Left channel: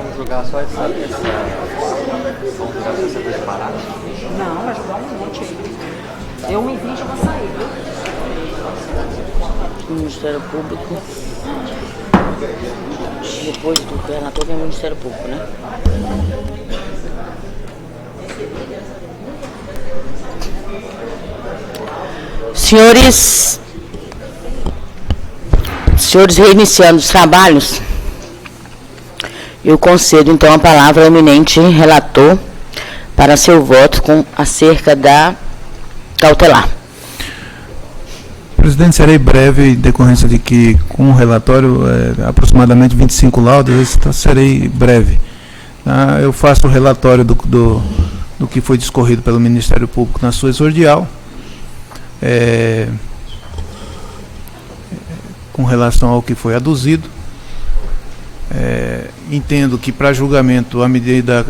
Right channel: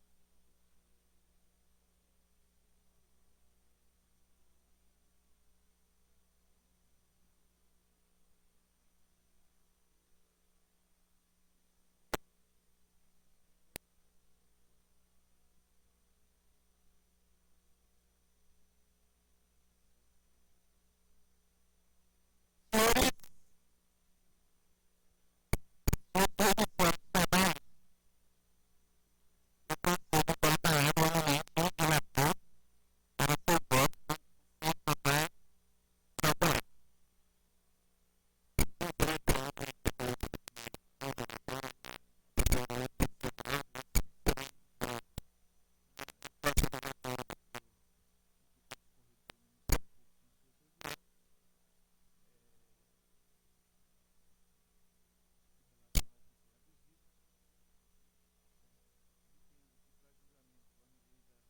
vamos julgar só essa. Vamos julgar só essa disparada? Não, vai jogar um monte aí. Deu 1h20 eu vou sair, viu? Ministério Público. Depois do relator vem o Ministério Público, né? Senhores, reiniciando os trabalhos, eu concedo então a palavra ao eminente relator para seu voto acerca da cautelar. Presidente, serei breve em decorrência de que, com o relatório, aproximadamente 25 laudos, serei breve. Eu faço o relatório do que foi discorrido pelo Ministério Público na sua exordial, com relação ao que foi aduzido. Entendo que, para julgamento, a medida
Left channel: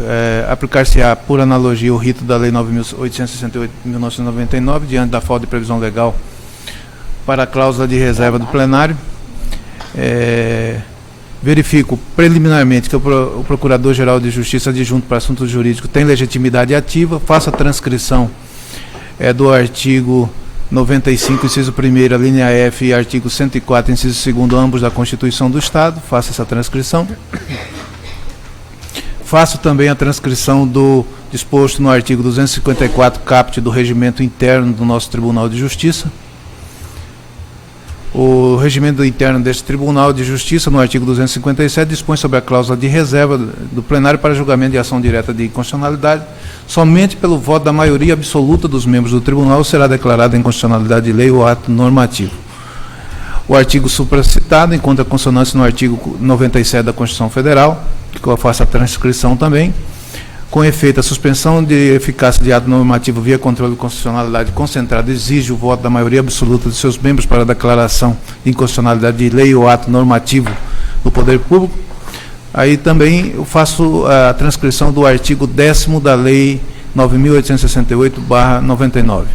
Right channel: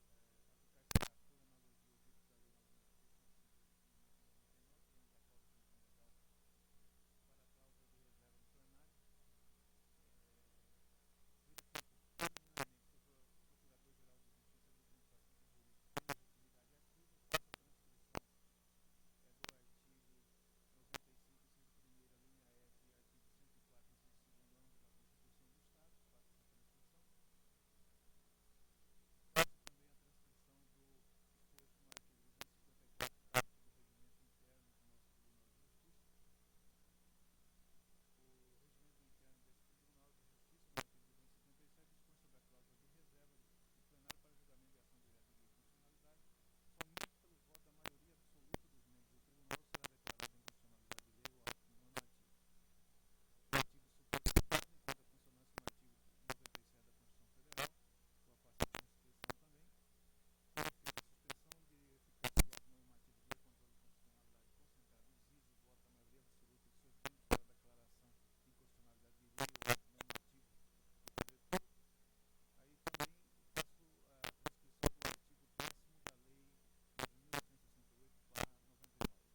aplicar-se-á por analogia o rito da Lei 9.868 de 1999, diante da falta de previsão legal para a cláusula de reserva do plenário. Verifico preliminarmente que o Procurador-Geral de Justiça adjunto para assuntos jurídicos tem legitimidade ativa. Faço a transcrição do artigo 95, inciso 1º, linha F, e artigo 104, inciso 2º, ambos da Constituição do Estado. Faço essa transcrição. Faço também a transcrição do disposto no artigo 254, caput, do regimento interno do nosso Tribunal de Justiça. O regimento interno deste Tribunal de Justiça, no artigo 257, dispõe sobre a cláusula de reserva do plenário para julgamento de ação direta de inconstitucionalidade. Somente pelo voto da maioria absoluta dos membros do Tribunal será declarada inconstitucionalidade de lei ou ato normativo. O artigo supracitado encontra consonância no artigo 97 da Constituição Federal, que eu faço a transcrição também. Com efeito, a suspensão de eficácia de ato normativo via controle de constitucionalidade concentrado exige o voto da maioria absoluta de seus membros para a declaração de inconstitucionalidade de lei ou ato normativo do Poder Público. Aí também eu faço a transcrição do artigo 10º da Lei 9.868/99.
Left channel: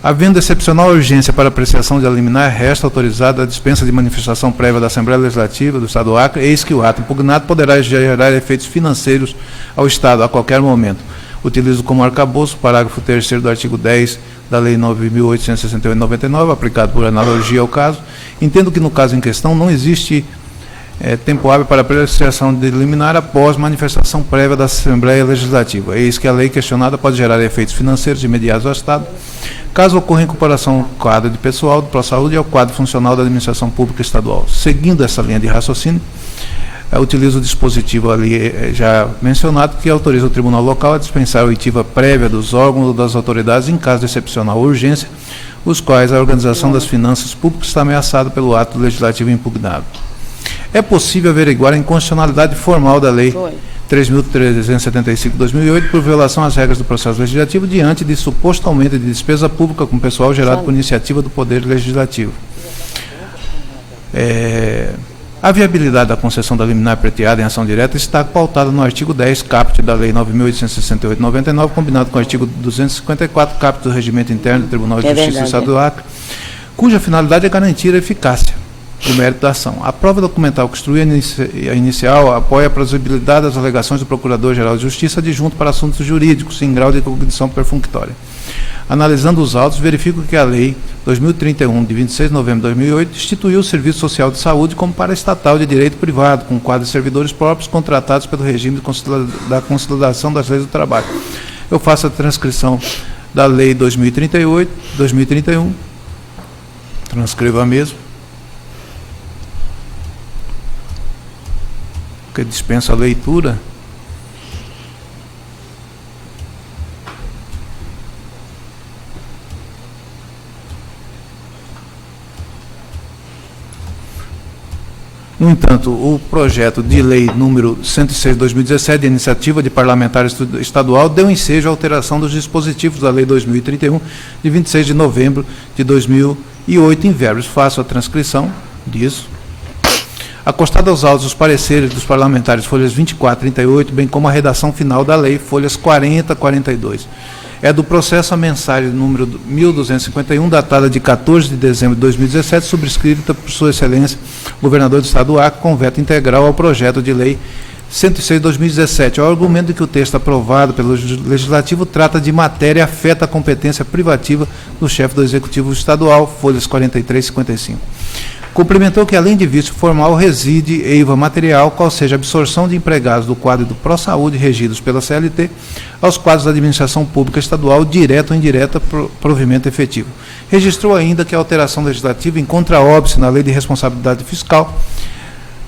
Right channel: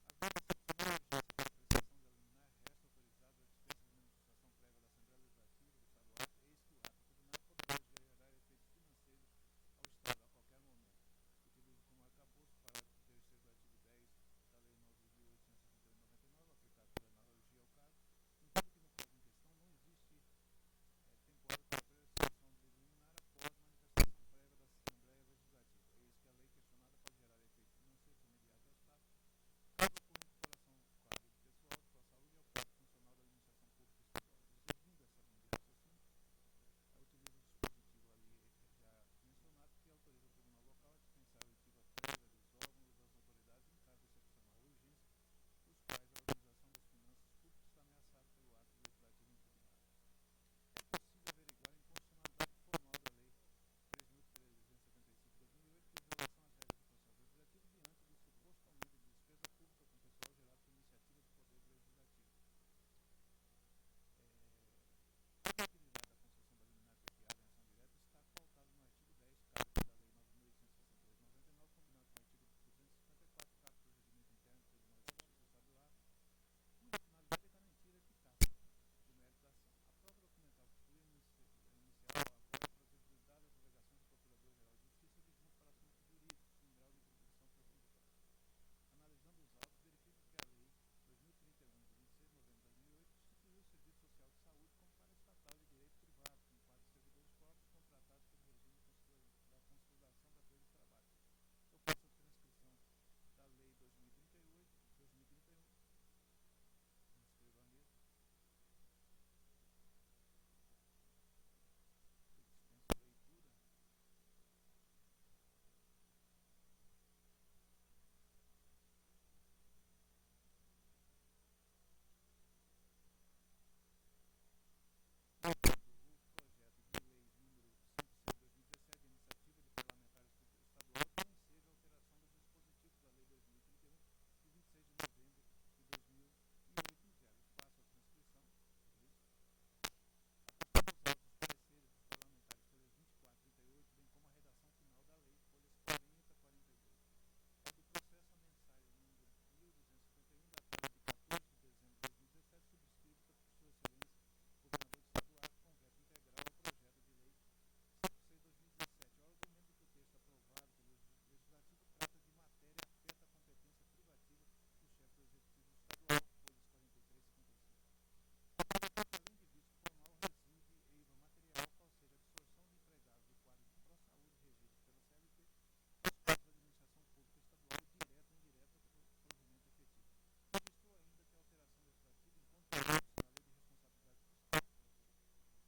Havendo excepcional urgência para apreciação de liminar, resta autorizada a dispensa de manifestação prévia da Assembleia Legislativa do Estado do Acre, eis que o ato impugnado poderá gerar efeitos financeiros ao Estado a qualquer momento. Utilizo como arcabouço o parágrafo 3º do artigo 10 da Lei 9.868/99, aplicado por analogia ao caso. Entendo que no caso em questão não existe tempo hábil para apreciação de liminar após manifestação prévia da Assembleia Legislativa. Eis que a lei questionada pode gerar efeitos financeiros imediatos ao Estado, caso ocorra incorporação ao quadro de pessoal do ProSaúde e ao quadro funcional da Administração Pública Estadual. Seguindo essa linha de raciocínio, utilizo o dispositivo ali já mencionado, que autoriza o Tribunal Local a dispensar a oitiva prévia dos órgãos ou das autoridades em caso de excepcional urgência, os quais a organização das finanças públicas está ameaçada pelo ato legislativo impugnado. É possível averiguar a inconstitucionalidade formal da Lei 3.375/2008 por violação às regras do processo legislativo diante de suposto aumento de despesa pública com pessoal gerado por iniciativa do Poder Legislativo. A viabilidade da concessão da liminar preteada em ação direta está pautada no artigo 10, caput da Lei 9.868/99, combinado com o artigo 254, caput do Regimento Interno do Tribunal de Justiça do Estado do Acre, cuja finalidade é garantir a eficácia do mérito da ação. A prova documental que instrui a inicial apoia a plausibilidade das alegações do Procurador-Geral de Justiça adjunto para assuntos jurídicos em grau de cognição perfunctória. Analisando os autos, verifico que a Lei 2031, de 26 de novembro de 2008, instituiu o Serviço Social de Saúde como paraestatal de direito privado, com quadro de servidores próprios contratados pelo regime da consolidação das leis do trabalho. Eu faço a transcrição da Lei 2031, transcrevo a mesma, que dispensa a leitura. No entanto, o projeto de lei número 106/2017, de iniciativa de parlamentar estadual, deu ensejo à alteração dos dispositivos da Lei 2031, de 26 de novembro de 2008, em verbos. Faço a transcrição disso. Acostado aos autos os pareceres dos parlamentares, folhas 24 e 38, bem como a redação final da lei, folhas 40 e 42. é do processo a mensagem número 1251, datada de 14 de dezembro de 2017, subscrita por Sua Excelência, Governador do Estado do Acre, com veto integral ao projeto de lei 106/2017. O argumento de que o texto aprovado pelo Legislativo trata de matéria e afeta a competência privativa do chefe do Executivo Estadual, folhas 43 e 55. Complementou que, além de vício formal, reside eiva material, qual seja a absorção de empregados do quadro do Pró-Saúde regidos pela CLT aos quadros da administração pública estadual, direta ou indireta, provimento efetivo. Registrou ainda que a alteração legislativa encontra óbice na Lei de Responsabilidade Fiscal,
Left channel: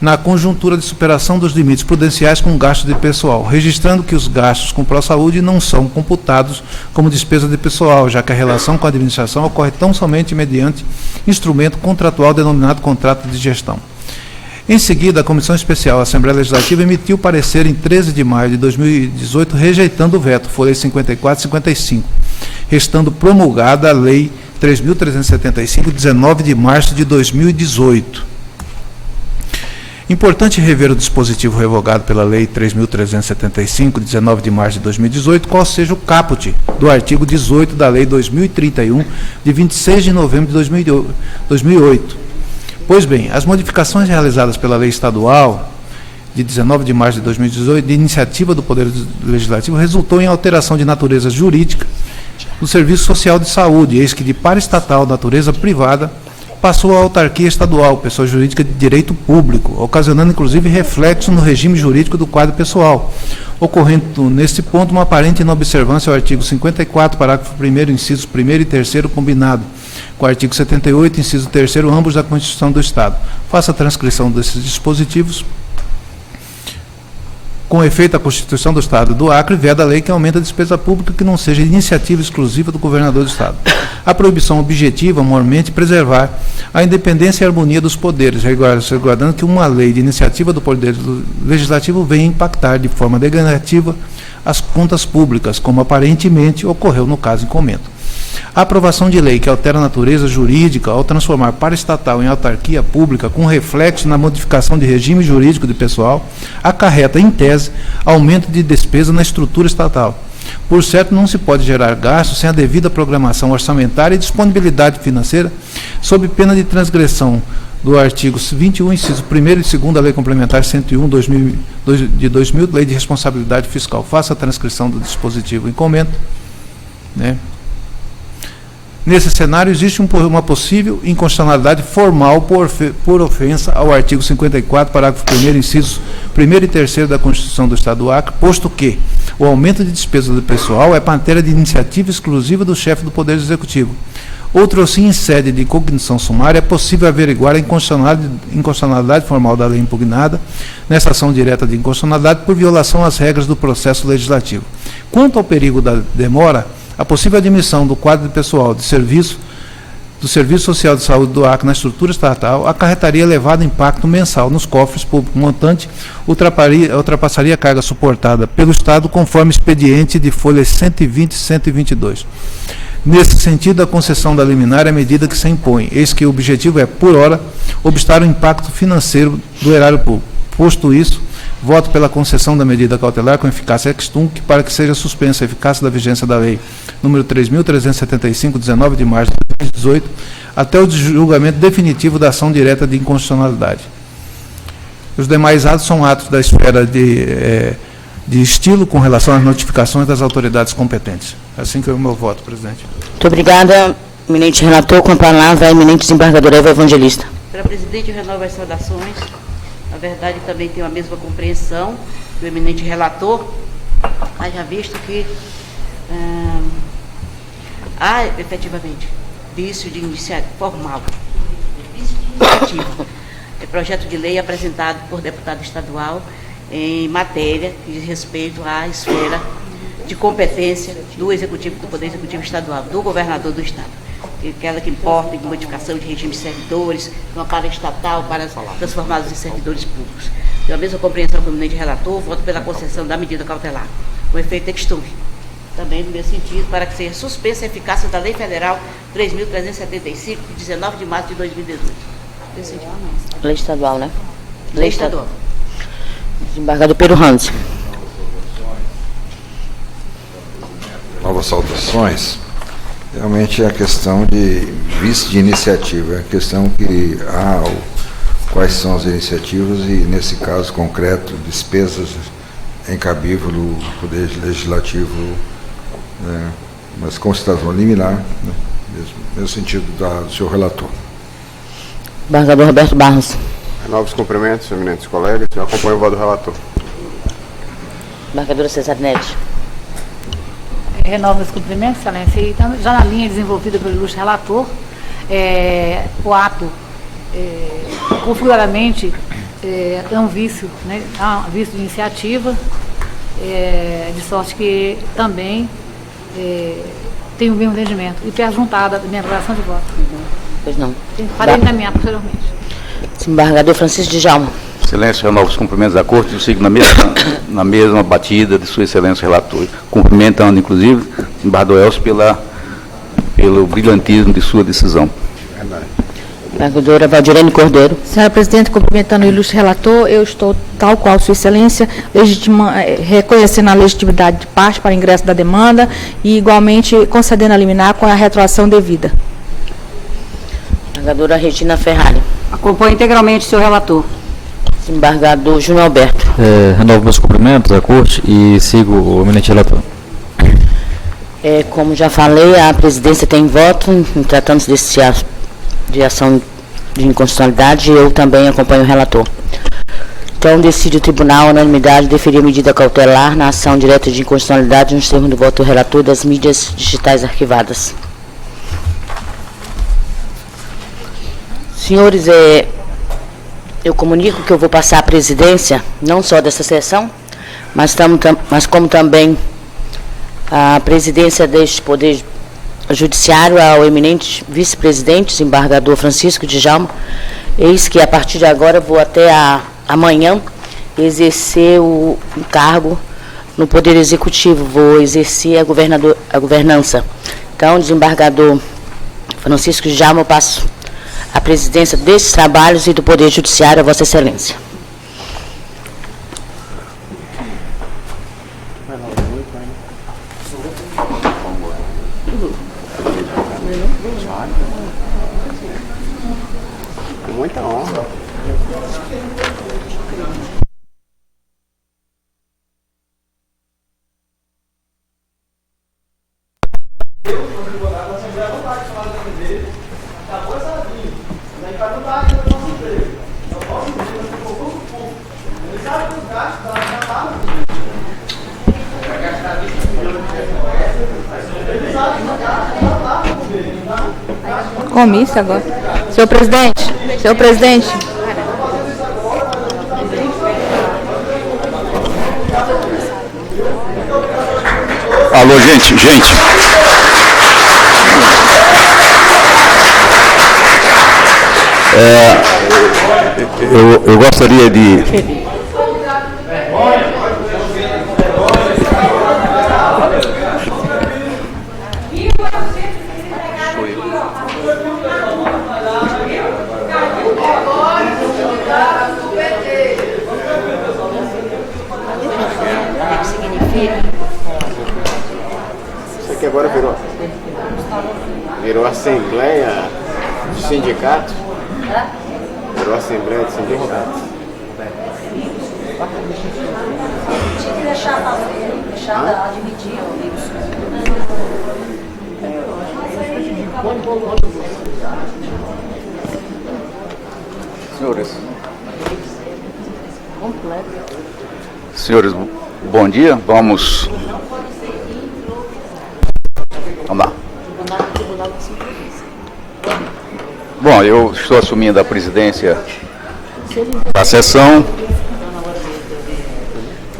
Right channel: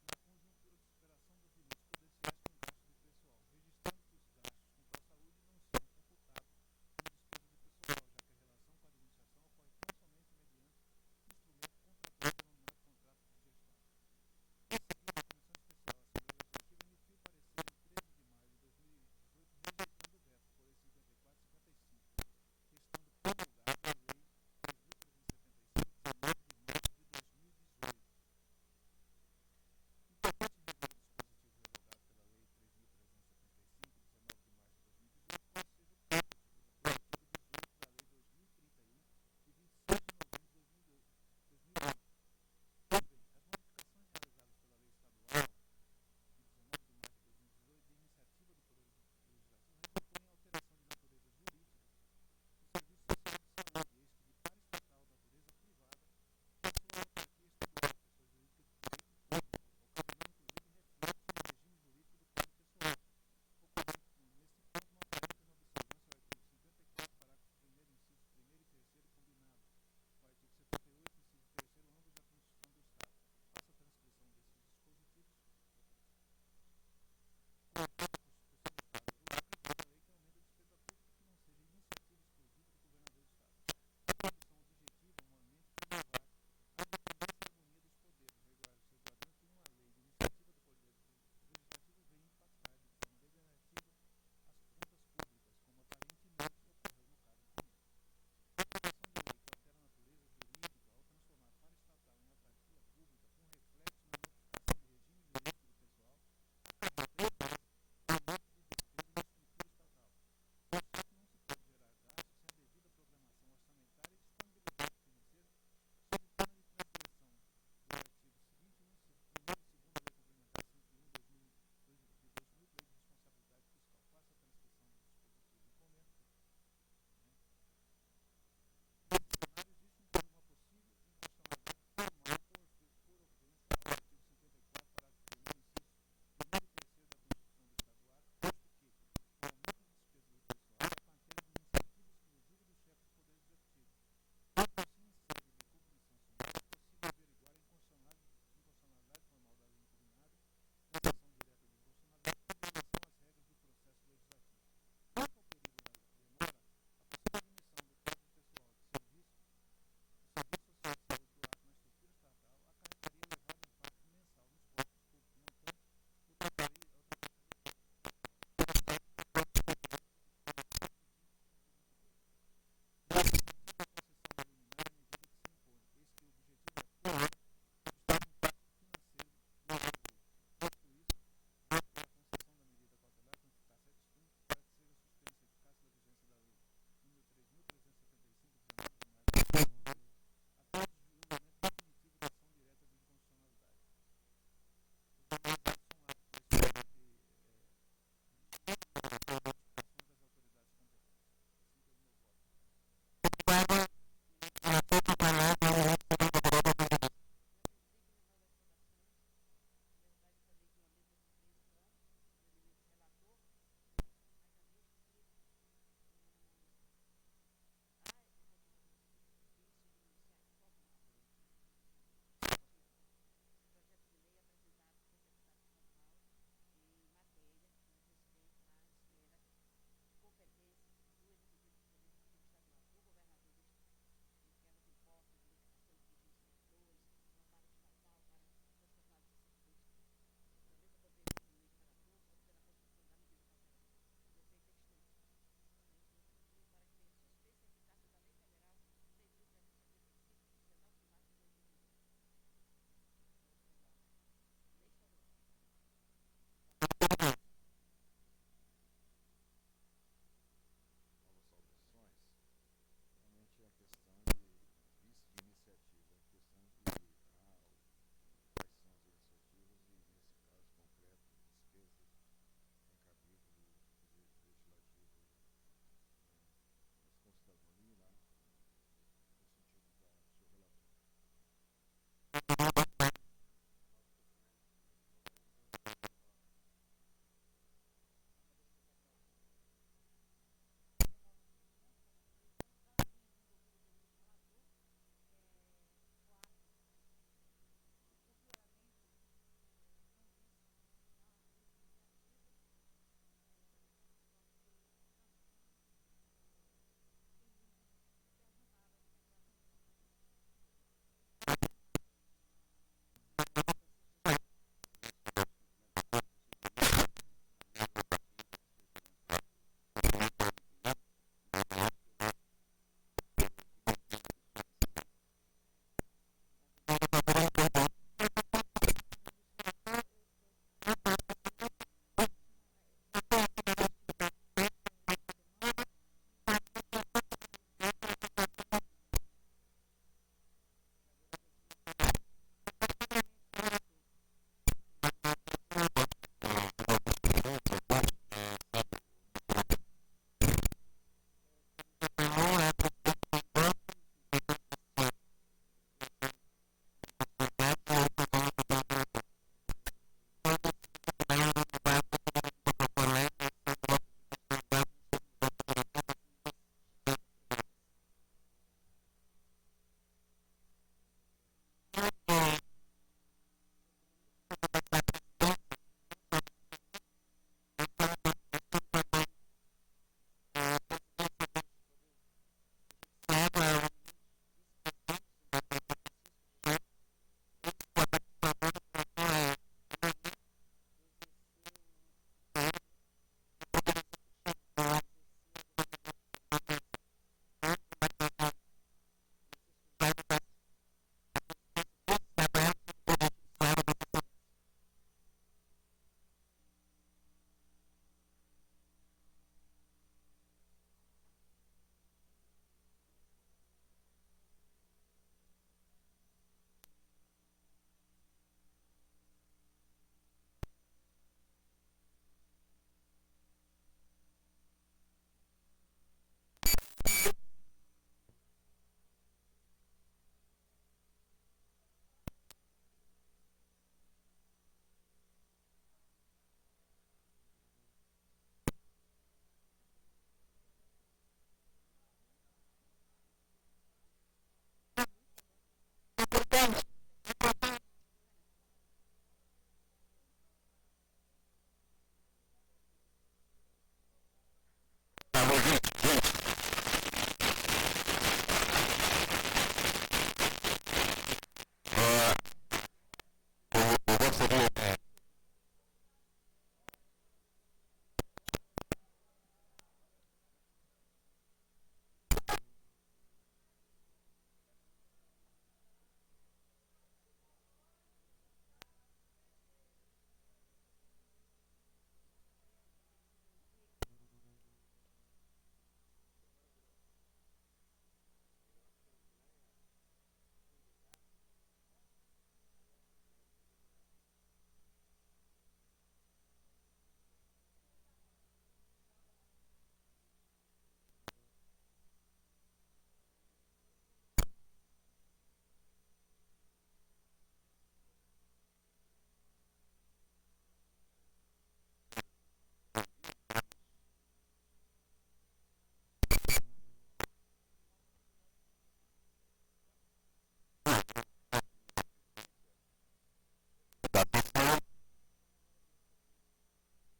na conjuntura de superação dos limites prudenciais com gastos de pessoal, registrando que os gastos com Pró-Saúde não são computados como despesa de pessoal, já que a relação com a administração ocorre tão somente mediante instrumento contratual denominado contrato de gestão. Em seguida, a Comissão Especial da Assembleia Legislativa emitiu parecer em 13 de maio de 2018, rejeitando o veto, folhas 54 e 55, restando promulgada a Lei 3.375, 19 de março de 2018. Importante rever o dispositivo revogado pela Lei 3.375, 19 de março de 2018, qual seja o caput do artigo 18 da Lei 2031, de 26 de novembro de 2008. Pois bem, as modificações realizadas pela Lei Estadual, de 19 de março de 2018, de iniciativa do Poder Legislativo, resultou em alteração de natureza jurídica do Serviço Social de Saúde, eis que de paraestatal, natureza privada, passou à autarquia estadual, pessoa jurídica de direito público, ocasionando inclusive reflexo no regime jurídico do quadro pessoal, ocorrendo neste ponto uma aparente inobservância ao artigo 54, parágrafo 1º, incisos 1º e 3º combinado, com o artigo 78, inciso 3º, ambos da Constituição do Estado. Faça a transcrição desses dispositivos. Com efeito, a Constituição do Estado do Acre veda a lei que aumenta a despesa pública que não seja iniciativa exclusiva do governador do Estado. A proibição objetiva, mormente, preservar a independência e a harmonia dos poderes, resguardando que uma lei de iniciativa do Poder Legislativo venha impactar de forma negativa as contas públicas, como aparentemente ocorreu no caso em comento. A aprovação de lei que altera a natureza jurídica ao transformar paraestatal em autarquia pública, com reflexo na modificação de regime jurídico de pessoal, acarreta, em tese, aumento de despesa na estrutura estatal. Por certo, não se pode gerar gastos sem a devida programação orçamentária e disponibilidade financeira, sob pena de transgressão do artigo 21, inciso 1º e 2º da Lei Complementar 101 de 2000, Lei de Responsabilidade Fiscal. Faça a transcrição do dispositivo em comento, né? Nesse cenário, existe uma possível inconstitucionalidade formal por ofensa ao artigo 54, parágrafo 1º, incisos 1º e 3º da Constituição do Estado do Acre, posto que o aumento de despesa do pessoal é matéria de iniciativa exclusiva do chefe do Poder Executivo. Outro assim, em sede de cognição sumária, é possível averiguar a inconstitucionalidade formal da lei impugnada, nessa ação direta de inconstitucionalidade, por violação às regras do processo legislativo. Quanto ao perigo da demora, a possível admissão do quadro de pessoal do Serviço Social de Saúde do Acre na estrutura estatal acarretaria elevado impacto mensal nos cofres públicos, montante ultrapassaria a carga suportada pelo Estado, conforme expediente de folhas 120 e 122. Nesse sentido, a concessão da liminar é a medida que se impõe, eis que o objetivo é, por hora, obstar o impacto financeiro do erário público. Posto isso, voto pela concessão da medida cautelar com eficácia ex tunc para que seja suspensa a eficácia da vigência da lei número 3.375, 19 de março de 2018, até o julgamento definitivo da ação direta de inconstitucionalidade. Os demais atos são atos da esfera de estilo com relação às notificações das autoridades competentes. Assim que é o meu voto, presidente. Muito obrigada, eminente relator. Com a palavra, a eminente desembargadora Eva Evangelista. Senhora presidente, eu renovo as saudações. Na verdade, também tenho a mesma compreensão do eminente relator, haja visto que há, efetivamente, vício de iniciativa formal, vício de iniciativa. É projeto de lei apresentado por deputado estadual em matéria que diz respeito à esfera de competência do Executivo, do Poder Executivo Estadual, do governador do Estado. Aquela que importa em modificação de regime de servidores, uma paraestatal para transformados em servidores públicos. Tenho a mesma compreensão com o eminente relator, voto pela concessão da medida cautelar, com efeito ex tunc. Também no mesmo sentido, para que seja suspensa a eficácia da Lei Federal 3.375, de 19 de março de 2018. Lei estadual, né? Lei estadual. Desembargador Pedro Hans. Nova novas saudações, realmente é a questão de vice de iniciativa, é a questão que há quais são as iniciativas e, nesse caso concreto, despesas incabível do Poder Legislativo, né, mas com situação liminar, né, mesmo sentido do senhor relator. Embargador Roberto Barros. Novos cumprimentos, eminentes colegas. Eu acompanho o voto do relator. Embargadora Cesarinete. Renovo os cumprimentos, excelência. E já na linha desenvolvida pelo ilustre relator, o ato configuradamente é um vício, né? É um vício de iniciativa, de sorte que também tem o mesmo entendimento. E perjuntada da minha avaliação de voto. Pois não. Farei encaminhar posteriormente. Embargador Francisco Djalma. Excelência, renovo os cumprimentos da Corte, eu sigo na mesma batida de Sua Excelência Relator, cumprimentando, inclusive, o embargador Elcio pelo brilhantismo de sua decisão. Embargadora Valdirene Cordeiro. Senhora Presidente, cumprimentando o ilustre relator, eu estou, tal qual Sua Excelência, reconhecendo a legitimidade de parte para o ingresso da demanda e, igualmente, concedendo a liminar com a retroação devida. Embargadora Regina Ferrari. Acompanho integralmente o senhor relator. Embargador Júnior Alberto. Renovo meus cumprimentos à Corte e sigo o eminente relator. Como já falei, a presidência tem voto em tratando-se desse ato de ação de inconstitucionalidade, eu também acompanho o relator. Então, decide o tribunal, a unanimidade, deferir medida cautelar na ação direta de inconstitucionalidade nos termos do voto do relator das mídias digitais arquivadas. Senhores, eu comunico que eu vou passar a presidência, não só dessa sessão, mas como também a presidência deste Poder Judiciário ao eminente vice-presidente, desembargador Francisco Djalma. Eis que, a partir de agora, vou até amanhã exercer o cargo no Poder Executivo, vou exercer a governança. Então, desembargador Francisco Djalma, eu passo a presidência desses trabalhos e do Poder Judiciário a Vossa Excelência. Com muita honra. Comício agora. Senhor presidente, senhor presidente. Alô, gente. Eu gostaria de... Isso aqui agora virou assembleia de sindicato. Virou assembleia de sindicato. Tinha que deixar dividir Senhores, bom dia. Vamos lá. Bom, eu estou assumindo a presidência da sessão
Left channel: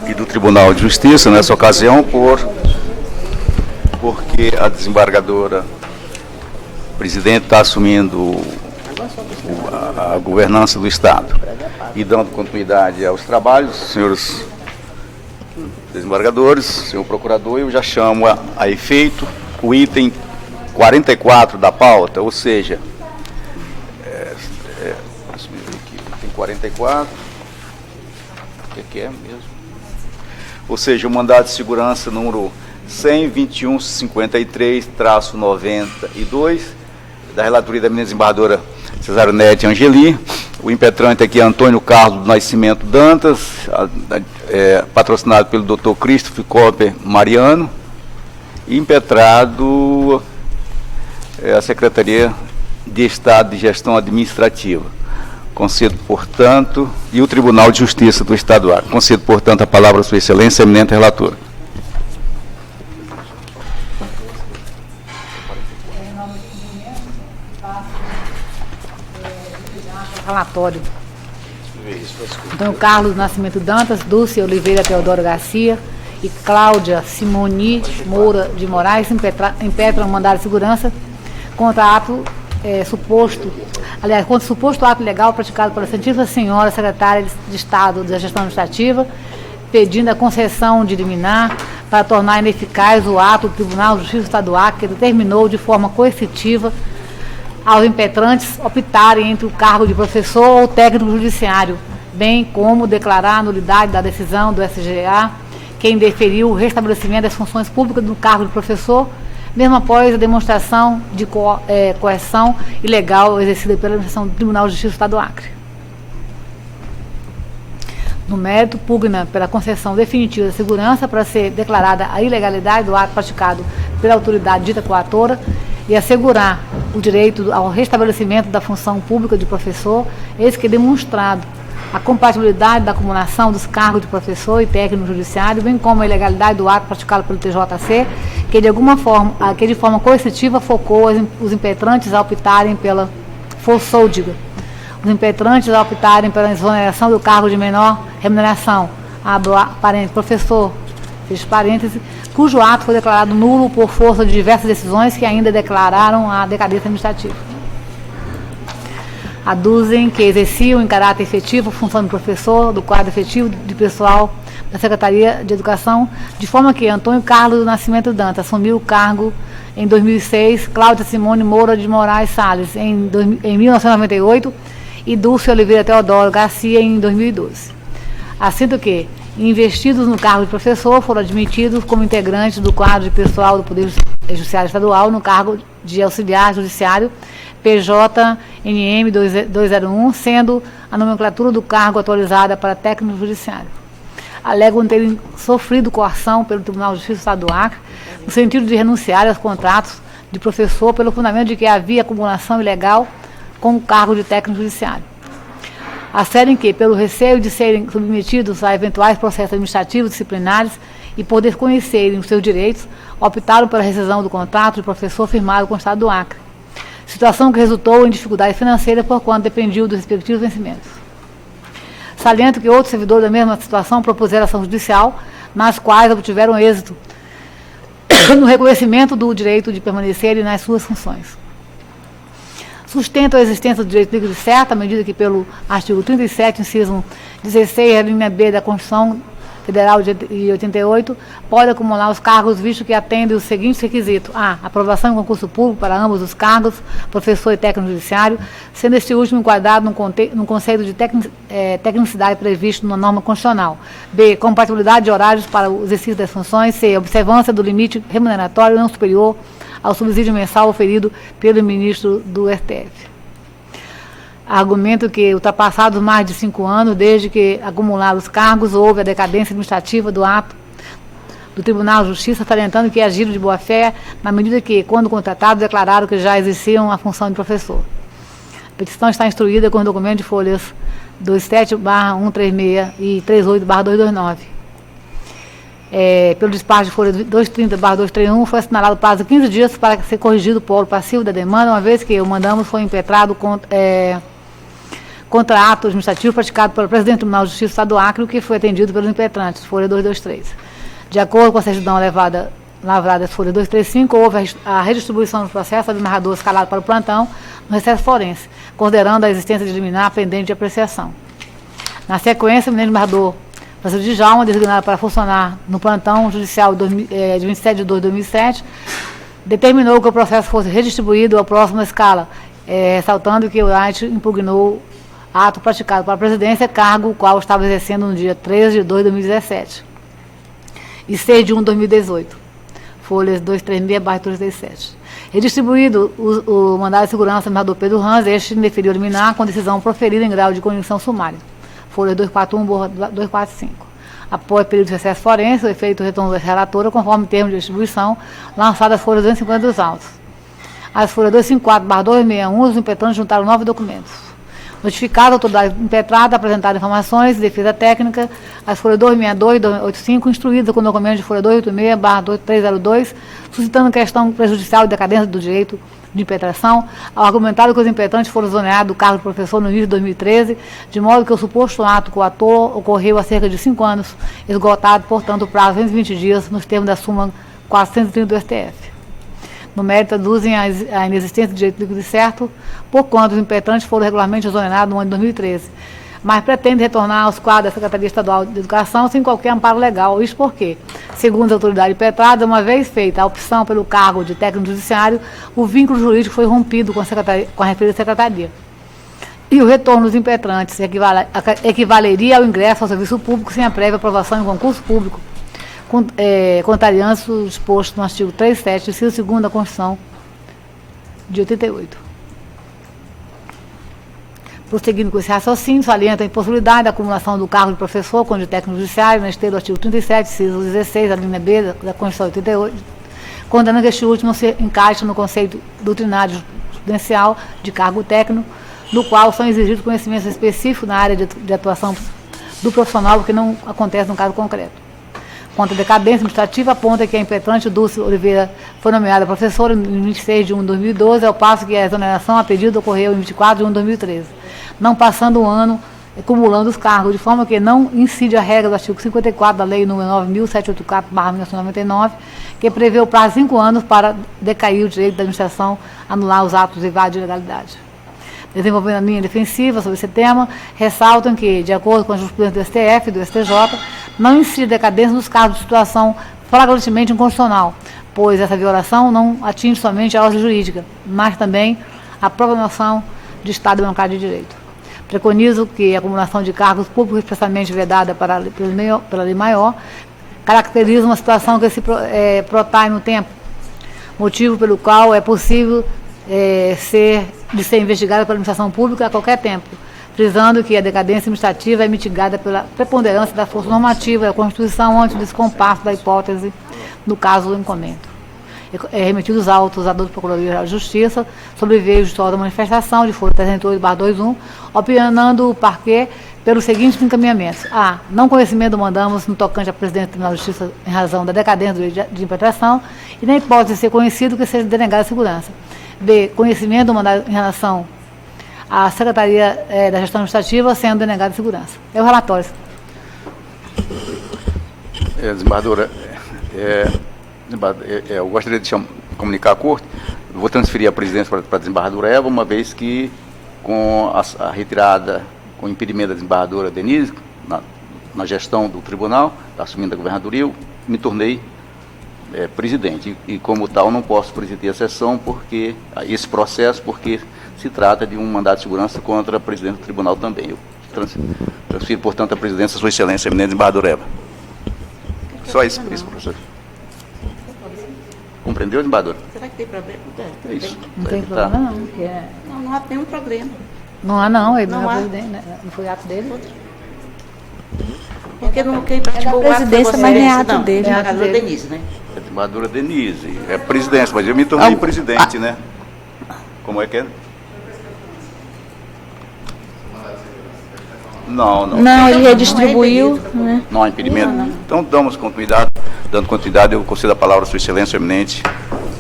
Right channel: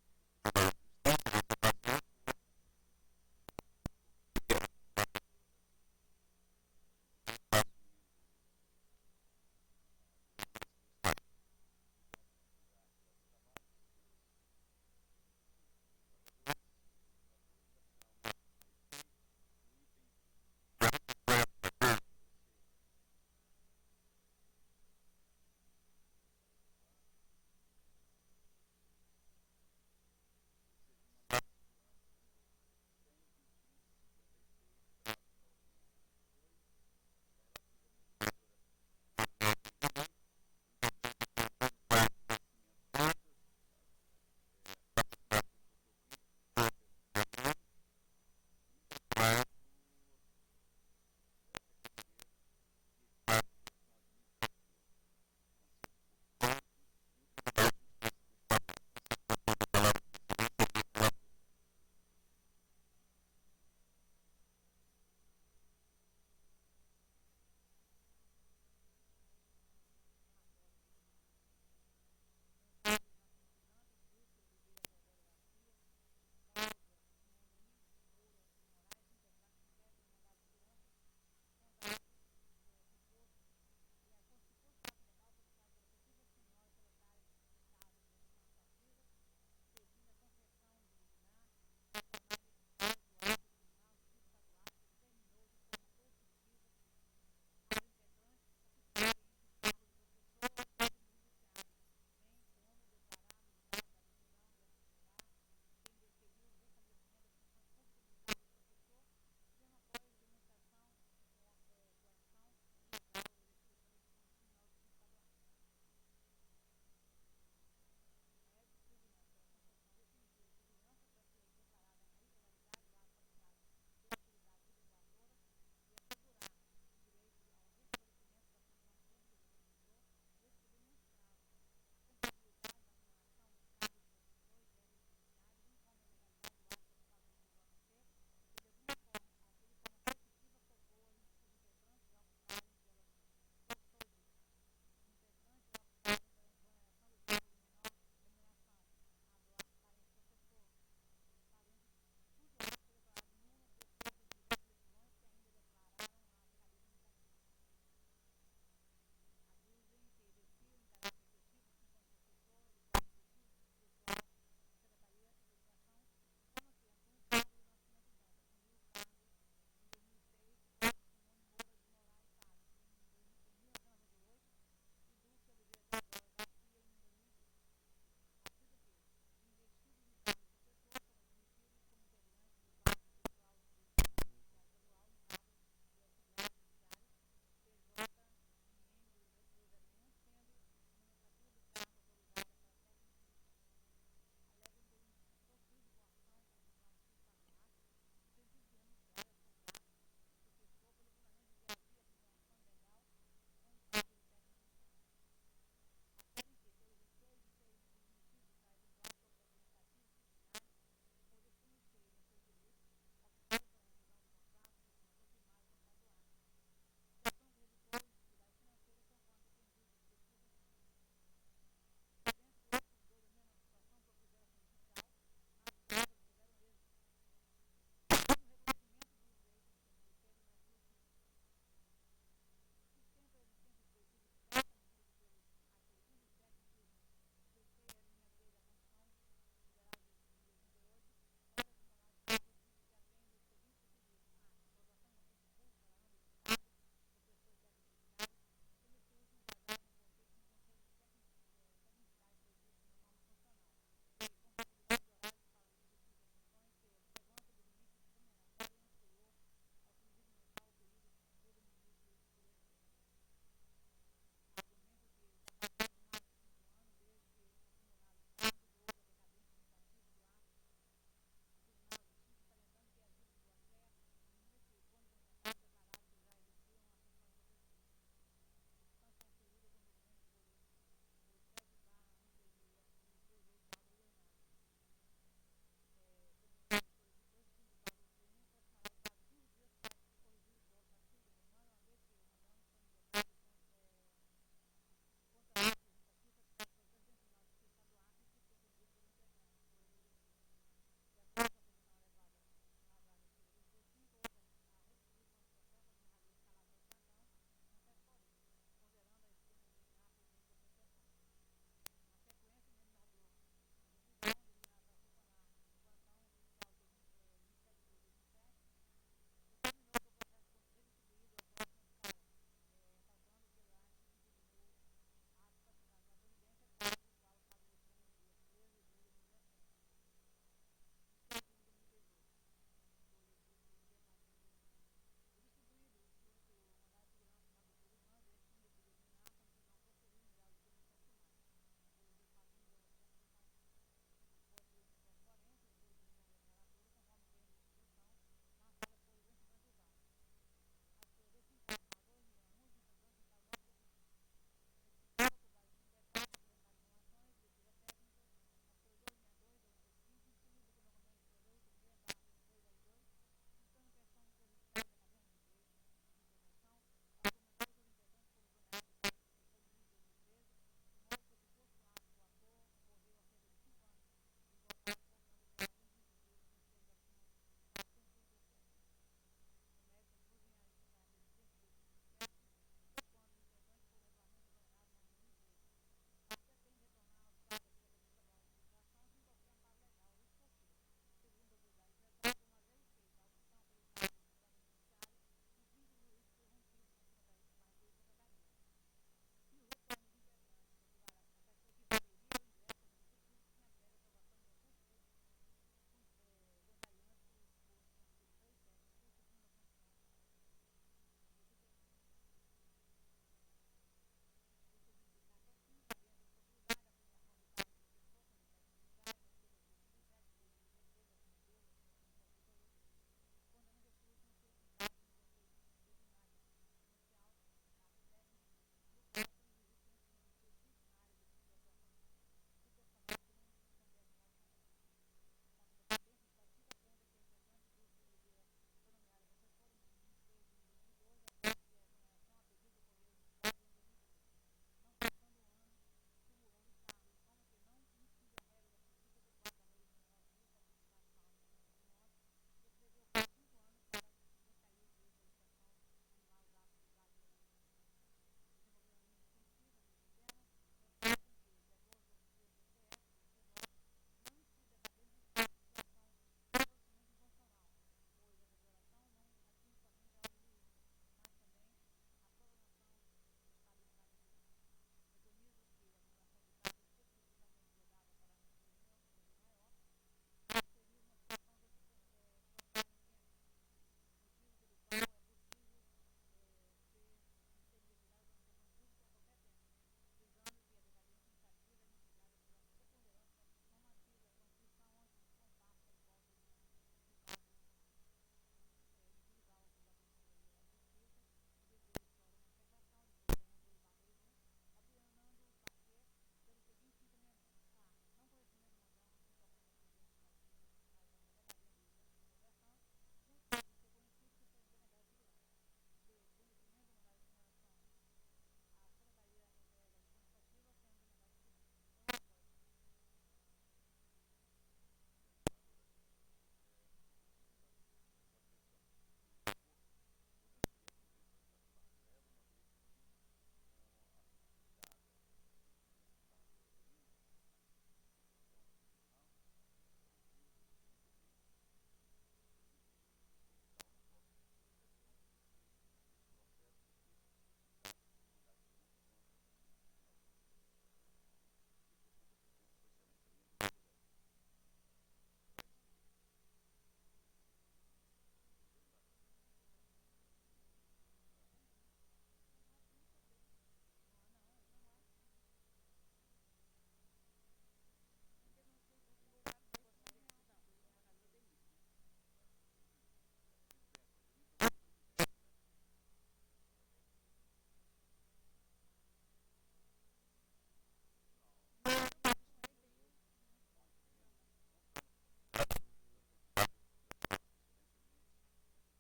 e do Tribunal de Justiça nessa ocasião porque a desembargadora presidente está assumindo a governança do Estado e dando continuidade aos trabalhos, senhores desembargadores, senhor procurador, eu já chamo a efeito o item 44 da pauta, ou seja, item 44, o que é mesmo? Ou seja, o mandado de segurança número 12153-92, da relatoria da minha desembargadora Cesaronete Angeli. O impetrante aqui é Antônio Carlos do Nascimento Dantas, patrocinado pelo Dr. Christopher Copper Mariano, e impetrado a Secretaria de Estado de Gestão Administrativa. Concedo, portanto, e o Tribunal de Justiça do Estado do Acre. Concedo, portanto, a palavra à Sua Excelência, eminente relatora. Relatório. Antônio Carlos Nascimento Dantas, Dulce Oliveira Teodoro Garcia e Cláudia Simoni Moura de Moraes impetram um mandado de segurança contra contra suposto ato legal praticado pela Santíssima Senhora Secretária de Estado da Gestão Administrativa, pedindo a concessão de liminar para tornar ineficaz o ato do Tribunal de Justiça do Estado do Acre, que determinou de forma coercitiva aos impetrantes optarem entre o cargo de professor ou técnico judiciário, bem como declarar a nulidade da decisão do SGA, que indeferiu o restabelecimento das funções públicas do cargo de professor, mesmo após a demonstração de coerção ilegal exercida pela administração do Tribunal de Justiça do Estado do Acre. No mérito, pugna pela concessão definitiva da segurança para ser declarada a ilegalidade do ato praticado pela autoridade dita coatora e assegurar o direito ao restabelecimento da função pública de professor, eis que demonstrado a compatibilidade da acumulação dos cargos de professor e técnico judiciário, bem como a ilegalidade do ato praticado pelo TJC, que de forma coercitiva focou os impetrantes a optarem pela os impetrantes a optarem pela exoneração do cargo de menor remuneração, professor, fecha parênteses, cujo ato foi declarado nulo por força de diversas decisões que ainda declararam a decadência administrativa. Aduzem que exerciam em caráter efetivo a função de professor do quadro efetivo de pessoal da Secretaria de Educação, de forma que Antônio Carlos do Nascimento Dantas assumiu o cargo em 2006, Cláudia Simone Moura de Moraes Salles em 1998 e Dulce Oliveira Teodoro Garcia em 2012. Assinto que, investidos no cargo de professor, foram admitidos como integrantes do quadro de pessoal do Poder Judiciário Estadual no cargo de auxiliar judiciário PJNM 201, sendo a nomenclatura do cargo atualizada para técnico judiciário. Alegam terem sofrido coação pelo Tribunal de Justiça do Estado do Acre, no sentido de renunciar aos contratos de professor pelo fundamento de que havia acumulação ilegal com o cargo de técnico judiciário. Asserem que, pelo receio de serem submetidos a eventuais processos administrativos disciplinares e por desconhecerem os seus direitos, optaram pela rescisão do contrato de professor firmado com o Estado do Acre, situação que resultou em dificuldade financeira por quanto dependiam dos respectivos vencimentos. Saliento que outros servidores da mesma situação propuseram ação judicial, nas quais obtiveram êxito no reconhecimento do direito de permanecerem nas suas funções. Sustentam a existência do direito líquido certo, à medida que, pelo artigo 37, inciso 16, a linha B da Constituição Federal de 88, pode acumular os cargos, visto que atendem os seguintes requisitos: a. Aprovação em concurso público para ambos os cargos, professor e técnico judiciário, sendo este último enquadrado no conceito de tecnicidade previsto na norma constitucional. B. Compatibilidade de horários para o exercício das funções. C. Observância do limite remuneratório não superior ao subsídio mensal oferido pelo ministro do STF. Argumento que, ultrapassados mais de 5 anos, desde que acumularam os cargos, houve a decadência administrativa do ato do Tribunal de Justiça, salientando que agiram de boa-fé, na medida que, quando contratados, declararam que já exerciam a função de professor. A petição está instruída com o documento de folhas 27/136 e 38/229. Pelo despacho de folha 230/231, foi assinalado o prazo de 15 dias para ser corrigido o polo passivo da demanda, uma vez que o mandamos foi impetrado contra ato administrativo praticado pelo presidente do Tribunal de Justiça do Estado do Acre, o que foi atendido pelos impetrantes, folha 223. De acordo com a certidão lavrada folha 235, houve a redistribuição do processo do narrador escalado para o plantão no recesso forense, considerando a existência de liminar pendente de apreciação. Na sequência, o ministro narrador Francisco Djalma, designado para funcionar no plantão judicial de 27 de 2 de 2007, determinou que o processo fosse redistribuído ao próximo escala, ressaltando que o IT impugnou ato praticado pela presidência, cargo o qual estava exercendo no dia 13 de 2 de 2017 e 6 de 1 de 2018. folhas 236/237. Redistribuído o mandado de segurança do governador Pedro Ranz, este indeferiu liminar com decisão proferida em grau de condição sumária, folha 241/245. Após período de recesso forense, o efeito retorno da relatora, conforme termo de distribuição, lançado as folhas 250 dos autos. As folhas 254/261, os impetrantes juntaram 9 documentos. Notificada a autoridade impetrada, apresentaram informações de defesa técnica, as folhas 262 e 285, instruídas com documento de folha 286/302, suscitando questão prejudicial e decadência do direito de impetração, ao argumentado que os impetrantes foram exonerados do cargo de professor no início de 2013, de modo que o suposto ato coator ocorreu há cerca de 5 anos, esgotado, portanto, o prazo de 220 dias, nos termos da súmula 430 do STF. No mérito, aduzem a inexistência de direito líquido e certo, porquanto os impetrantes foram regularmente exonerados no ano de 2013, mas pretendem retornar aos quadros da Secretaria Estadual de Educação sem qualquer amparo legal. Isso porque, segundo a autoridade impetrada, uma vez feita a opção pelo cargo de técnico judiciário, o vínculo jurídico foi rompido com a referida secretaria. E o retorno dos impetrantes equivaleria ao ingresso ao serviço público sem a prévia aprovação em concurso público, contrariando o disposto no artigo 37, inciso 2º da Constituição de 88. Prosseguindo com esse raciocínio, salienta a impossibilidade da acumulação do cargo de professor com de técnico judiciário, na esteira do artigo 37, inciso 16, a linha B da Constituição de 88, condenando que este último se encaixa no conceito doutrinário jurisprudencial de cargo técnico, no qual são exigidos conhecimentos específicos na área de atuação do profissional, o que não acontece no caso concreto. Quanto à decadência administrativa, aponta que a impetrante Dulce Oliveira foi nomeada professora em 26 de 1 de 2012, ao passo que a exoneração a pedido ocorreu em 24 de 1 de 2013, não passando um ano acumulando os cargos, de forma que não incide a regra do artigo 54 da Lei nº 9.784/1999, que prevê o prazo de 5 anos para decair o direito da administração a anular os atos de ilegalidade. Desenvolvendo a linha defensiva sobre esse tema, ressaltam que, de acordo com a jurisprudência do STF e do STJ, não incide decadência nos casos de situação flagrantemente inconstitucional, pois essa violação não atinge somente a ordem jurídica, mas também a própria noção de Estado Democrático de Direito. Preconizo que a acumulação de cargos públicos expressamente vedada pela lei maior caracteriza uma situação que se protrai no tempo, motivo pelo qual é possível de ser investigada pela administração pública a qualquer tempo, frisando que a decadência administrativa é mitigada pela preponderância da força normativa da Constituição ante o descompasso da hipótese no caso do encomendo. Remetidos os autos à Procuradoria de Justiça sobre veio de da manifestação de folha 308/21, opinando o parquê pelos seguintes encaminhamentos: a. Não conhecimento do mandamos no tocante à presidente do Tribunal de Justiça em razão da decadência do direito de impetração e na hipótese de ser conhecido que seja denegada a segurança. B. Conhecimento do mandado em relação à Secretaria da Gestão Administrativa sendo denegada a segurança. É o relatório. Desembargadora, eu gostaria de comunicar a Corte. Eu vou transferir a presidência para a desembargadora Eva, uma vez que, com a retirada, com o impedimento da desembargadora Denise, na gestão do tribunal, assumindo a governadoria, eu me tornei presidente. E, como tal, não posso presidir a sessão, porque esse processo, porque se trata de um mandado de segurança contra a presidente do tribunal também. Eu transfiro, portanto, a presidência à Sua Excelência, eminente desembargadora Eva. Só isso, professor. Compreendeu, desembargador? Será que tem problema? É isso. Não tem problema, não. Não há nenhum problema. Não há, não. Ele Não não há. é presidente, né? Não foi ato dele. Porque quem praticou o ato foi presidência, você, mas não é ato não, dele. é a desembargadora Denise, né? A desembargadora Denise. É presidência, mas eu me tornei presidente, né? Como é que é? Não. Não, ele redistribuiu, né? Não há impedimento? Então, dando continuidade, eu concedo a palavra à Sua Excelência, eminente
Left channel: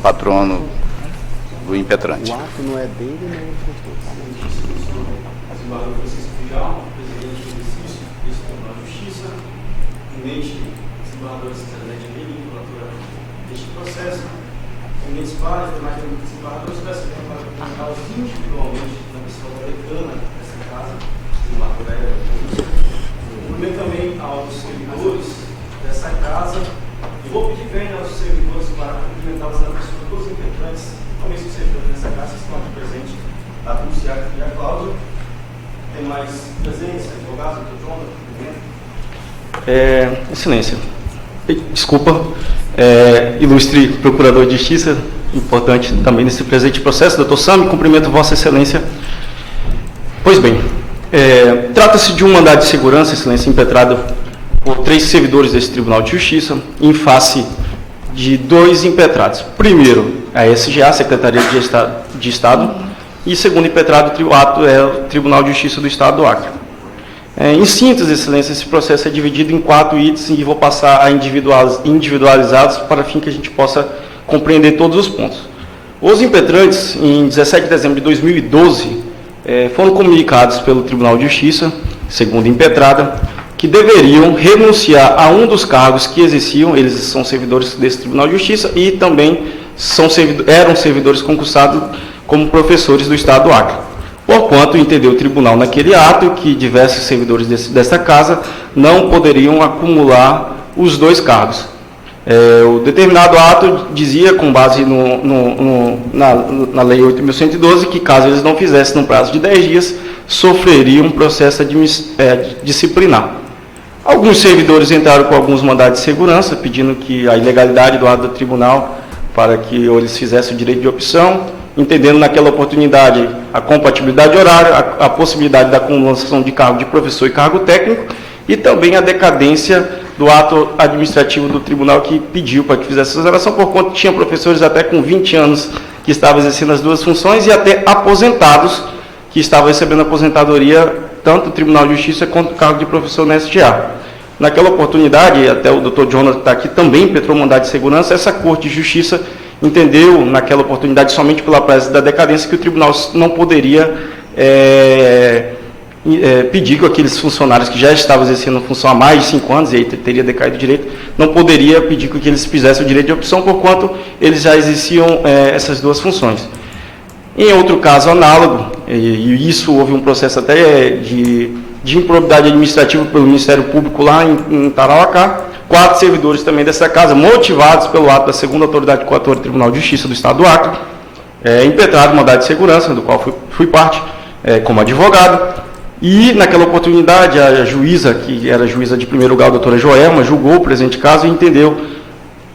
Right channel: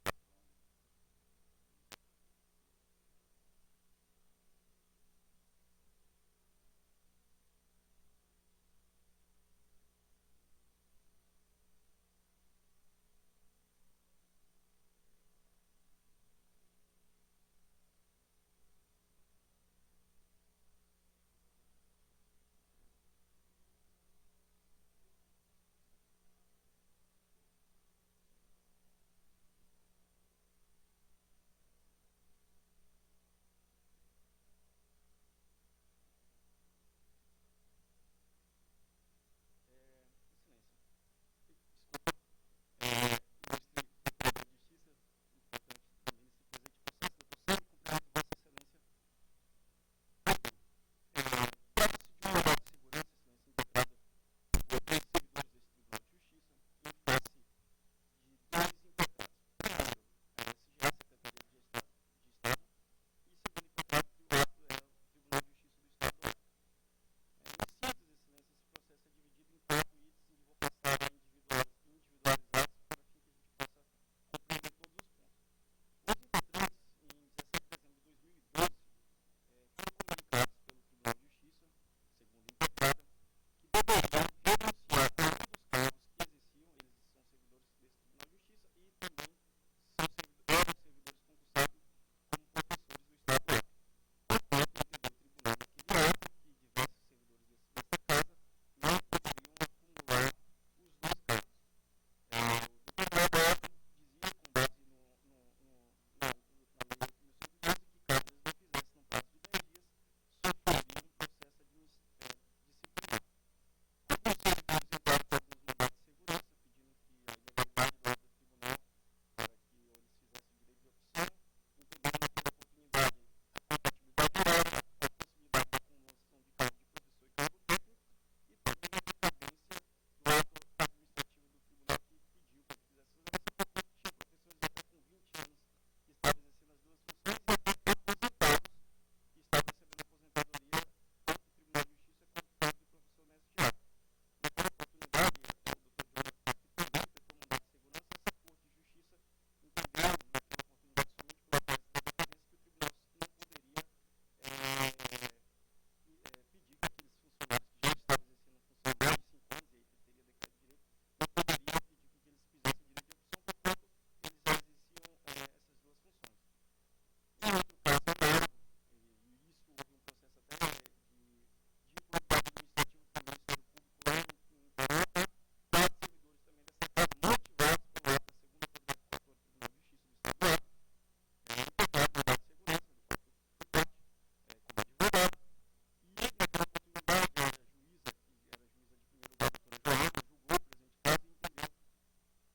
patrono do impetrante. O ato não é dele, nem é Desembargador Francisco Fijal, presidente do exercício do Tribunal de Justiça, eminente desembargador Cidadania de Belém, relatora deste processo, eminentes pares, demais desembargadores, peço tempo para comunicá-los individualmente na pessoa da decana dessa casa, desembargadora Eva. Cumprimento também aos servidores dessa casa e vou pedir bem aos servidores para cumprimentá-los na pessoa de todos os impetrantes, também os servidores dessa casa que estão aqui presentes, a Dulciara e a Cláudia. Tem mais presença, advogados, doutor João, Excelência, desculpa, ilustre Procurador de Justiça, importante também nesse presente processo, doutor Sami, cumprimento Vossa Excelência. Pois bem, trata-se de um mandado de segurança, Excelência, impetrado por 3 servidores desse Tribunal de Justiça, em face de 2 impetrados. Primeiro, a SGA, Secretaria de Estado, e segundo impetrado, o Tribunal de Justiça do Estado do Acre. Em síntese, Excelência, esse processo é dividido em 4 itens e vou passar a individualizados para fim que a gente possa compreender todos os pontos. Os impetrantes, em 17 de dezembro de 2012, foram comunicados pelo Tribunal de Justiça, segundo impetrada, que deveriam renunciar a um dos cargos que exerciam. Eles são servidores desse Tribunal de Justiça e também eram servidores concursados como professores do Estado do Acre. Porquanto entendeu o tribunal naquele ato que diversos servidores desta casa não poderiam acumular os 2 cargos. O determinado ato dizia, com base na Lei 8.112, que caso eles não fizessem no prazo de 10 dias, sofreriam um processo disciplinar. Alguns servidores entraram com alguns mandados de segurança, pedindo que a ilegalidade do ato do tribunal para que eles fizessem o direito de opção, entendendo naquela oportunidade a compatibilidade horária, a possibilidade da acumulação de cargo de professor e cargo técnico, e também a decadência do ato administrativo do tribunal que pediu para que fizesse essa exoneração, por conta que tinha professores até com 20 anos que estavam exercendo as 2 funções e até aposentados que estavam recebendo aposentadoria, tanto no Tribunal de Justiça quanto no cargo de professor na SGA. Naquela oportunidade, até o doutor Jonathan está aqui, também impetrou mandado de segurança, essa Corte de Justiça entendeu, naquela oportunidade, somente pela praxe da decadência, que o tribunal não poderia pedir que aqueles funcionários que já estavam exercendo função há mais de 5 anos, e aí teria decaído o direito, não poderia pedir que eles fizessem o direito de opção, porquanto eles já exerciam essas 2 funções. Em outro caso análogo, e isso houve um processo até de improbidade administrativa pelo Ministério Público lá em Tarauacá, 4 servidores também dessa casa, motivados pelo ato da segunda autoridade coatora do Tribunal de Justiça do Estado do Acre, impetrado mandado de segurança, do qual fui parte como advogado, e naquela oportunidade a juíza, que era juíza de primeiro grau, a doutora Joelma, julgou o presente caso e entendeu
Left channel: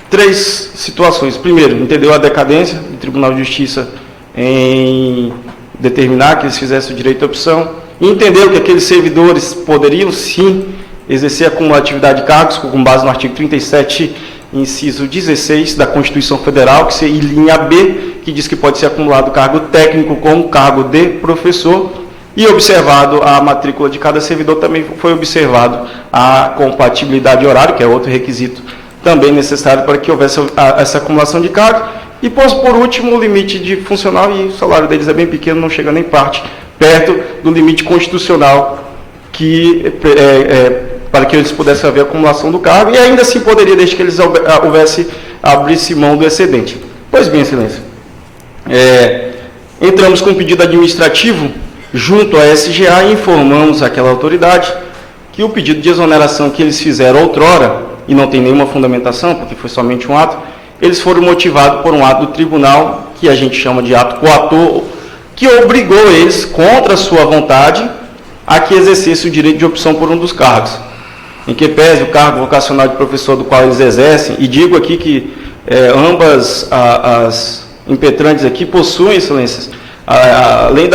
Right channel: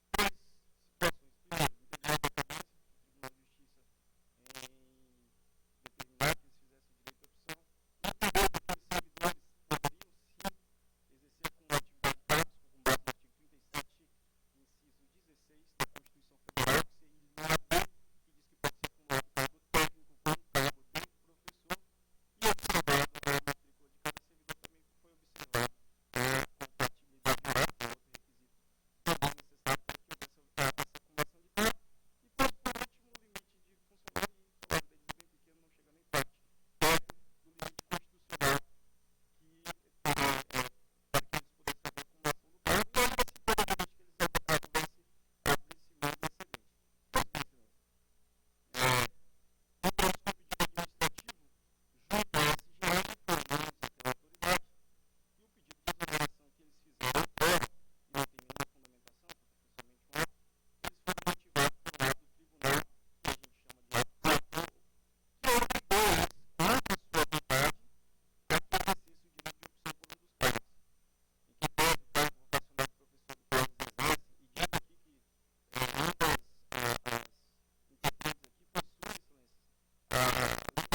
3 situações. Primeiro, entendeu a decadência do Tribunal de Justiça em determinar que eles fizessem o direito de opção, e entendeu que aqueles servidores poderiam sim exercer a acumulatividade de cargos, com base no artigo 37, inciso 16 da Constituição Federal, que seria linha B, que diz que pode ser acumulado cargo técnico com o cargo de professor, e observado a matrícula de cada servidor, também foi observado a compatibilidade horária, que é outro requisito também necessário para que houvesse essa acumulação de cargo, e por último o limite de funcional, e o salário deles é bem pequeno, não chega nem perto do limite constitucional para que eles pudessem haver acumulação do cargo, e ainda assim poderia, desde que eles abrisse mão do excedente. Pois bem, Excelência, entramos com um pedido administrativo junto à SGA e informamos àquela autoridade que o pedido de exoneração que eles fizeram outrora, e não tem nenhuma fundamentação, porque foi somente um ato, eles foram motivados por um ato do tribunal, que a gente chama de ato coator, que obrigou eles, contra a sua vontade, a que exercesse o direito de opção por um dos cargos. Em que pese o cargo vocacional de professor do qual eles exercem, e digo aqui que ambas as impetrantes aqui possuem, Excelências, além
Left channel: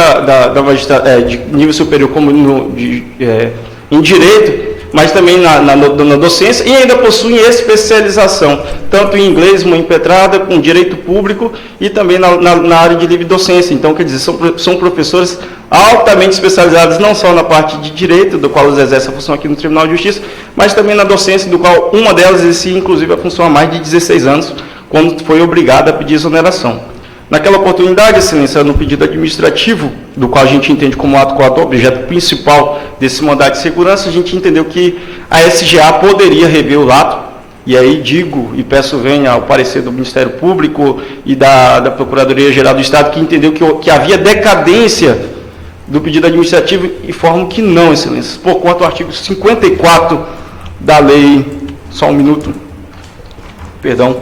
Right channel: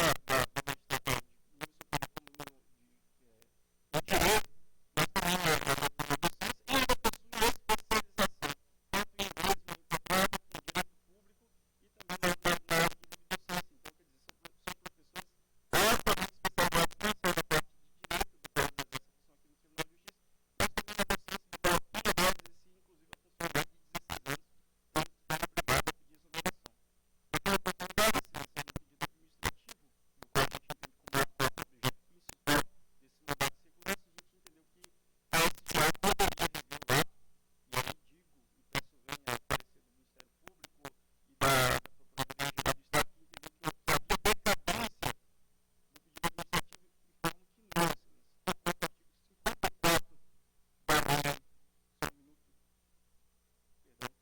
de nível superior como em direito, mas também na docência, e ainda possuem especialização, tanto em inglês, uma impetrada, com direito público, e também na área de livre docência. Então, quer dizer, são professores altamente especializados, não só na parte de direito, do qual eles exercem a função aqui no Tribunal de Justiça, mas também na docência, do qual uma delas exercia, inclusive, a função há mais de 16 anos, quando foi obrigada a pedir exoneração. Naquela oportunidade, Excelência, no pedido administrativo, do qual a gente entende como ato coator, objeto principal desse mandado de segurança, a gente entendeu que a SGA poderia rever o ato, e aí digo e peço venha ao parecer do Ministério Público e da Procuradoria-Geral do Estado, que entendeu que havia decadência do pedido administrativo, e informo que não, Excelência, por conta do artigo 54 da lei, só um minuto, perdão,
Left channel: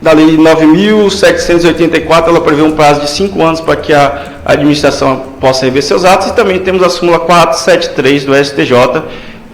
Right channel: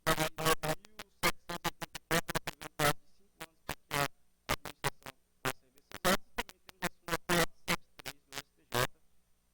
da Lei 9.784, ela prevê um prazo de 5 anos para que a administração possa rever seus atos, e também temos a súmula 473 do STJ,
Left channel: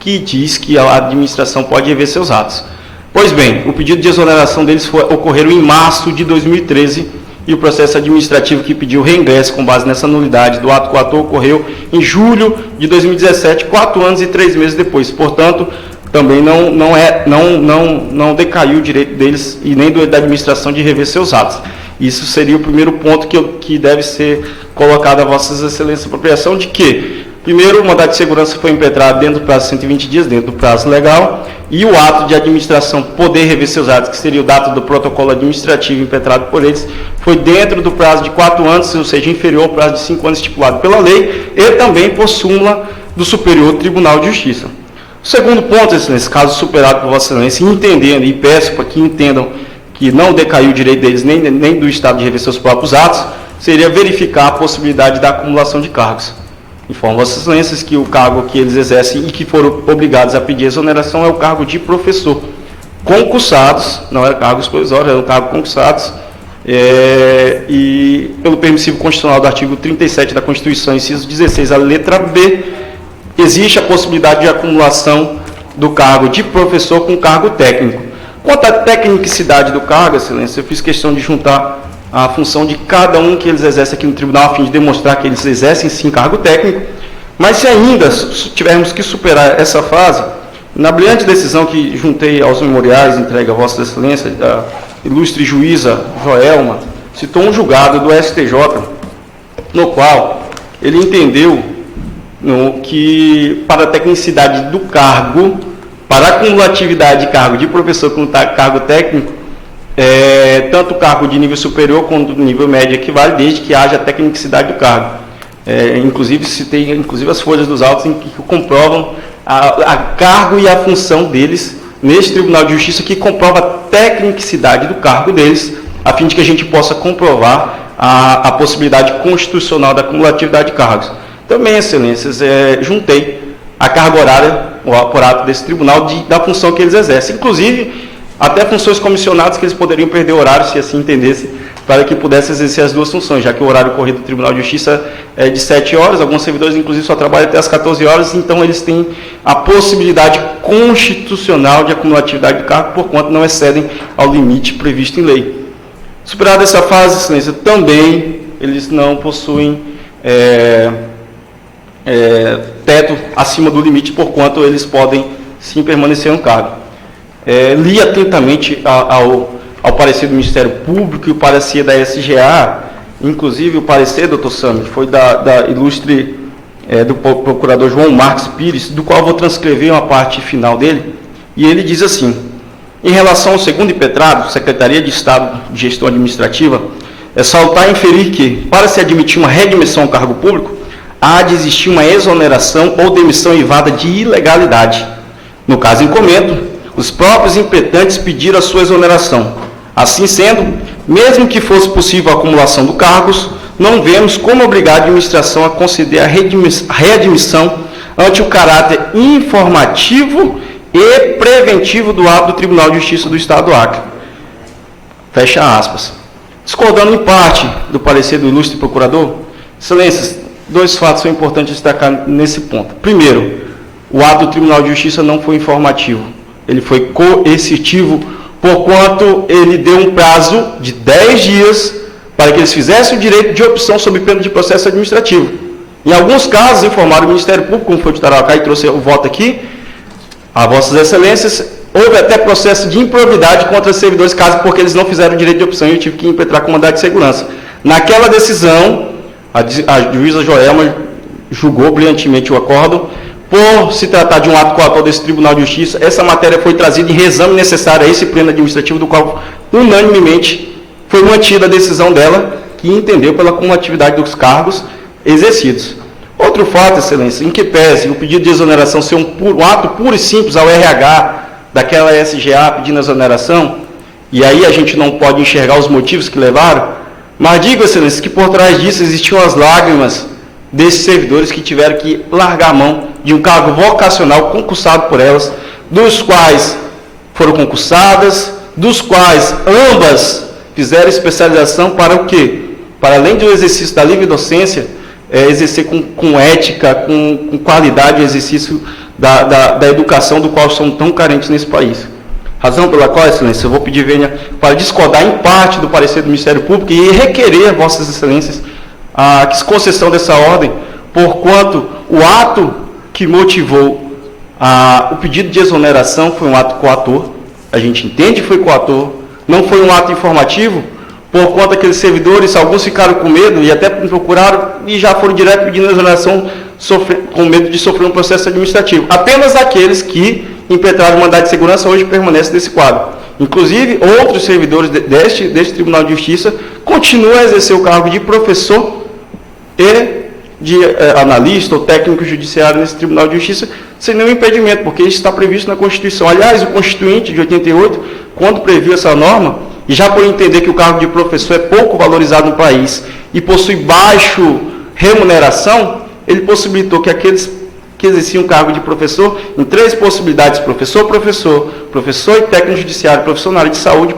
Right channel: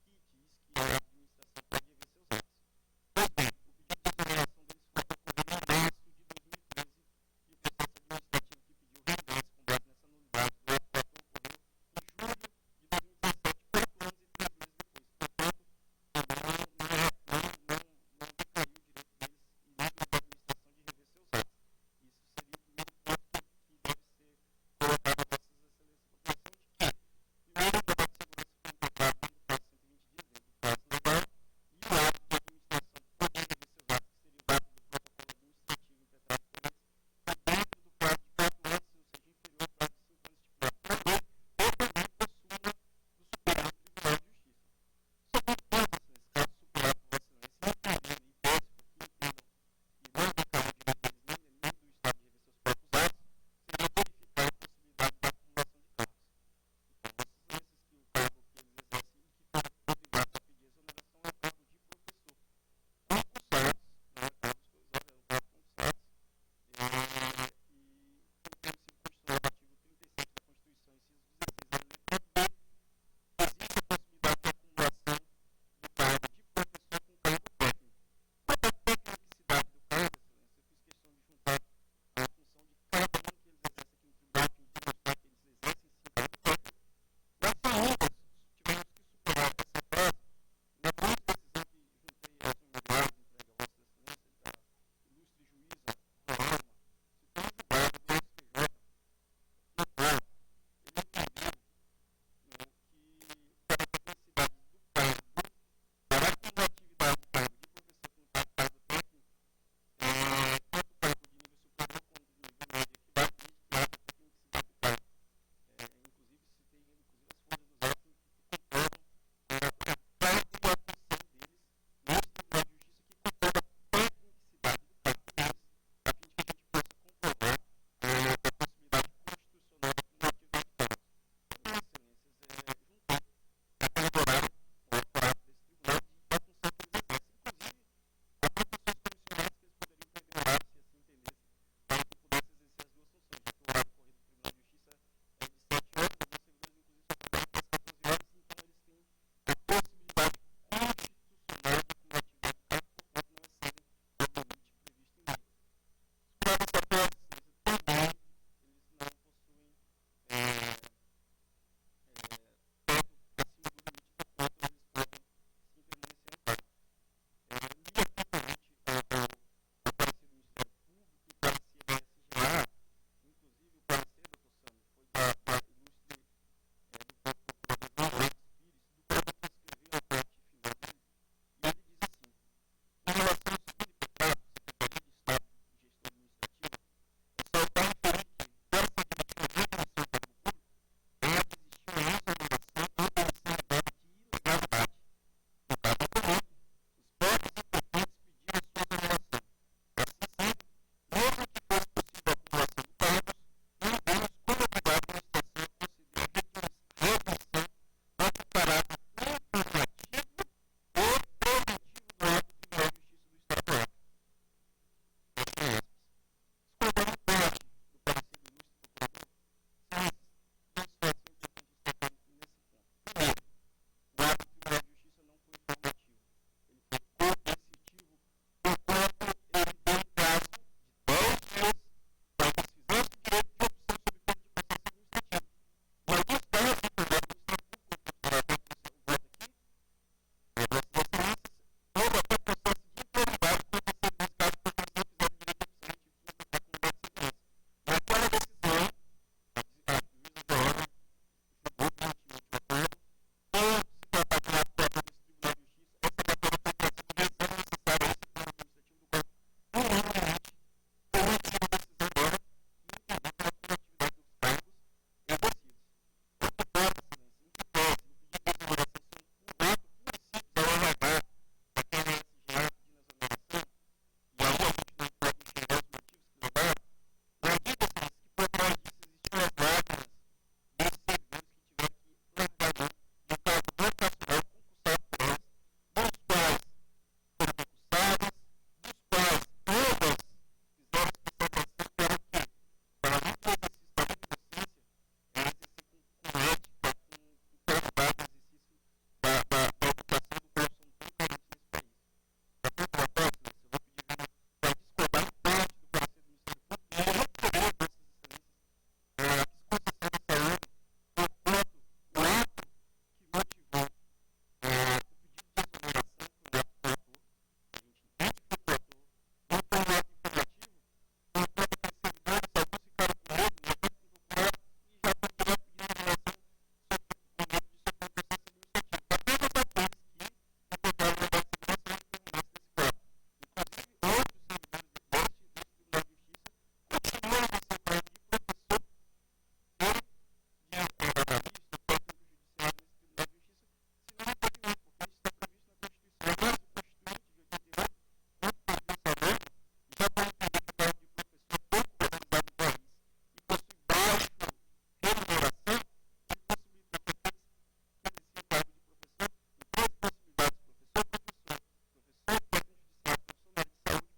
que diz que a administração pode rever seus atos. Pois bem, o pedido de exoneração deles ocorreu em março de 2013 e o processo administrativo que pediu reingresso com base nessa nulidade do ato coator ocorreu em julho de 2017, 4 anos e 3 meses depois. Portanto, também não decaiu o direito deles e nem da administração de rever seus atos. Isso seria o primeiro ponto que deve ser colocado a Vossas Excelências apropriação de que, primeiro, o mandado de segurança foi impetrado dentro do prazo de 120 dias, dentro do prazo legal, e o ato de administração poder rever seus atos, que seria o dado do protocolo administrativo impetrado por eles, foi dentro do prazo de 4 anos, ou seja, inferior ao prazo de 5 anos estipulado pela lei, e também por súmula do Superior Tribunal de Justiça. O segundo ponto, Excelência, caso superado por Vossa Excelência, entendendo, e peço para que entendam que não decaiu o direito deles nem do Estado de rever seus próprios atos, seria verificar a possibilidade da acumulação de cargos. Informo Vossas Excelências que o cargo que eles exercem e que foram obrigados a pedir exoneração é o cargo de professor. Concursados, não eram cargos provisórios, eram cargos concursados, e pelo permissivo constitucional do artigo 37 da Constituição, inciso 16, a letra B, existe a possibilidade de acumulação do cargo de professor com cargo técnico. Quanto à tecnicidade do cargo, Excelência, eu fiz questão de juntar a função de cada um que eles exercem aqui no tribunal, a fim de demonstrar que eles exercem sim cargo técnico, mas se ainda tivermos que superar essa fase, na brilhante decisão que juntei aos memoriais entregue a Vossa Excelência, a ilustre juíza Joelma, citou um julgado do STJ, no qual ele entendeu que para a tecnicidade do cargo, para a cumulatividade de cargo de professor com cargo técnico, tanto o cargo de nível superior quanto o nível médio equivale, desde que haja a tecnicidade do cargo. Inclusive, citei as folhas dos autos em que comprovam a cargo e a função deles neste Tribunal de Justiça, que comprova a tecnicidade do cargo deles, a fim de que a gente possa comprovar a possibilidade constitucional da cumulatividade de cargos. Também, Excelências, juntei a carga horária, o aparato desse tribunal, da função que eles exercem. Inclusive, até funções comissionadas que eles poderiam perder horário, se assim entendessem, para que pudessem exercer as duas funções, já que o horário corrido do Tribunal de Justiça é de 7 horas, alguns servidores, inclusive, só trabalham até as 14 horas, então eles têm a possibilidade constitucional de acumulatividade de cargo, porquanto não excedem ao limite previsto em lei. Superada essa fase, Excelência, também eles não possuem teto acima do limite, porquanto eles podem sim permanecer no cargo. Li atentamente ao parecer do Ministério Público e o parecer da SGA, inclusive o parecer, doutor Sami, foi da ilustre do procurador João Marques Pires, do qual vou transcrever uma parte final dele, e ele diz assim: em relação ao segundo impetrado, Secretaria de Estado de Gestão Administrativa, é salutar inferir que, para se admitir uma readmissão ao cargo público, há de existir uma exoneração ou demissão eivada de ilegalidade. No caso em comento, os próprios impetrantes pediram a sua exoneração. Assim sendo, mesmo que fosse possível a acumulação de cargos, não vemos como obrigar a administração a conceder a readmissão ante o caráter informativo e preventivo do ato do Tribunal de Justiça do Estado do Acre. Fecha aspas. Discordando em parte do parecer do ilustre procurador, Excelências, 2 fatos são importantes destacar nesse ponto. Primeiro, o ato do Tribunal de Justiça não foi informativo, ele foi coercitivo, porquanto ele deu um prazo de 10 dias para que eles fizessem o direito de opção sob pena de processo administrativo. Em alguns casos, informaram o Ministério Público, como foi o de Tarauacá, e trouxe o voto aqui, a Vossas Excelências, houve até processo de improbidade contra os servidores, caso porque eles não fizeram o direito de opção e eu tive que impetrar com mandado de segurança. Naquela decisão, a juíza Joelma julgou brilhantemente o acórdão. Por se tratar de um ato coator desse Tribunal de Justiça, essa matéria foi trazida em reexame necessário a esse pleno administrativo, do qual, unanimemente, foi mantida a decisão dela, que entendeu pela cumulatividade dos cargos exercidos. Outro fato, Excelência, em que pese o pedido de exoneração ser um ato puro e simples ao RH daquela SGA pedindo exoneração, e aí a gente não pode enxergar os motivos que levaram, mas digo, Excelência, que por trás disso existiam as lágrimas desses servidores que tiveram que largar a mão de um cargo vocacional concursado por elas, dos quais foram concursadas, dos quais ambas fizeram especialização para o quê? Para além do exercício da livre docência, exercer com ética, com qualidade o exercício da educação do qual somos tão carentes nesse país. Razão pela qual, Excelência, eu vou pedir vênia para discordar em parte do parecer do Ministério Público e requerer a Vossas Excelências a concessão dessa ordem, porquanto o ato que motivou o pedido de exoneração foi um ato coator, a gente entende que foi coator, não foi um ato informativo, porquanto aqueles servidores, alguns ficaram com medo e até me procuraram e já foram direto pedindo exoneração com medo de sofrer um processo administrativo. Apenas aqueles que impetraram o mandado de segurança hoje permanecem nesse quadro. Inclusive, outros servidores deste Tribunal de Justiça continuam a exercer o cargo de professor e de analista ou técnico judiciário nesse Tribunal de Justiça sem nenhum impedimento, porque isso está previsto na Constituição. Aliás, o Constituinte de 88, quando previu essa norma, e já por entender que o cargo de professor é pouco valorizado no país e possui baixo remuneração, ele possibilitou que aqueles que exerciam o cargo de professor, em 3 possibilidades, professor e técnico judiciário, professor na área de saúde,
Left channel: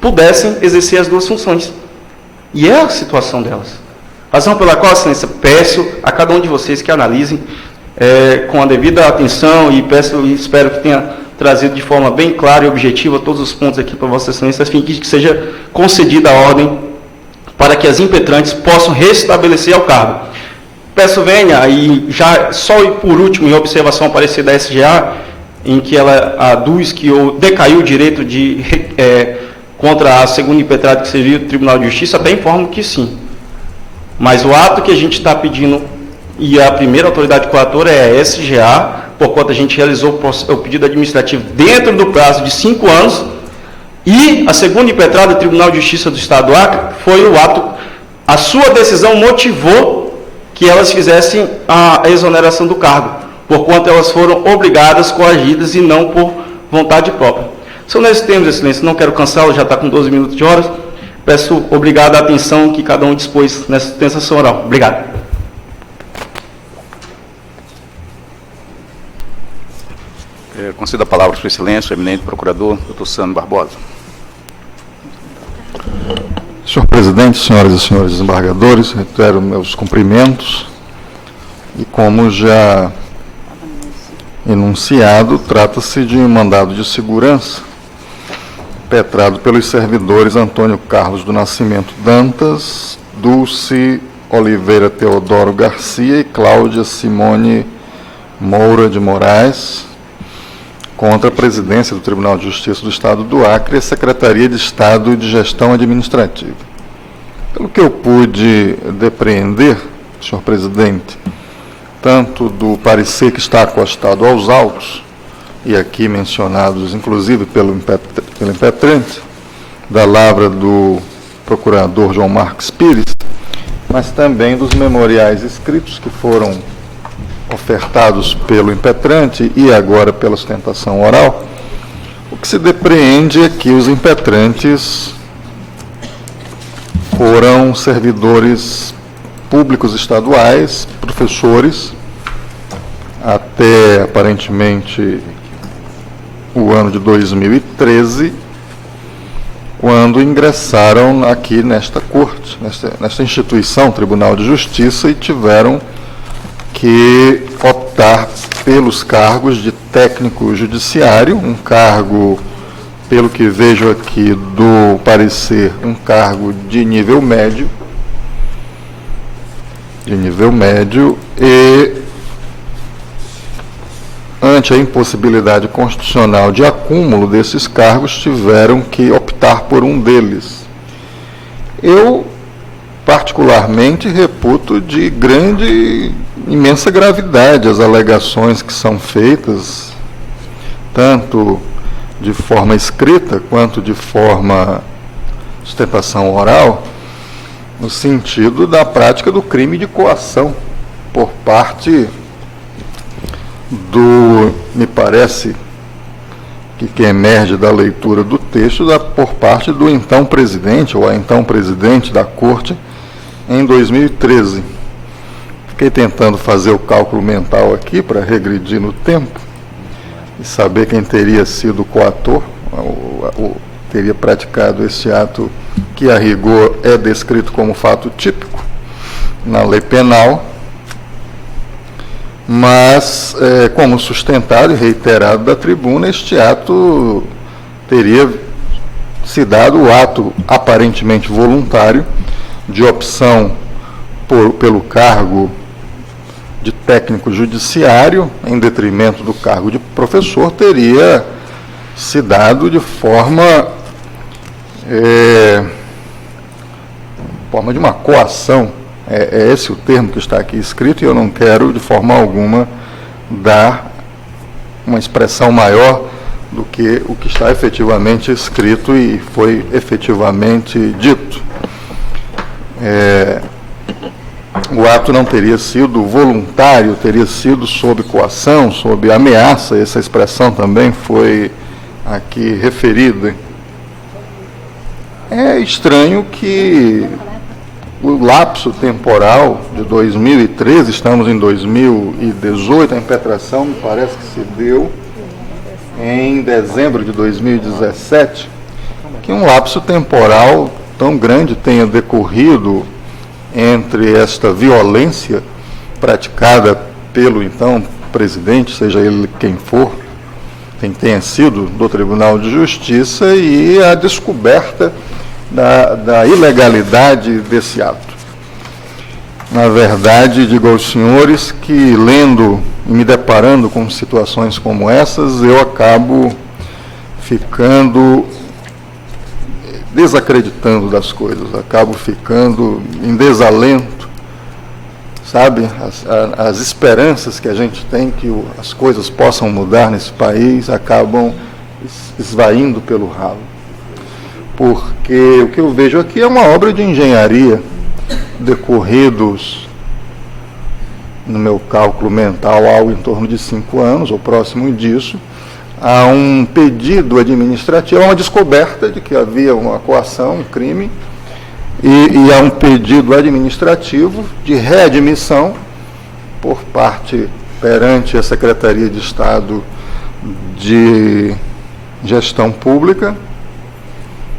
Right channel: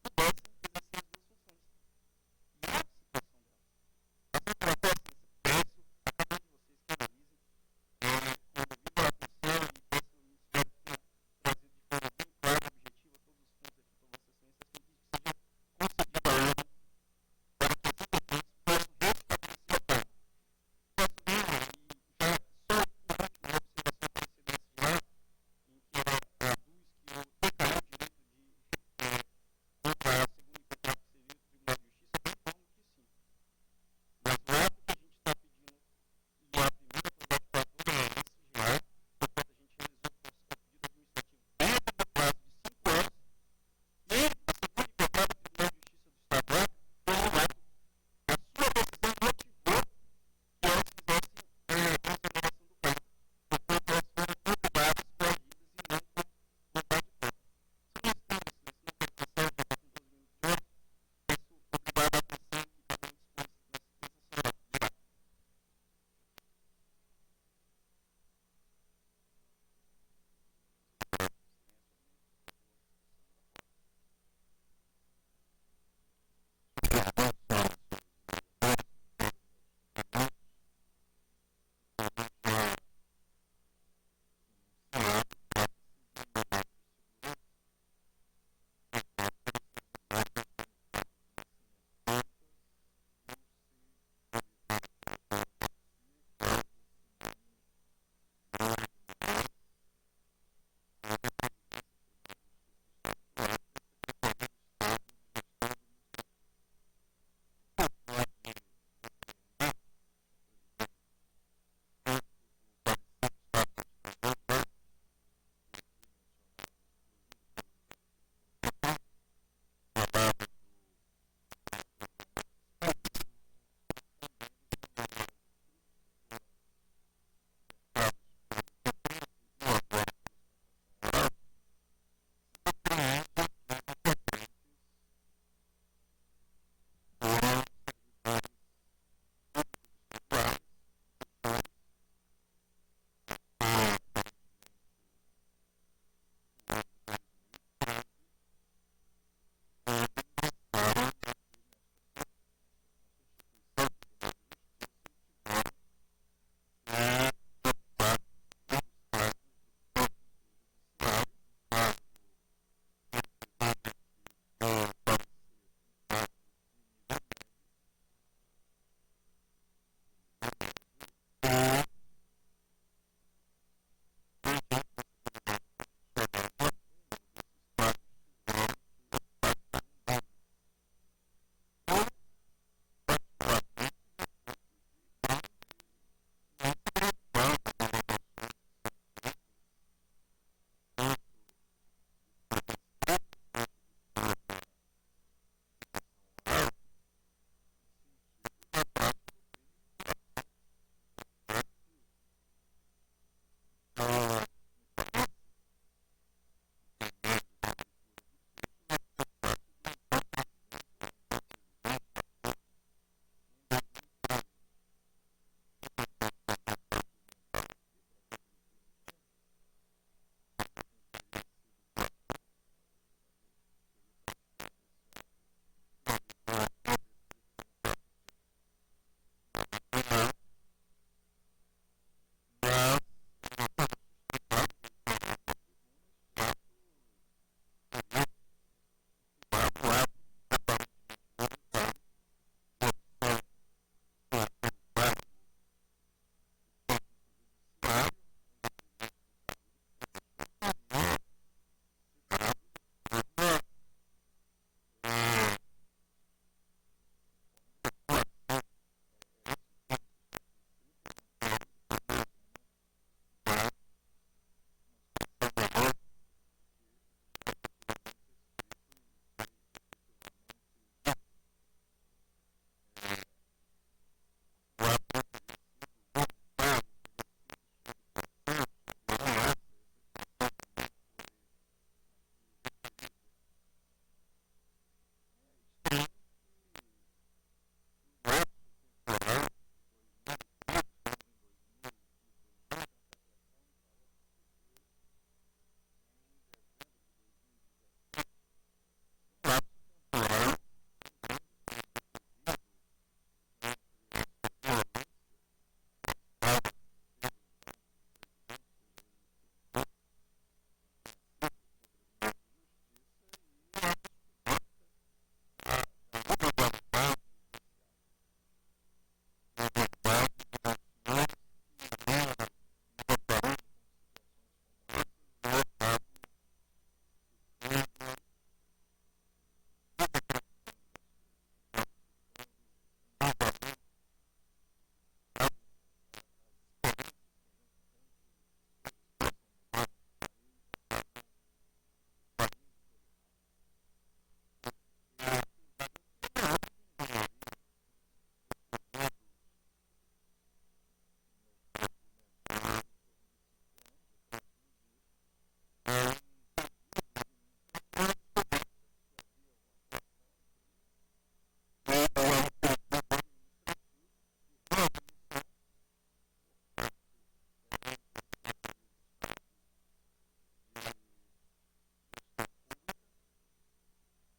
pudessem exercer as 2 funções. E é a situação delas. Razão pela qual, Excelência, peço a cada um de vocês que analisem com a devida atenção e espero que tenha trazido de forma bem clara e objetiva todos os pontos aqui para Vossa Excelência, a fim que seja concedida a ordem para que as impetrantes possam restabelecer ao cargo. Peço vênia, e já só por último, em observação ao parecer da SGA, em que ela aduz que decaiu o direito contra a segunda impetrada que seria o Tribunal de Justiça, até informo que sim. Mas o ato que a gente está pedindo, e a primeira autoridade coatora é a SGA, porquanto a gente realizou o pedido administrativo dentro do prazo de 5 anos, e a segunda impetrada do Tribunal de Justiça do Estado do Acre foi o ato, a sua decisão motivou que elas fizessem a exoneração do cargo, porquanto elas foram obrigadas, coagidas e não por vontade própria. São nesses termos, Excelência, não quero cansá-lo, já está com 12 minutos de horas. Peço obrigado à atenção que cada um dispôs nessa extensação oral. Obrigado. Concedo a palavra à Sua Excelência, o eminente procurador, Dr. Sandro Barbosa. Senhor presidente, senhoras e senhores desembargadores, reitero meus cumprimentos e, como já enunciado, trata-se de um mandado de segurança impetrado pelos servidores Antônio Carlos do Nascimento Dantas, Dulce Oliveira Teodoro Garcia e Cláudia Simone Moura de Moraes, contra a presidência do Tribunal de Justiça do Estado do Acre e a Secretaria de Estado de Gestão Administrativa. Pelo que eu pude depreender, senhor presidente, tanto do parecer que está acostado aos autos, e aqui mencionados, inclusive, pelo impetrante, da lavra do procurador João Marcos Pires, mas também dos memoriais escritos que foram ofertados pelo impetrante e agora pela sustentação oral, o que se depreende é que os impetrantes foram servidores públicos estaduais, professores, até aparentemente o ano de 2013, quando ingressaram aqui nesta corte, nesta instituição, Tribunal de Justiça, e tiveram que optar pelos cargos de técnico judiciário, um cargo, pelo que vejo aqui do parecer, um cargo de nível médio, e ante a impossibilidade constitucional de acúmulo desses cargos, tiveram que optar por um deles. Eu, particularmente, reputo de imensa gravidade as alegações que são feitas, tanto de forma escrita quanto de forma sustentação oral, no sentido da prática do crime de coação por parte me parece que emerge da leitura do texto, por parte do então presidente, ou a então presidente da Corte, em 2013. Fiquei tentando fazer o cálculo mental aqui, para regredir no tempo, e saber quem teria sido o coator, teria praticado esse ato que, a rigor, é descrito como fato típico na lei penal. mas, como sustentado e reiterado da tribuna, este ato teria se dado o ato aparentemente voluntário de opção pelo cargo de técnico judiciário, em detrimento do cargo de professor, teria se dado de forma de uma coação. É esse o termo que está aqui escrito, e eu não quero, de forma alguma, dar uma expressão maior do que o que está efetivamente escrito e foi efetivamente dito. O ato não teria sido voluntário, teria sido sob coação, sob ameaça, essa expressão também foi aqui referida. É estranho que o lapso temporal de 2013, estamos em 2018, a impetração me parece que se deu em dezembro de 2017, que um lapso temporal tão grande tenha decorrido entre esta violência praticada pelo então presidente, seja ele quem for, quem tenha sido do Tribunal de Justiça, e a descoberta da ilegalidade desse ato. Na verdade, digo aos senhores que, lendo e me deparando com situações como essas, eu acabo ficando desacreditando das coisas, acabo ficando em desalento, sabe? As esperanças que a gente tem que as coisas possam mudar nesse país acabam esvaindo pelo ralo. Porque o que eu vejo aqui é uma obra de engenharia, decorridos, no meu cálculo mental, algo em torno de 5 anos, ou próximo disso, há um pedido administrativo, há uma descoberta de que havia uma coação, um crime, e há um pedido administrativo de readmissão por parte, perante a Secretaria de Estado de Gestão Pública,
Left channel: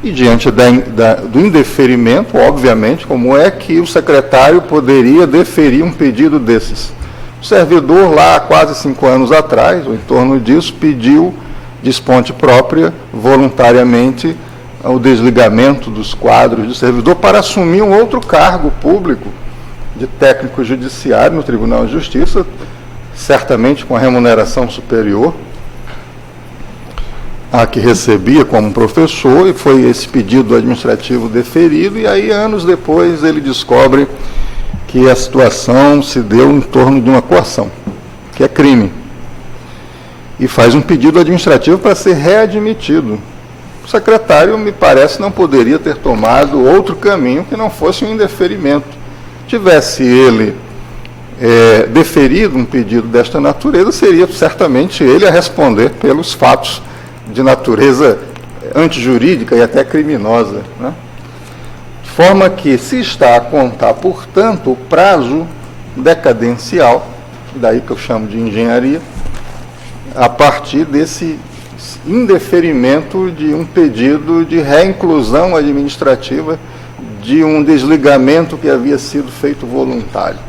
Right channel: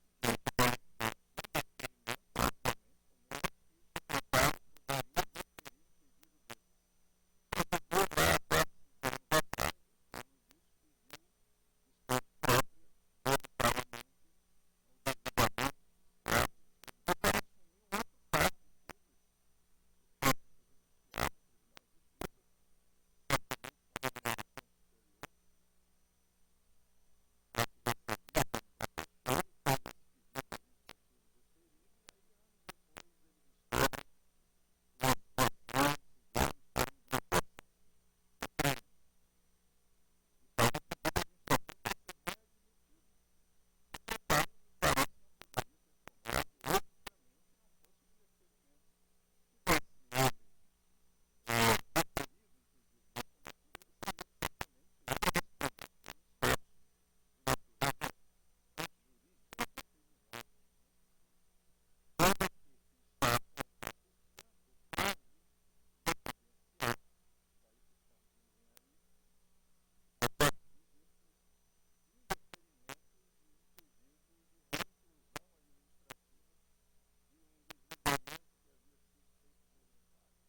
e diante do indeferimento, obviamente, como é que o secretário poderia deferir um pedido desses? O servidor, lá há quase 5 anos atrás, ou em torno disso, pediu de esponte própria, voluntariamente, o desligamento dos quadros de servidor para assumir um outro cargo público de técnico judiciário no Tribunal de Justiça, certamente com a remuneração superior a que recebia como professor, e foi esse pedido administrativo deferido, e aí, anos depois, ele descobre que a situação se deu em torno de uma coação, que é crime, e faz um pedido administrativo para ser readmitido. O secretário, me parece, não poderia ter tomado outro caminho que não fosse um indeferimento. Tivesse ele deferido um pedido desta natureza, seria certamente ele a responder pelos fatos de natureza antijurídica e até criminosa, né? De forma que, se está a contar, portanto, o prazo decadencial, daí que eu chamo de engenharia, a partir desse indeferimento de um pedido de reinclusão administrativa de um desligamento que havia sido feito voluntário.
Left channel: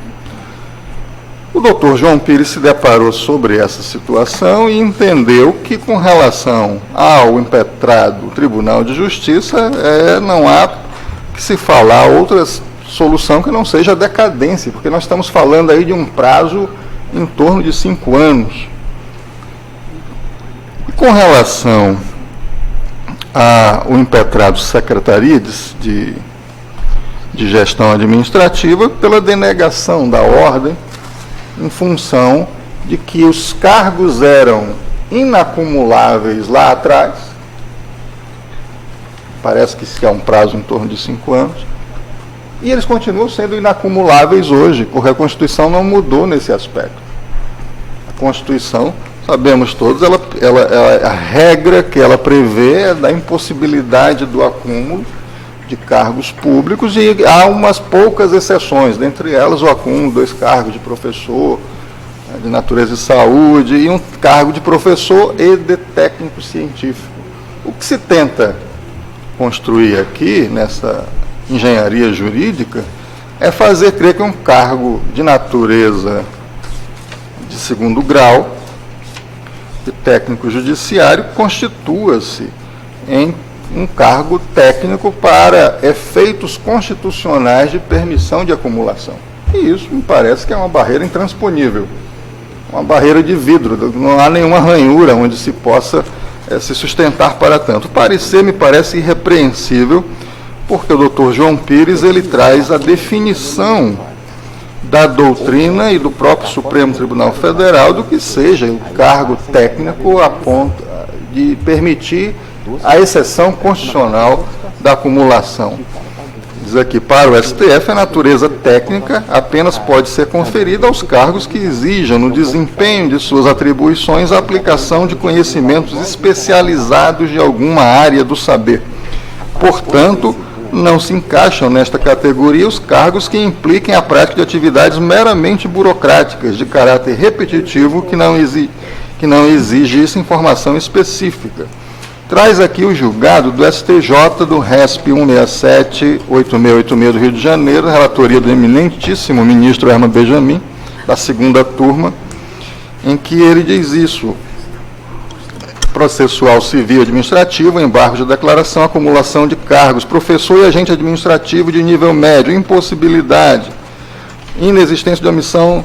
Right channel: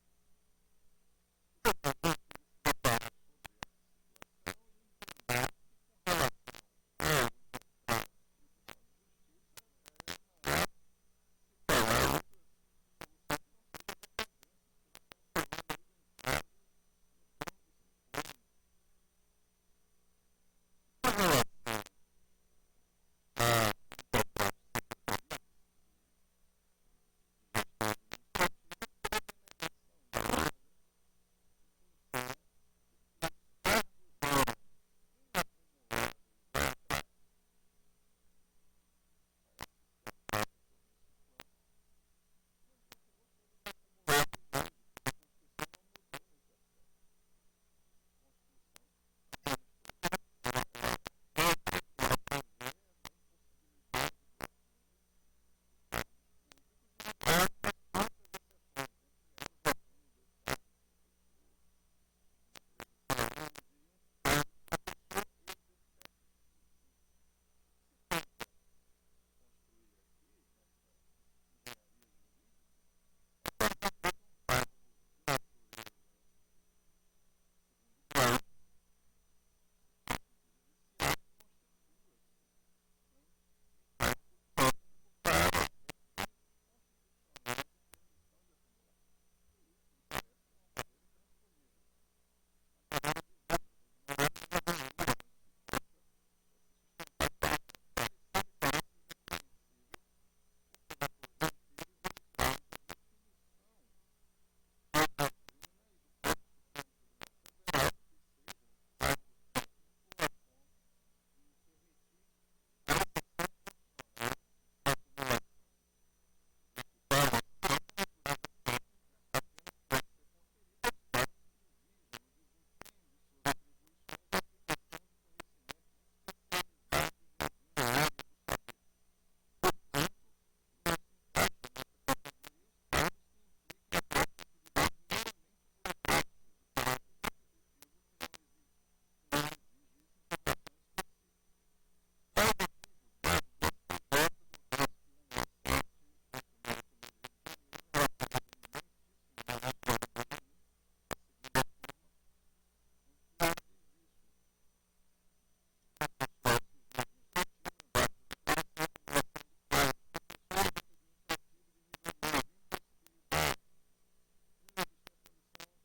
O doutor João Pires se deparou sobre essa situação e entendeu que, com relação ao impetrado Tribunal de Justiça, não há que se falar outra solução que não seja a decadência, porque nós estamos falando aí de um prazo em torno de 5 anos. E com relação ao impetrado Secretaria de Gestão Administrativa, pela denegação da ordem, em função de que os cargos eram inacumuláveis lá atrás, parece que há um prazo em torno de 5 anos, e eles continuam sendo inacumuláveis hoje, porque a Constituição não mudou nesse aspecto. A Constituição, sabemos todos, a regra que ela prevê é da impossibilidade do acúmulo de cargos públicos, e há umas poucas exceções, dentre elas o acúmulo de 2 cargos de professor, de natureza de saúde, e um cargo de professor e de técnico científico. O que se tenta construir aqui, nessa engenharia jurídica, é fazer crer que um cargo de natureza de segundo grau de técnico judiciário constitua-se em um cargo técnico para efeitos constitucionais de permissão de acumulação. E isso me parece que é uma barreira intransponível, uma barreira de vidro, não há nenhuma ranhura onde se possa se sustentar para tanto. O parecer me parece irrepreensível, porque o doutor João Pires ele traz a definição da doutrina e do próprio Supremo Tribunal Federal do que seja o cargo técnico a ponto de permitir a exceção constitucional da acumulação. Diz aqui, para o STF, a natureza técnica apenas pode ser conferida aos cargos que exijam, no desempenho de suas atribuições, a aplicação de conhecimentos especializados de alguma área do saber. Portanto, não se encaixam nesta categoria os cargos que impliquem a prática de atividades meramente burocráticas, de caráter repetitivo, que não exige informação específica. Traz aqui o julgado do STJ do RESP 167-8686 do Rio de Janeiro, relatoria do eminentíssimo ministro Herman Benjamin, da segunda turma, em que ele diz isso: processual civil e administrativo, embargo de declaração, acumulação de cargos, professor e agente administrativo de nível médio, impossibilidade, inexistência de omissão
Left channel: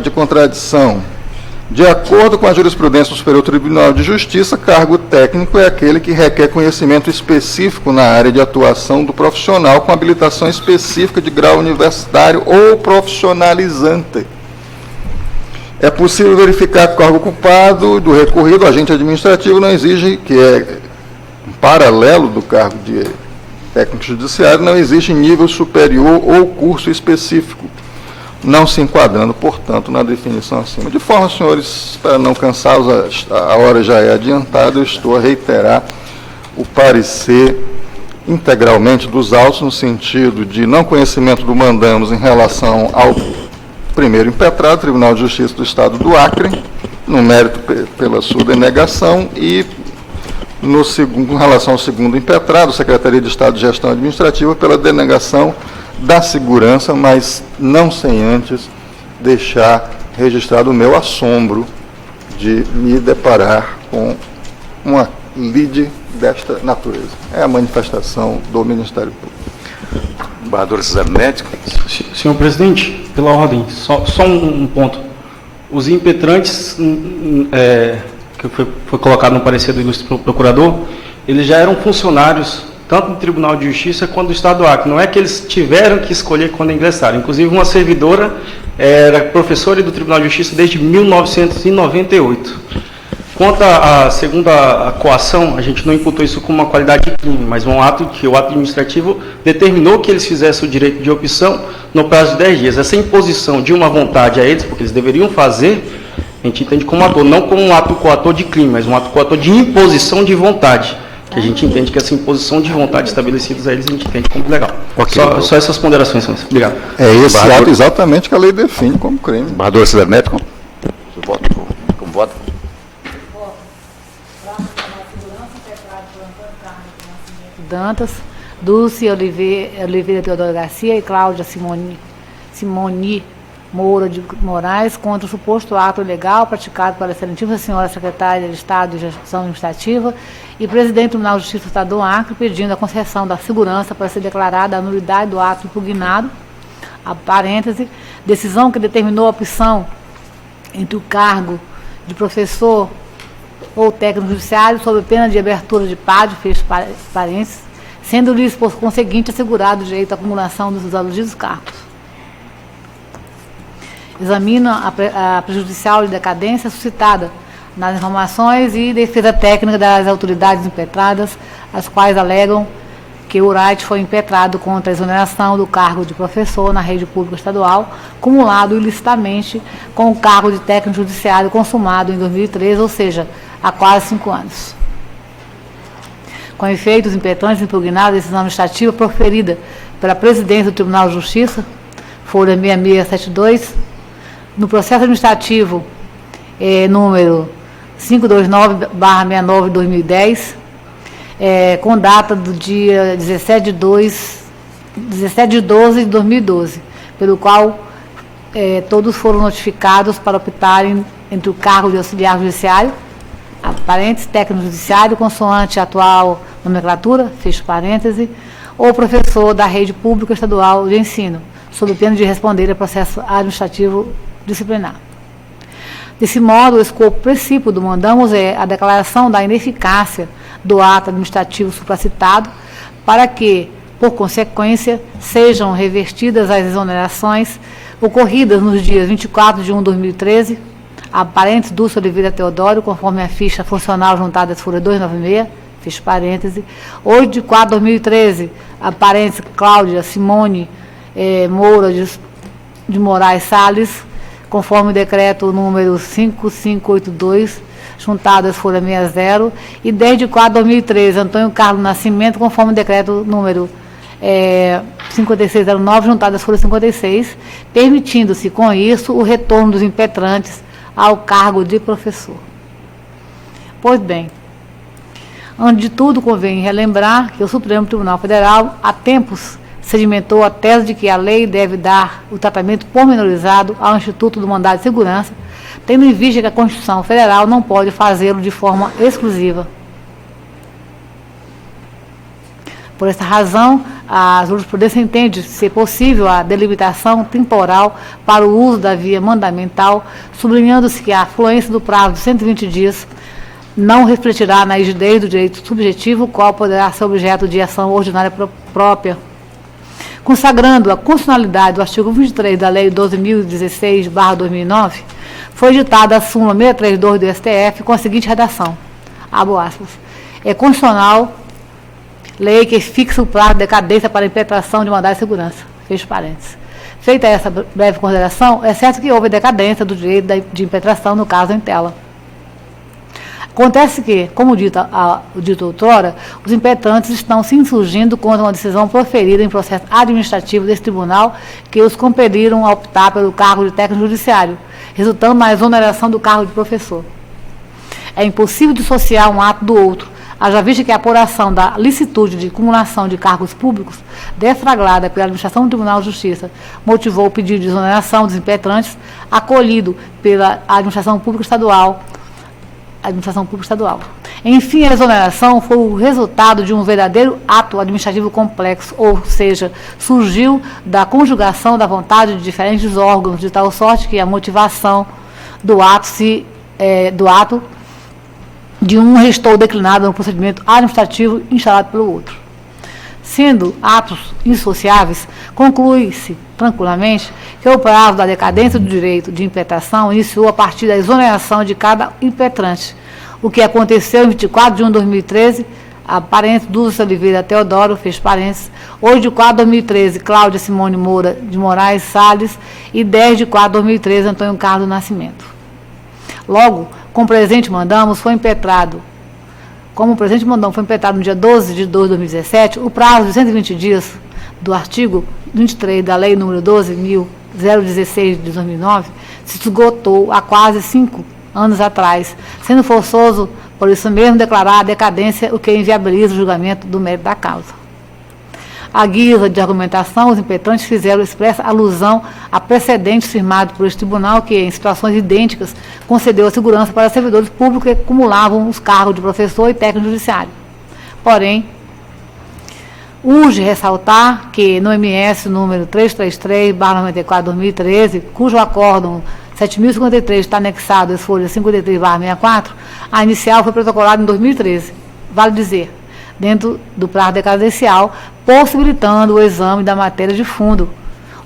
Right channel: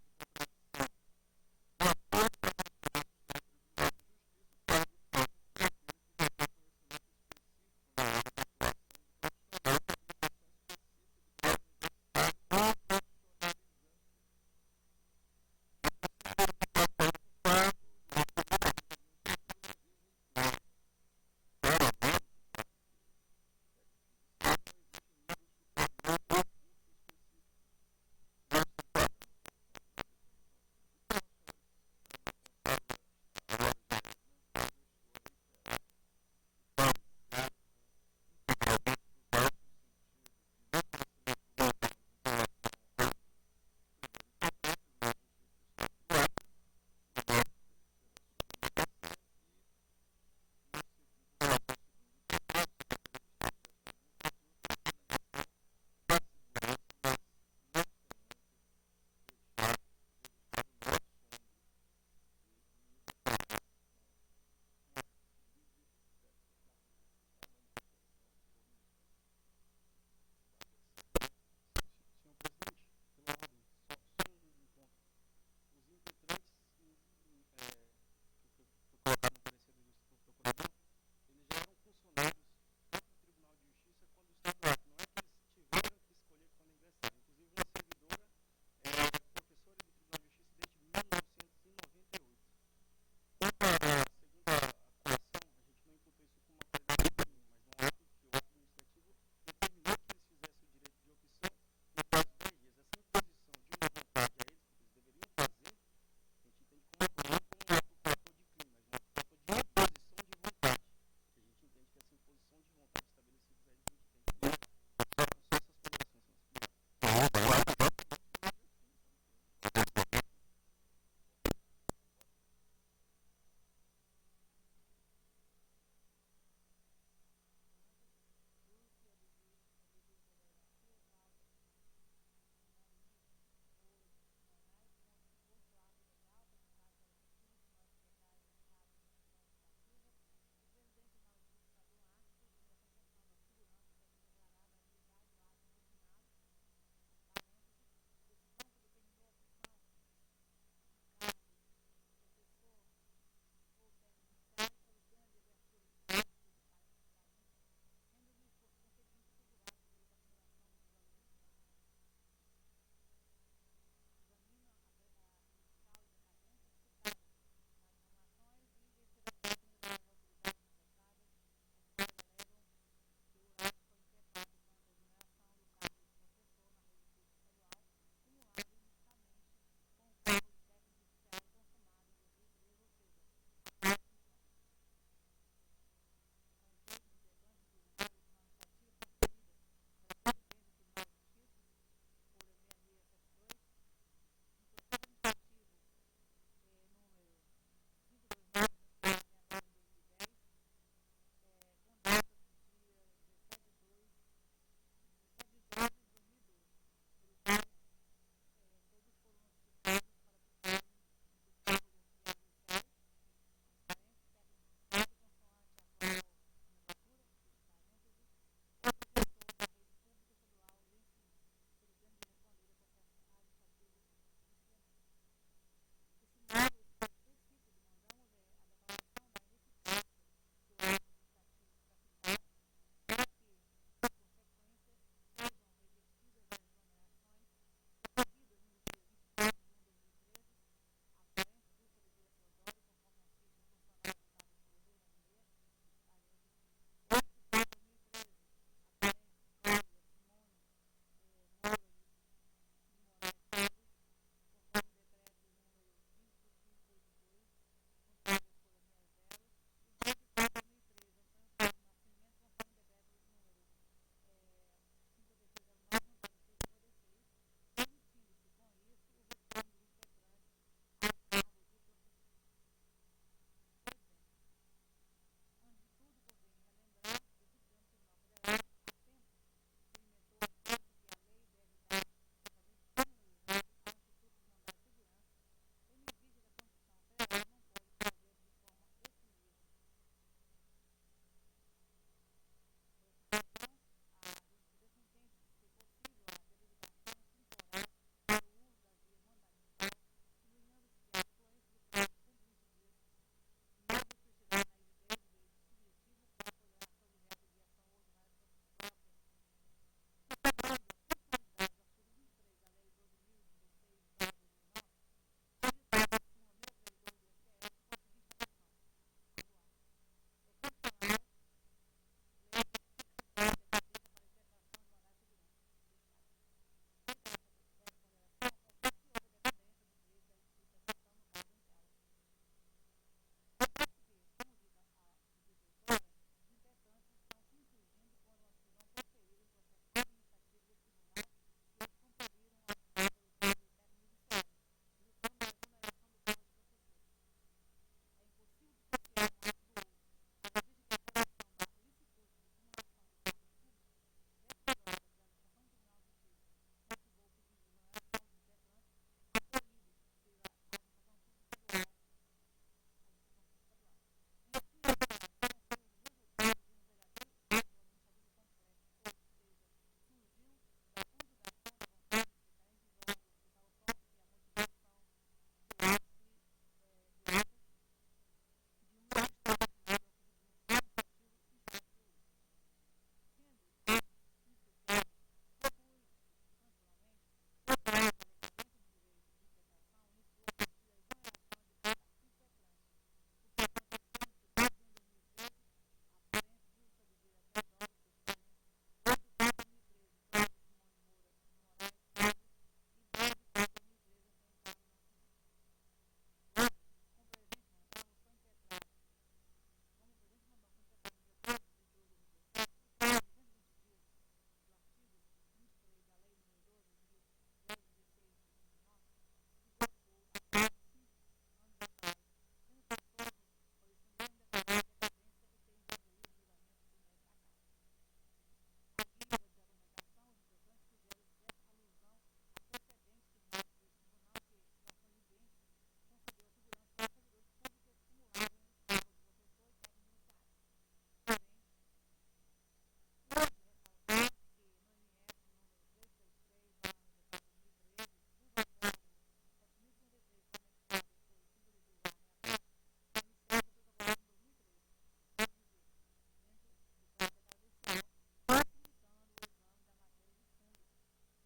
de contradição. De acordo com a jurisprudência do Superior Tribunal de Justiça, cargo técnico é aquele que requer conhecimento específico na área de atuação do profissional com habilitação específica de grau universitário ou profissionalizante. É possível verificar que o cargo ocupado do recorrido, agente administrativo, não exige, que é um paralelo do cargo de técnico judiciário, não exige nível superior ou curso específico, não se enquadrando, portanto, na definição acima. De forma, senhores, para não cansá-los, a hora já é adiantada, eu estou a reiterar o parecer integralmente dos autos, no sentido de não conhecimento do mandamos em relação ao primeiro impetrado, Tribunal de Justiça do Estado do Acre, no mérito pela sua denegação, e no segundo, em relação ao segundo impetrado, Secretaria de Estado de Gestão Administrativa, pela denegação da segurança, mas não sem antes deixar registrado o meu assombro de me deparar com uma lide desta natureza. É a manifestação do Ministério Público. Embaixador Cesar Neto. Senhor presidente, pela ordem, só um ponto. Os impetrantes, que foi colocado no parecer do ilustre procurador, eles já eram funcionários tanto do Tribunal de Justiça quanto do Estado do Acre. Não é que eles tiveram que escolher quando ingressaram. Inclusive, uma servidora era professora do Tribunal de Justiça desde 1998. Quanto à segunda coação, a gente não imputou isso como uma qualidade de crime, mas um ato que o ato administrativo determinou que eles fizessem o direito de opção no prazo de 10 dias. Essa imposição de uma vontade a eles, porque eles deveriam fazer, a gente entende como ator, não como um ato coator de crime, mas um ato coator de imposição de vontade, que a gente entende que essa imposição de vontade estabelecidas a eles, a gente entende como legal. Okay, só essas ponderações, senhores. Obrigado. É esse ato exatamente que a lei define como crime. Embaixador Cesar Neto, como voto? Dantas, Dulce Oliveira Teodoro Garcia e Cláudia Simoni Moura de Moraes contra o suposto ato ilegal praticado pela excelentíssima senhora secretária de Estado de Gestão Administrativa e presidente do Tribunal de Justiça do Estado do Acre, pedindo a concessão da segurança para ser declarada a nulidade do ato impugnado, a parêntese, decisão que determinou a opção entre o cargo de professor ou técnico judiciário sob pena de abertura de PAD, fecho parênteses, sendo-lhes, por conseguinte, assegurado o direito à acumulação dos aludidos cargos. Examina a prejudicial de decadência suscitada nas informações e defesa técnica das autoridades impetradas, as quais alegam que o Wright foi impetrado contra a exoneração do cargo de professor na rede pública estadual, cumulado ilicitamente com o cargo de técnico judiciário consumado em 2013, ou seja, há quase 5 anos. Com efeito, os impetrantes impugnaram a decisão administrativa proferida pela presidência do Tribunal de Justiça, folha 6672, no processo administrativo número 529/69 de 2010, com data do dia 17 de 12 de 2012, pelo qual todos foram notificados para optarem entre o cargo de auxiliar judiciário, parênteses, técnico judiciário, consoante a atual nomenclatura, fecho parêntese, ou professor da rede pública estadual de ensino, sob pena de responder a processo administrativo disciplinar. Desse modo, o escopo princípio do mandamos é a declaração da ineficácia do ato administrativo supracitado, para que, por consequência, sejam revertidas as exonerações ocorridas nos dias 24 de 1 de 2013, a parênteses Dulce Oliveira Teodoro, conforme a ficha funcional juntada às folhas 296, fecho parêntese, 8 de 4 de 2013, a parênteses Cláudia Simone Moura de Moraes Salles, conforme o decreto número 5582, juntado às folhas 60, e 10 de 4 de 2013, Antônio Carlos Nascimento, conforme o decreto número 5609, juntado às folhas 56, permitindo-se com isso o retorno dos impetrantes ao cargo de professor. Pois bem, antes de tudo, convém relembrar que o Supremo Tribunal Federal, há tempos, sedimentou a tese de que a lei deve dar o tratamento pormenorizado ao Instituto do Mandado de Segurança, tendo em vista que a Constituição Federal não pode fazê-lo de forma exclusiva. Por essa razão, a jurisprudência entende ser possível a delimitação temporal para o uso da via mandamental, sublinhando-se que a afluência do prazo de 120 dias não refletirá na rigidez do direito subjetivo, o qual poderá ser objeto de ação ordinária própria. Consagrando a constitucionalidade do artigo 23 da Lei 12.016/2009, foi editada a súmula 632 do STF com a seguinte redação, abro aspas, é constitucional lei que fixa o prazo de decadência para a impetração de mandado de segurança, fecho parênteses. Feita essa breve consideração, é certo que houve decadência do direito de impetração no caso em tela. Acontece que, como dito outrora, os impetrantes estão se insurgindo contra uma decisão proferida em processo administrativo desse tribunal que os compeliram a optar pelo cargo de técnico judiciário, resultando na exoneração do cargo de professor. É impossível dissociar um ato do outro, haja vista que a apuração da licitude de cumulação de cargos públicos, deflagrada pela administração do Tribunal de Justiça, motivou o pedido de exoneração dos impetrantes, acolhido pela administração pública estadual. Enfim, a exoneração foi o resultado de um verdadeiro ato administrativo complexo, ou seja, surgiu da conjugação da vontade de diferentes órgãos, de tal sorte que a motivação do ato de um restou declinado no procedimento administrativo instalado pelo outro. Sendo atos indissociáveis, conclui-se tranquilamente que o prazo da decadência do direito de impetração iniciou a partir da exoneração de cada impetrante, o que aconteceu em 24 de 1 de 2013, a parênteses Dulce Oliveira Teodoro, fecho parênteses, 8 de 4 de 2013, Cláudia Simone Moura de Moraes Salles, e 10 de 4 de 2013, Antônio Carlos Nascimento. Logo, como o presente mandamos foi impetrado no dia 12 de 2 de 2017, o prazo de 120 dias do artigo 23 da Lei número 12.016 de 2009 se esgotou há quase 5 anos atrás, sendo forçoso, por isso mesmo, declarar a decadência, o que inviabiliza o julgamento do mérito da causa. À guisa de argumentação, os impetrantes fizeram expressa alusão a precedentes firmados por este tribunal que, em situações idênticas, concedeu a segurança para servidores públicos que acumulavam os cargos de professor e técnico judiciário. Porém, urge ressaltar que no MS número 333/94/2013, cujo acórdão 7.053 está anexado às folhas 53/64, a inicial foi protocolada em 2013. Vale dizer, dentro do prazo decadencial, possibilitando o exame da matéria de fundo,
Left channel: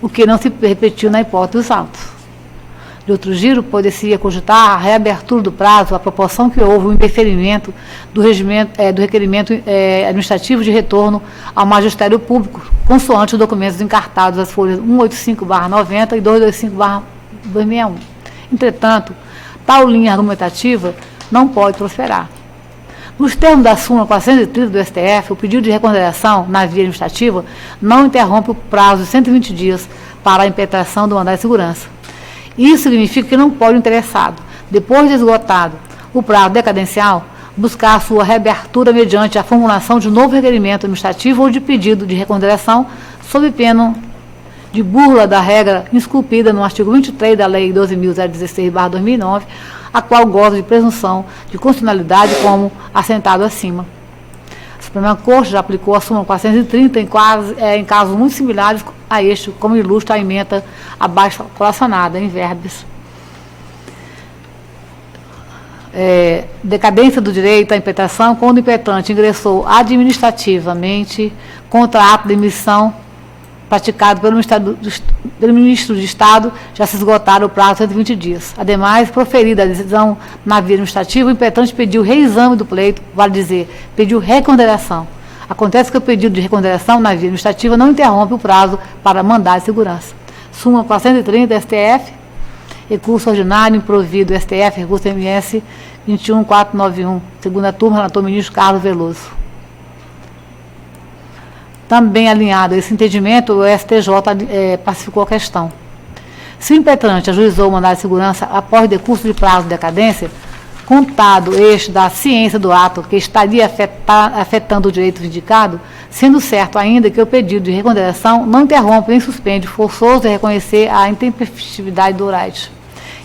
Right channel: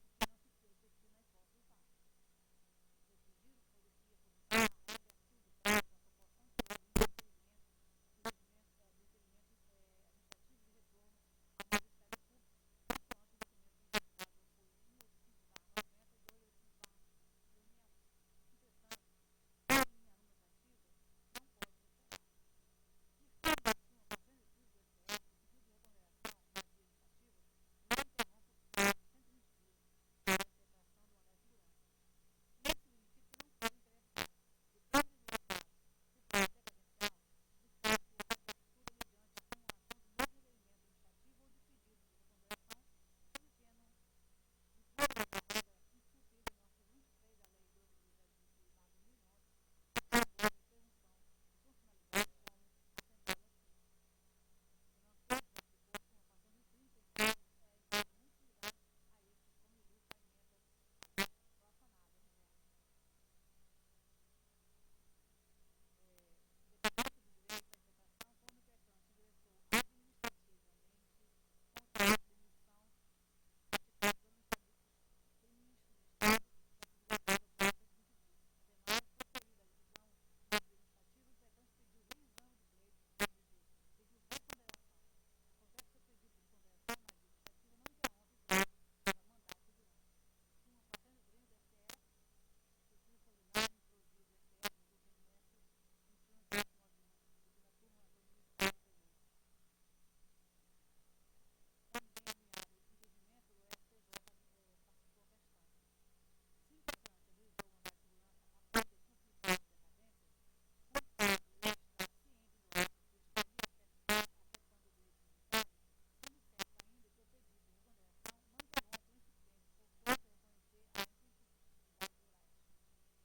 o que não se repetiu na hipótese dos autos. De outro giro, poderia cogitar a reabertura do prazo à proporção que houve o indeferimento do requerimento administrativo de retorno ao magistério público, consoante os documentos encartados às folhas 185/90 e 225/261. Entretanto, tal linha argumentativa não pode prosperar. Nos termos da súmula 430 do STF, o pedido de reconsideração na via administrativa não interrompe o prazo de 120 dias para a impetração do mandado de segurança. Isso significa que não pode o interessado, depois de esgotado o prazo decadencial, buscar sua reabertura mediante a formulação de novo requerimento administrativo ou de pedido de reconsideração, sob pena de burla da regra esculpida no artigo 23 da Lei 12.016/2009, a qual goza de presunção de constitucionalidade como assentado acima. A Suprema Corte já aplicou a súmula 430 em casos muito similares a este, como ilustra a ementa abaixo colacionada, em verbis. Decadência do direito à impetração quando o impetrante ingressou administrativamente contra ato de emissão praticado pelo Ministro de Estado, já se esgotaram o prazo de 120 dias. Ademais, proferida a decisão na via administrativa, o impetrante pediu reexame do pleito, vale dizer, pediu reconsideração. Acontece que o pedido de reconsideração na via administrativa não interrompe o prazo para mandado de segurança. Súmula 430, STF, recurso ordinário improvido, STF, recurso MS 21491, segunda turma, relator ministro Carlos Veloso. Também alinhado a esse entendimento, o STJ pacificou a questão. Se o impetrante ajuizou o mandado de segurança após decurso de prazo de decadência, contado este da ciência do ato que estaria afetando o direito vindicado, sendo certo ainda que o pedido de reconsideração não interrompe nem suspende forçoso de reconhecer a intempestividade do right.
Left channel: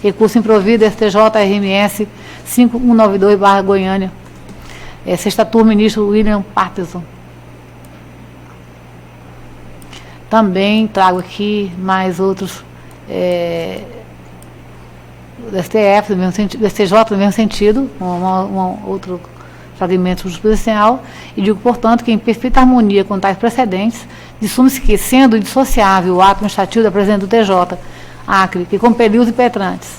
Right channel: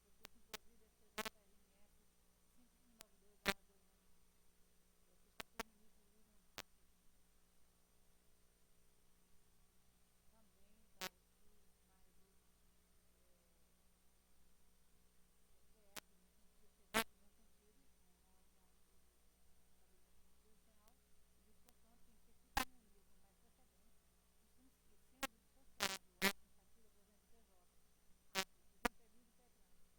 Recurso improvido, STJ, RMS 5192/Goiânia. Sexta turma, ministro William Patterson. Também trago aqui mais outros do STF, do STJ, no mesmo sentido, outro fragmento jurisprudencial, e digo, portanto, que em perfeita harmonia com tais precedentes, dissume-se que, sendo indissociável o ato administrativo da presidente do TJ, Acre, que compeliu os impetrantes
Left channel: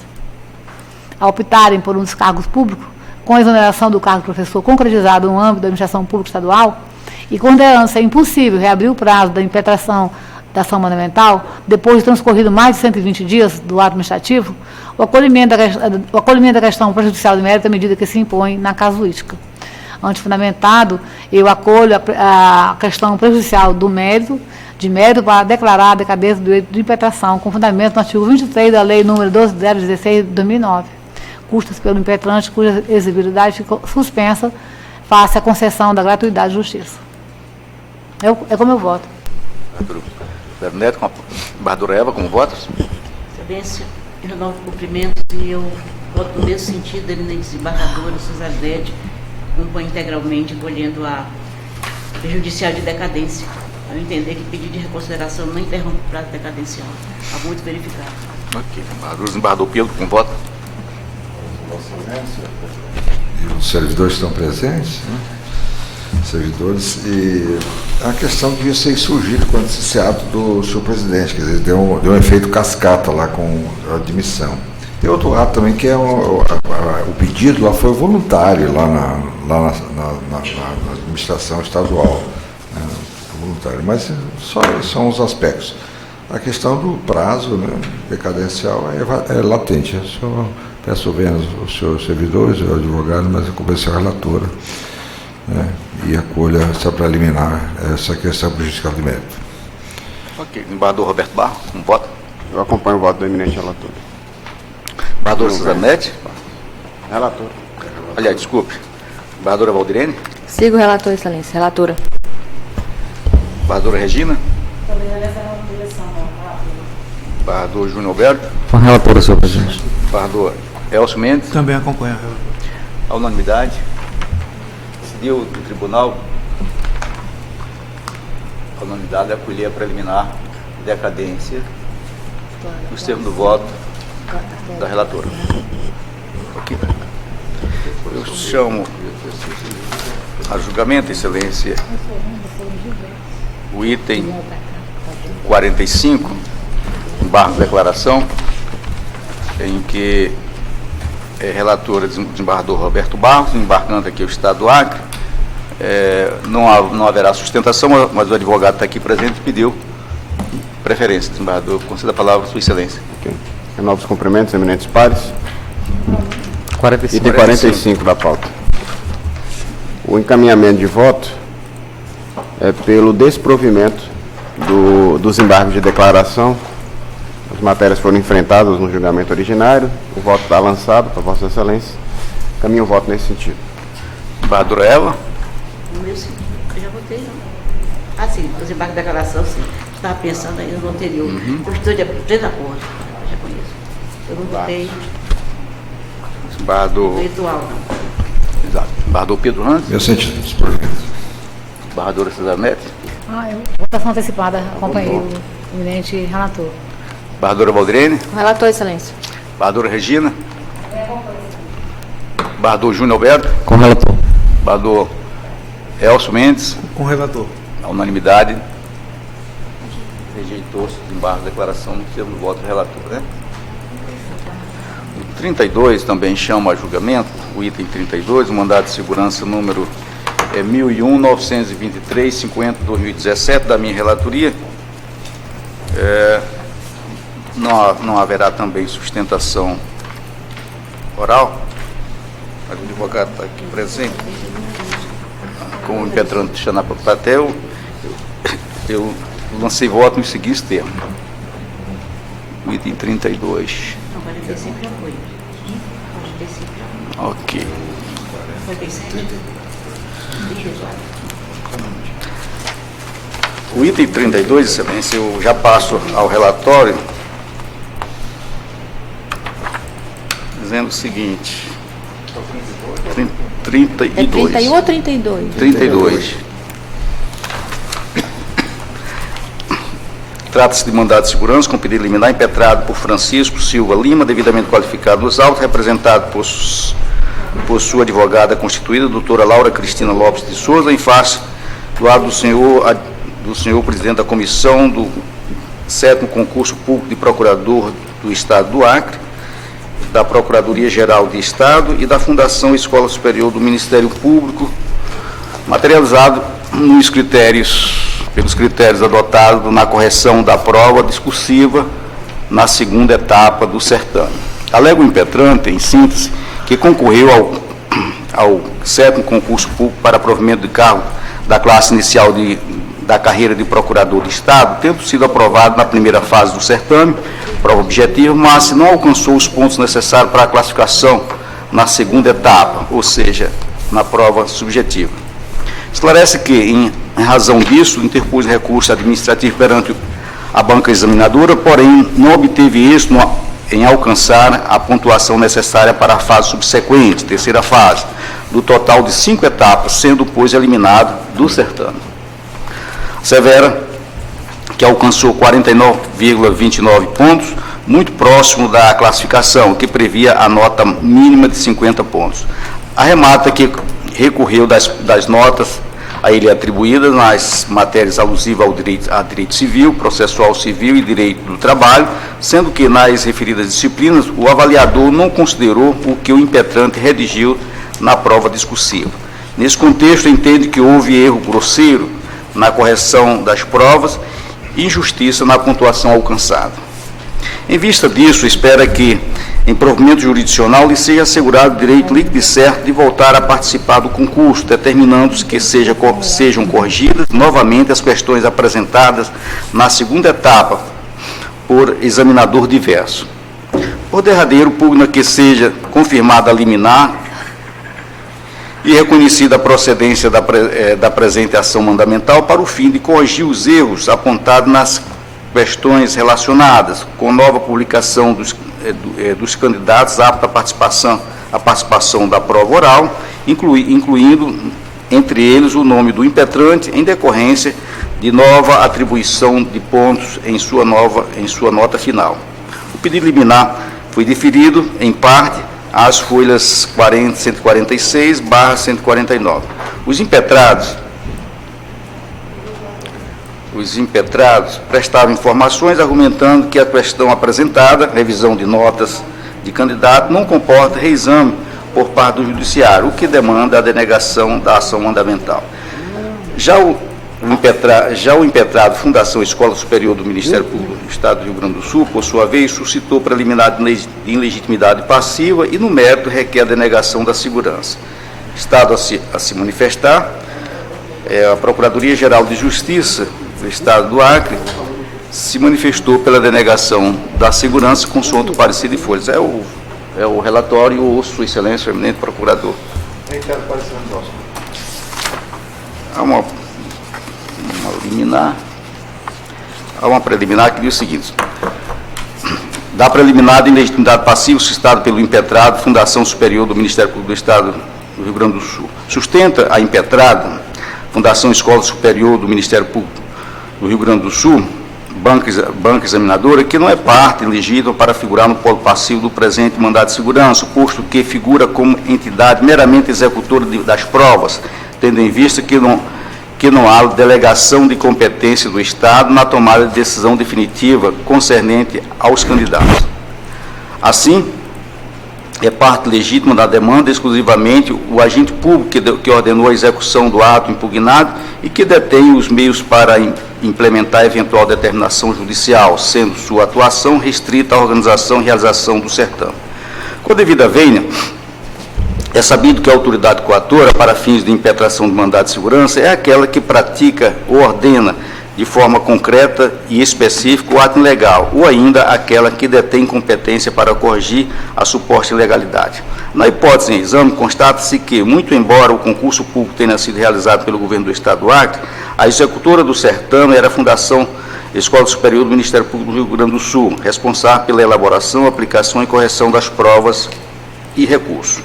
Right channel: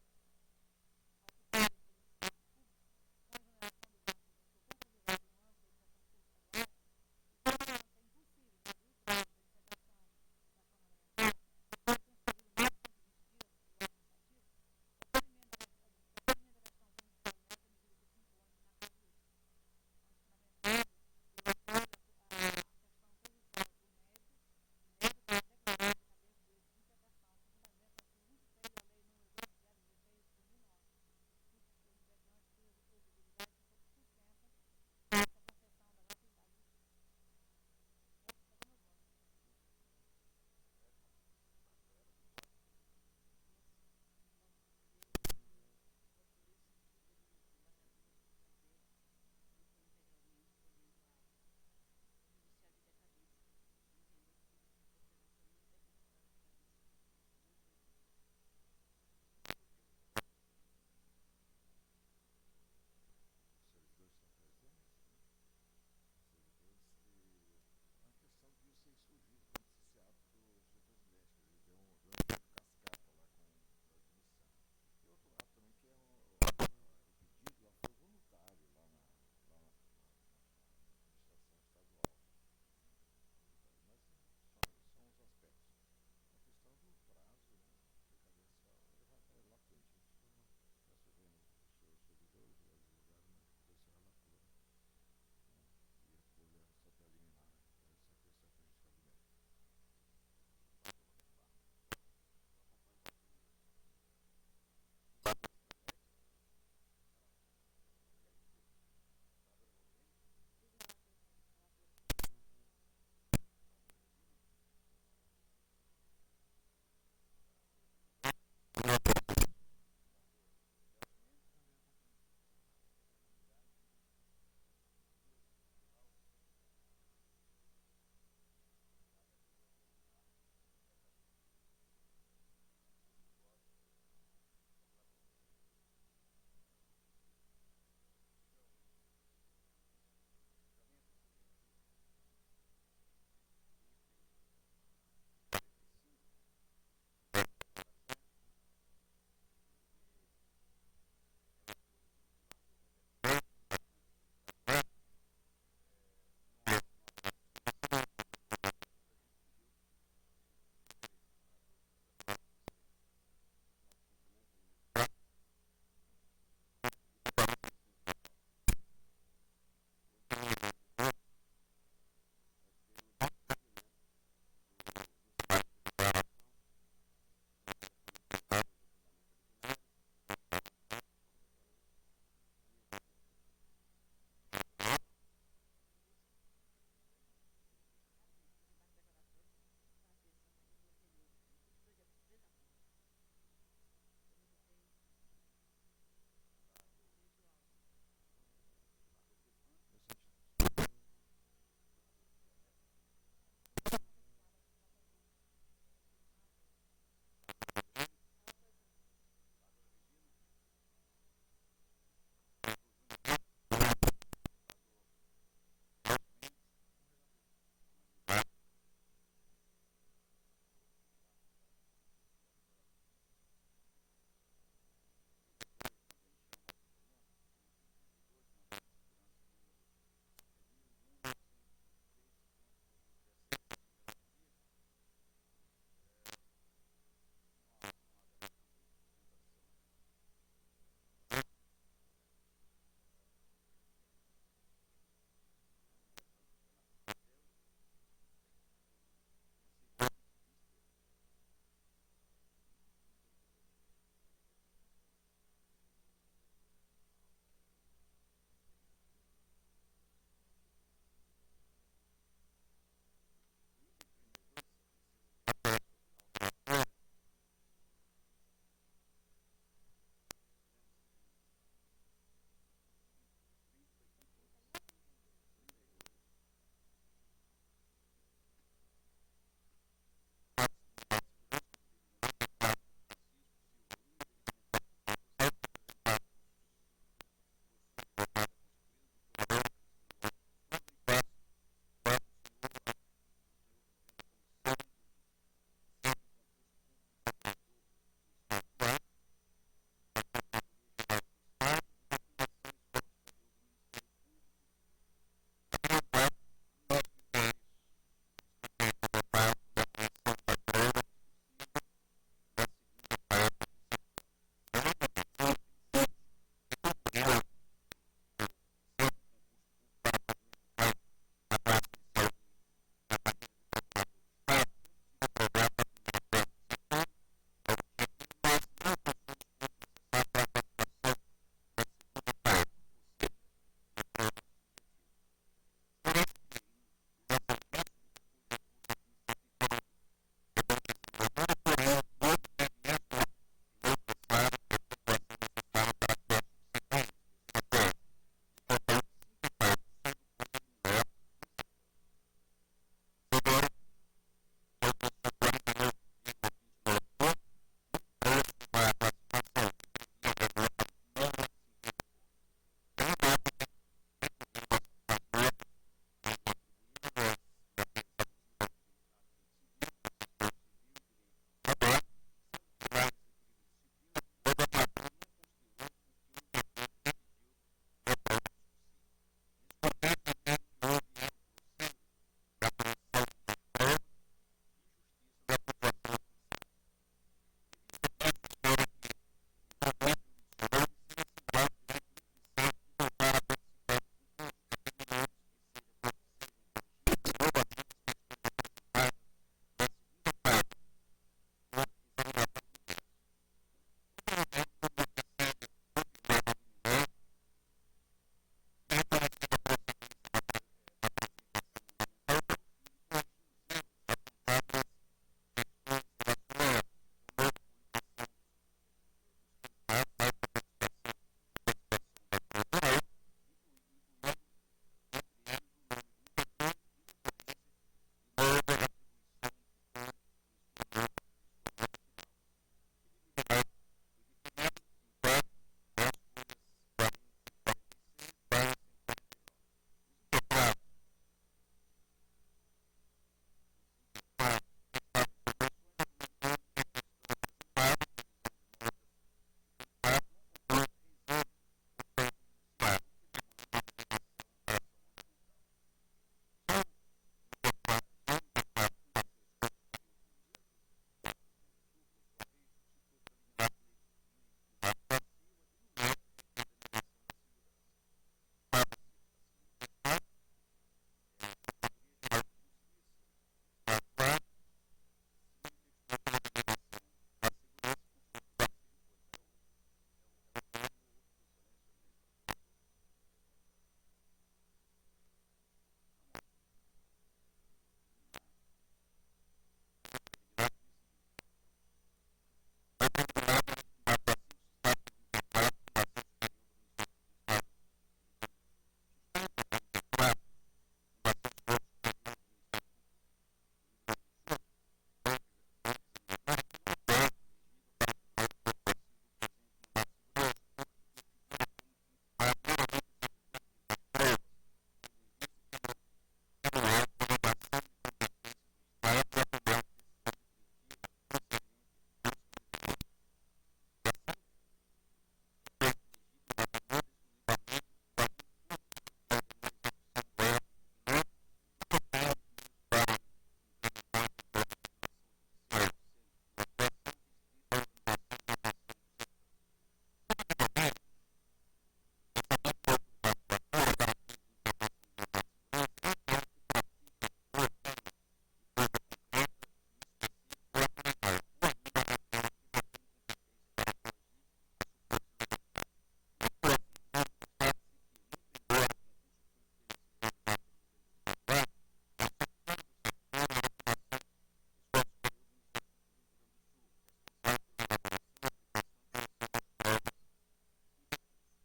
a optarem por um descargo público, com a exoneração do cargo de professor concretizado no âmbito da administração pública estadual, e considerando-se impossível reabrir o prazo da impetração da ação mandamental, depois de transcorrido mais de 120 dias do ato administrativo, o acolhimento da questão prejudicial de mérito à medida que se impõe na casuística. Antefundamentado, eu acolho a questão prejudicial do mérito, para declarar a decadência do direito de impetração, com fundamento no artigo 23 da Lei nº 12.016 de 2009. Custas pelo impetrante cuja exigibilidade ficou suspensa face à concessão da gratuidade de justiça. É como eu voto. Zero Neto, com a embargadora Eva, como votos? Excelência, eu renovo cumprimentos e eu voto no mesmo sentido da eminente desembargadora Suzanete, compõe integralmente, acolhendo a prejudicial de decadência, ao entender que pedido de reconsideração não interrompe o prazo decadencial. Há muito verificado. Ok, desembargador Pedro, com voto? E os servidores estão presentes, né? Servidores, e a questão devia ser surgida quando esse ato do senhor presidente, quer dizer, deu um efeito cascata lá com a admissão. Tem outro ato também que é o pedido lá foi voluntário lá na administração estadual, né, voluntário, mas só são os aspectos. A questão do prazo, né, decadencial é latente. Eu só peço bem aos senhores servidores, ao advogado, mas eu convenci a relatora, né, e acolha essa preliminar, essa questão prejudicial de mérito. Ok. Embargador Roberto Barros, como voto? Eu acompanho o voto do eminente relator. Embargador Suzanete? Relator. Aliás, desculpe. Embargadora Valdirene? Sigo o relator, excelência. Relatora. Embargadora Regina? Embargador Júnior Alberto? Com a relatora, senhor presidente. Embargador Elcio Mendes? Também acompanha. A unanimidade. Decidiu o tribunal, a unanimidade, acolher a preliminar decadência nos termos do voto da relatora. Ok. Eu chamo a julgamento, excelência, o item 45, embargo de declaração, em que relatora desembargador Roberto Barros, embarcando aqui o Estado do Acre. Não haverá sustentação, mas o advogado está aqui presente e pediu preferência. Desembargador, conceda a palavra à sua excelência. Okay. Novos cumprimentos, eminentes pares. 45. Item 45 da pauta. O encaminhamento de voto é pelo desprovimento dos embargos de declaração. As matérias foram enfrentadas no julgamento originário. O voto está lançado para Vossa Excelência. Caminho o voto nesse sentido. Embargadora Eva? No meu sentido, eu já votei, não. Ah, sim, os embargos de declaração, sim. estava pensando ainda no anterior. Eu estou de pleno acordo, já conheço. Eu não votei Desembargador. virtual, não. Exato. Desembargador Pedro Ranz. Meu sentido, por gentileza. Desembargadora Cesar Neto. Votação antecipada, acompanhei o eminente relator. Desembargadora Valdirene. Relator, excelência. Desembargadora Regina. Desembargador Júnior Alberto. Com relator. Desembargador Elcio Mendes. Com o relator. A unanimidade. Rejeitou-se o desembargo da declaração no termo do voto do relator, né? O 32 também chama a julgamento, o item 32, o mandado de segurança número 1001-923-50-2017, da minha relatoria. Não haverá também sustentação oral, mas o advogado está aqui presente. Como o impetrante está na plateia, eu lancei voto nos seguintes termos. O item 32. Não, 45 já foi. 45 já foi. Ok. 47? O item 32, excelência, eu já passo ao relatório, dizendo o seguinte. 32. É 31 ou 32? 32. Trata-se de mandado de segurança com pedido liminar impetrado por Francisco Silva Lima, devidamente qualificado nos autos, representado por sua advogada constituída, doutora Laura Cristina Lopes de Souza, em face do lado do senhor presidente da comissão do 7º concurso público de procurador do Estado do Acre, da Procuradoria-Geral de Estado e da Fundação Escola Superior do Ministério Público, materializado pelos critérios adotados na correção da prova discursiva na segunda etapa do certame. Alega o impetrante, em síntese, que concorreu ao 7º concurso público para provimento de cargo da classe inicial da carreira de procurador de Estado, tendo sido aprovado na primeira fase do certame, prova objetiva, mas não alcançou os pontos necessários para a classificação na segunda etapa, ou seja, na prova subjetiva. Esclarece que, em razão disso, interpôs recurso administrativo perante a banca examinadora, porém não obteve êxito em alcançar a pontuação necessária para a fase subsequente, terceira fase, do total de 5 etapas, sendo, pois, eliminado do certame. Assevera que alcançou 49,29 pontos, muito próximo da classificação, que previa a nota mínima de 50 pontos. Arremata que recorreu das notas a ele atribuídas nas matérias alusivas a direito civil, processual civil e direito do trabalho, sendo que nas referidas disciplinas o avaliador não considerou o que o impetrante redigiu na prova discursiva. Nesse contexto, entende que houve erro grosseiro na correção das provas e injustiça na pontuação alcançada. Em vista disso, espera que, em provimento jurisdicional, lhe seja assegurado o direito líquido e certo de voltar a participar do concurso, determinando-se que sejam corrigidas novamente as questões apresentadas na segunda etapa por examinador diverso. Por derradeiro, pugna que seja confirmada a liminar e reconhecida a procedência da presente ação mandamental para o fim de corrigir os erros apontados nas questões relacionadas com nova publicação dos candidatos aptos à participação da prova oral, incluindo entre eles o nome do impetrante em decorrência de nova atribuição de pontos em sua nota final. O pedido liminar foi deferido, em parte, às folhas 146/149. Os impetrados prestavam informações argumentando que a questão apresentada, revisão de notas de candidato, não comporta reexame por parte do judiciário, o que demanda a denegação da ação mandamental. Já o impetrado Fundação Escola Superior do Ministério Público do Estado do Rio Grande do Sul, por sua vez, suscitou preliminar de ilegitimidade passiva e, no mérito, requer a denegação da segurança. Estado a se manifestar, a Procuradoria-Geral de Justiça do Estado do Acre se manifestou pela denegação da segurança consoante o parecer de folhas. É o relatório, ou Sua Excelência, o eminente procurador. Há uma liminar Há uma preliminar que diz o seguinte: da preliminar de ilegitimidade passiva suscitada pelo impetrado, Fundação Superior do Ministério Público do Estado do Rio Grande do Sul. Sustenta a impetrada, Fundação Escola Superior do Ministério Público do Rio Grande do Sul, banca examinadora, que não é parte legítima para figurar no polo passivo do presente mandado de segurança, posto que figura como entidade meramente executora das provas, tendo em vista que não há delegação de competência do Estado na tomada de decisão definitiva concernente aos candidatos. Assim, é parte legítima da demanda exclusivamente o agente público que ordenou a execução do ato impugnado e que detém os meios para implementar eventual determinação judicial, sendo sua atuação restrita à organização e realização do certame. Com a devida vênia, é sabido que a autoridade coatora, para fins de impetração de mandado de segurança, é aquela que pratica ou ordena de forma concreta e específica o ato ilegal, ou ainda aquela que detém competência para corrigir a suposta ilegalidade. Na hipótese em exame, constata-se que, muito embora o concurso público tenha sido realizado pelo governo do Estado do Acre, a executora do certame era a Fundação Escola Superior do Ministério Público do Rio Grande do Sul, responsável pela elaboração, aplicação e correção das provas e recursos.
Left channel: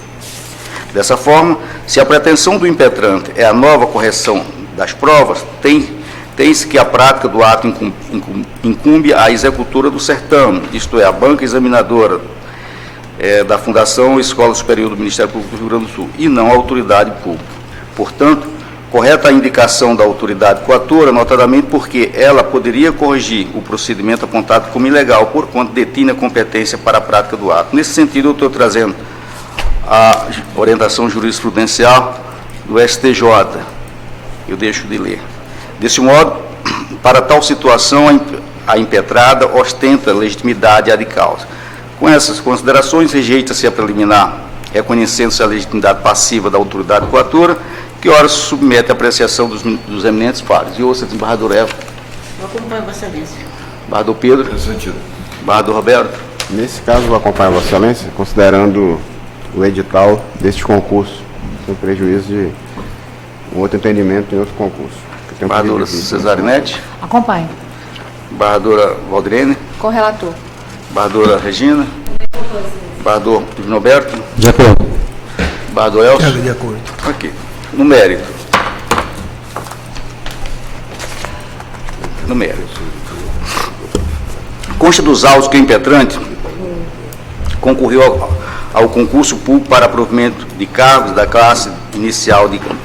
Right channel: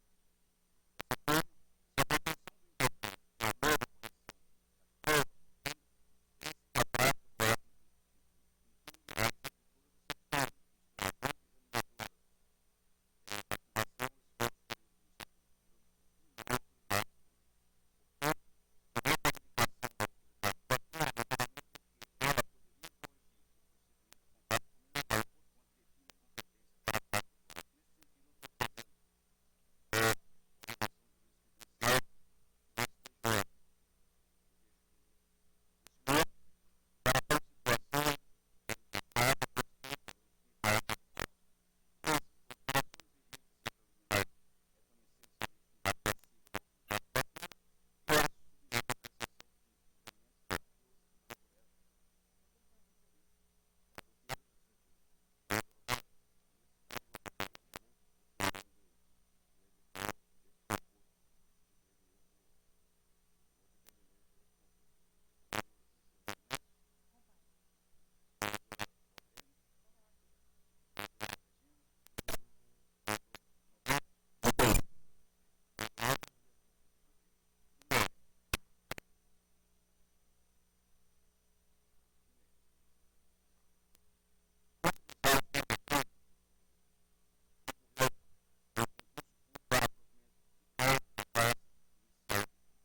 Dessa forma, se a pretensão do impetrante é a nova correção das provas, tem-se que a prática do ato incumbe à executora do certame, isto é, a banca examinadora da Fundação Escola Superior do Ministério Público do Rio Grande do Sul, e não a autoridade pública. Portanto, correta a indicação da autoridade coatora, notadamente porque ela poderia corrigir o procedimento apontado como ilegal, porquanto detinha a competência para a prática do ato. Nesse sentido, eu estou trazendo a orientação jurisprudencial do STJ. Eu deixo de ler. Desse modo, para tal situação, a impetrada ostenta legitimidade ad causa. Com essas considerações, rejeita-se a preliminar, reconhecendo-se a legitimidade passiva da autoridade coatora, que ora se submete à apreciação dos eminentes pares. E ouça, desembargador Eva. Eu acompanho Vossa Excelência. Desembargador Pedro. Desembargador Roberto. Nesse caso, vou acompanhar Vossa Excelência, considerando o edital deste concurso, sem prejuízo de um outro entendimento em outro concurso. Desembargadora Cesarinete. Acompanho. Desembargadora Valdrene. Correlator. Desembargadora Regina. Desembargador Divinoberto. De acordo. Desembargador Elcio. De acordo. Ok. No mérito. Consta dos autos que o impetrante concorreu ao concurso público para provimento de cargos da classe inicial de carreira.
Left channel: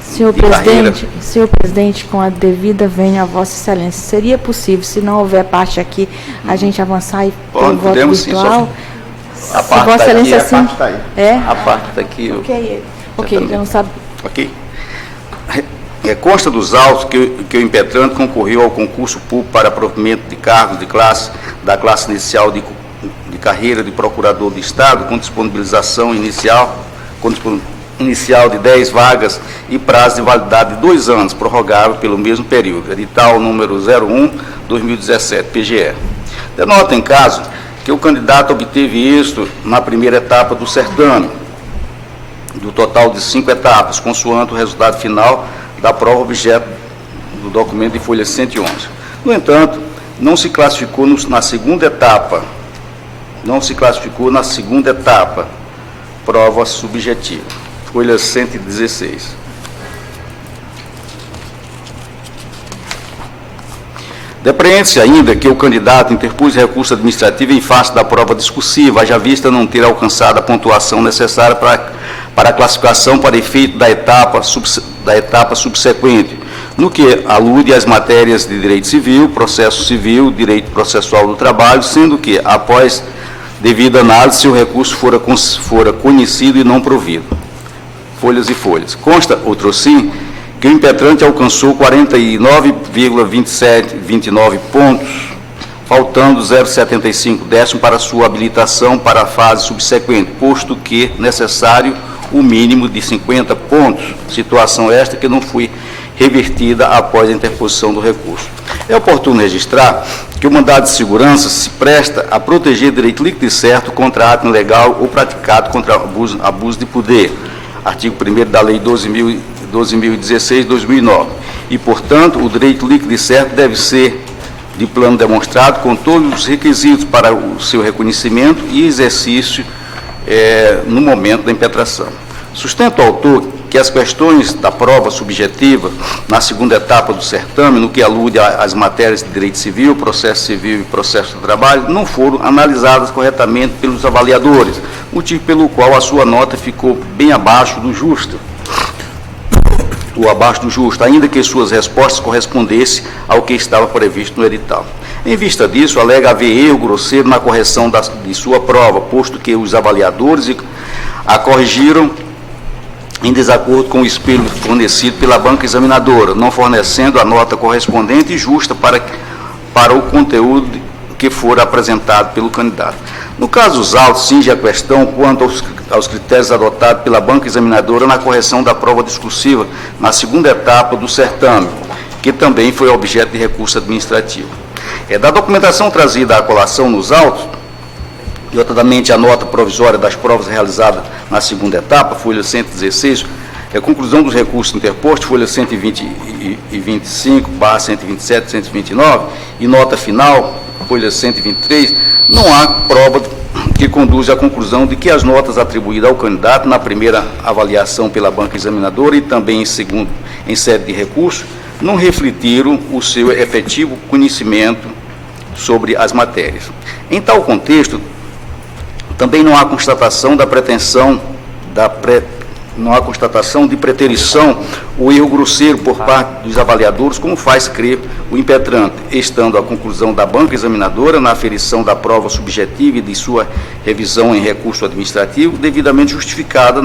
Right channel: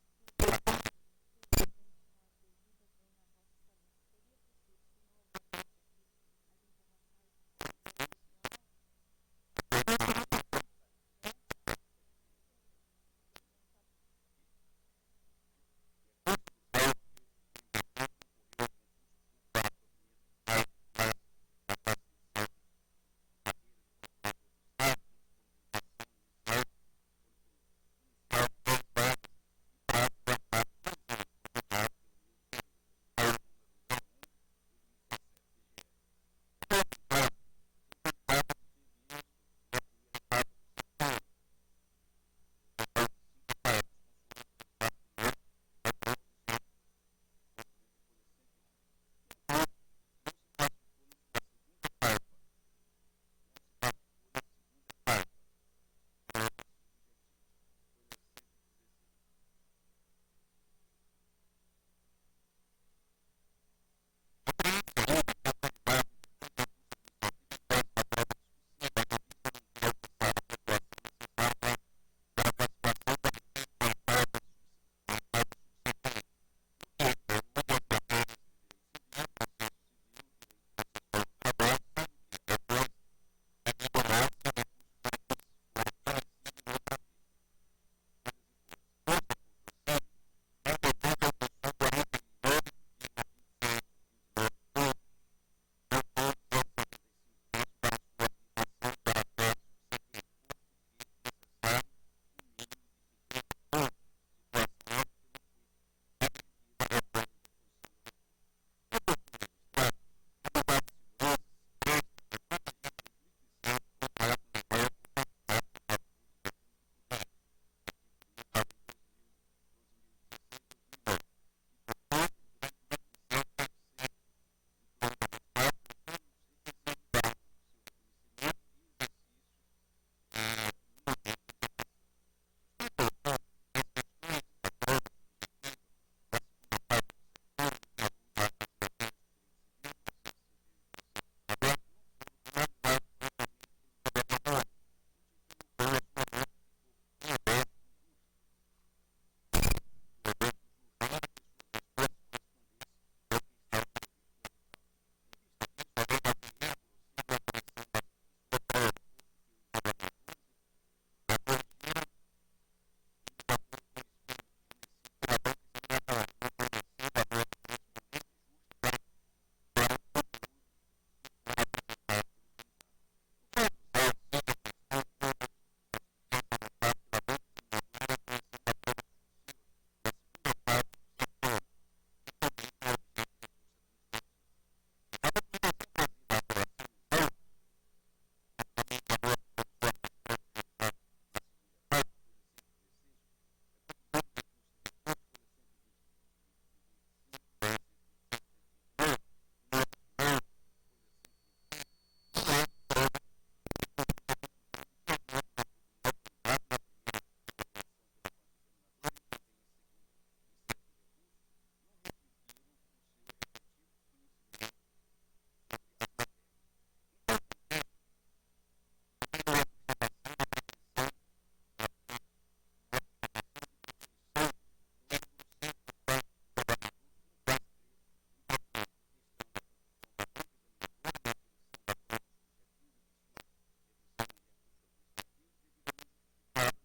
Senhor presidente, com a devida vênia a Vossa Excelência, seria possível, se não houver parte aqui, a gente avançar e ter um voto virtual? Sim, a parte Vossa Excelência, sim. A parte está aqui. Ok, eu não sabe. Ok. Consta dos autos que o impetrante concorreu ao concurso público para provimento de cargos da classe inicial de carreira de procurador de Estado, com disponibilização inicial de 10 vagas e prazo de validade de 2 anos, prorrogável pelo mesmo período. Edital número 01/2017, PGE. Denota, em caso, que o candidato obteve êxito na primeira etapa do certame, do total de 5 etapas, consoante o resultado final da prova objeto do documento de folha 111. No entanto, não se classificou na segunda etapa, prova subjetiva, folha 116. Depreende-se ainda que o candidato interpôs recurso administrativo em face da prova discursiva, haja vista não ter alcançado a pontuação necessária para a classificação para efeito da etapa subsequente, no que alude às matérias de direito civil, processo civil, direito processual do trabalho, sendo que, após devida análise, se o recurso fora conhecido e não provido. Folhas e folhas. Consta, outrossim, que o impetrante alcançou 49,2729 pontos, faltando 0,75 décimo para sua habilitação para a fase subsequente, posto que necessário o mínimo de 50 pontos, situação esta que não foi revertida após a interposição do recurso. É oportuno registrar que o mandado de segurança se presta a proteger direito líquido e certo contra ato ilegal ou praticado contra abuso de poder, artigo 1º da Lei 12.016/2009, e, portanto, o direito líquido e certo deve ser de plano demonstrado com todos os requisitos para o seu reconhecimento e exercício no momento da impetração. Sustenta o autor que as questões da prova subjetiva na segunda etapa do certame, no que alude às matérias de direito civil e processo do trabalho, não foram analisadas corretamente pelos avaliadores, motivo pelo qual a sua nota ficou bem abaixo do justo, ainda que suas respostas correspondessem ao que estava previsto no edital. Em vista disso, alega haver erro grosseiro na correção de sua prova, posto que os avaliadores a corrigiram em desacordo com o espelho fornecido pela banca examinadora, não fornecendo a nota correspondente e justa para o conteúdo que for apresentado pelo candidato. No caso dos autos, cinge a questão quanto aos critérios adotados pela banca examinadora na correção da prova discursiva na segunda etapa do certame, que também foi objeto de recurso administrativo. Da documentação trazida à colação nos autos, notadamente a nota provisória das provas realizadas na segunda etapa, folha 116, conclusão dos recursos interpostos, folha 125, barra 127, 129, e nota final, folha 123, não há prova que conduz à conclusão de que as notas atribuídas ao candidato na primeira avaliação pela banca examinadora e também em sede de recurso, não refletiram o seu efetivo conhecimento sobre as matérias. Em tal contexto, também não há constatação de preterição ou erro grosseiro por parte dos avaliadores, como faz crer o impetrante, estando a conclusão da banca examinadora na aferição da prova subjetiva e de sua revisão em recurso administrativo devidamente justificada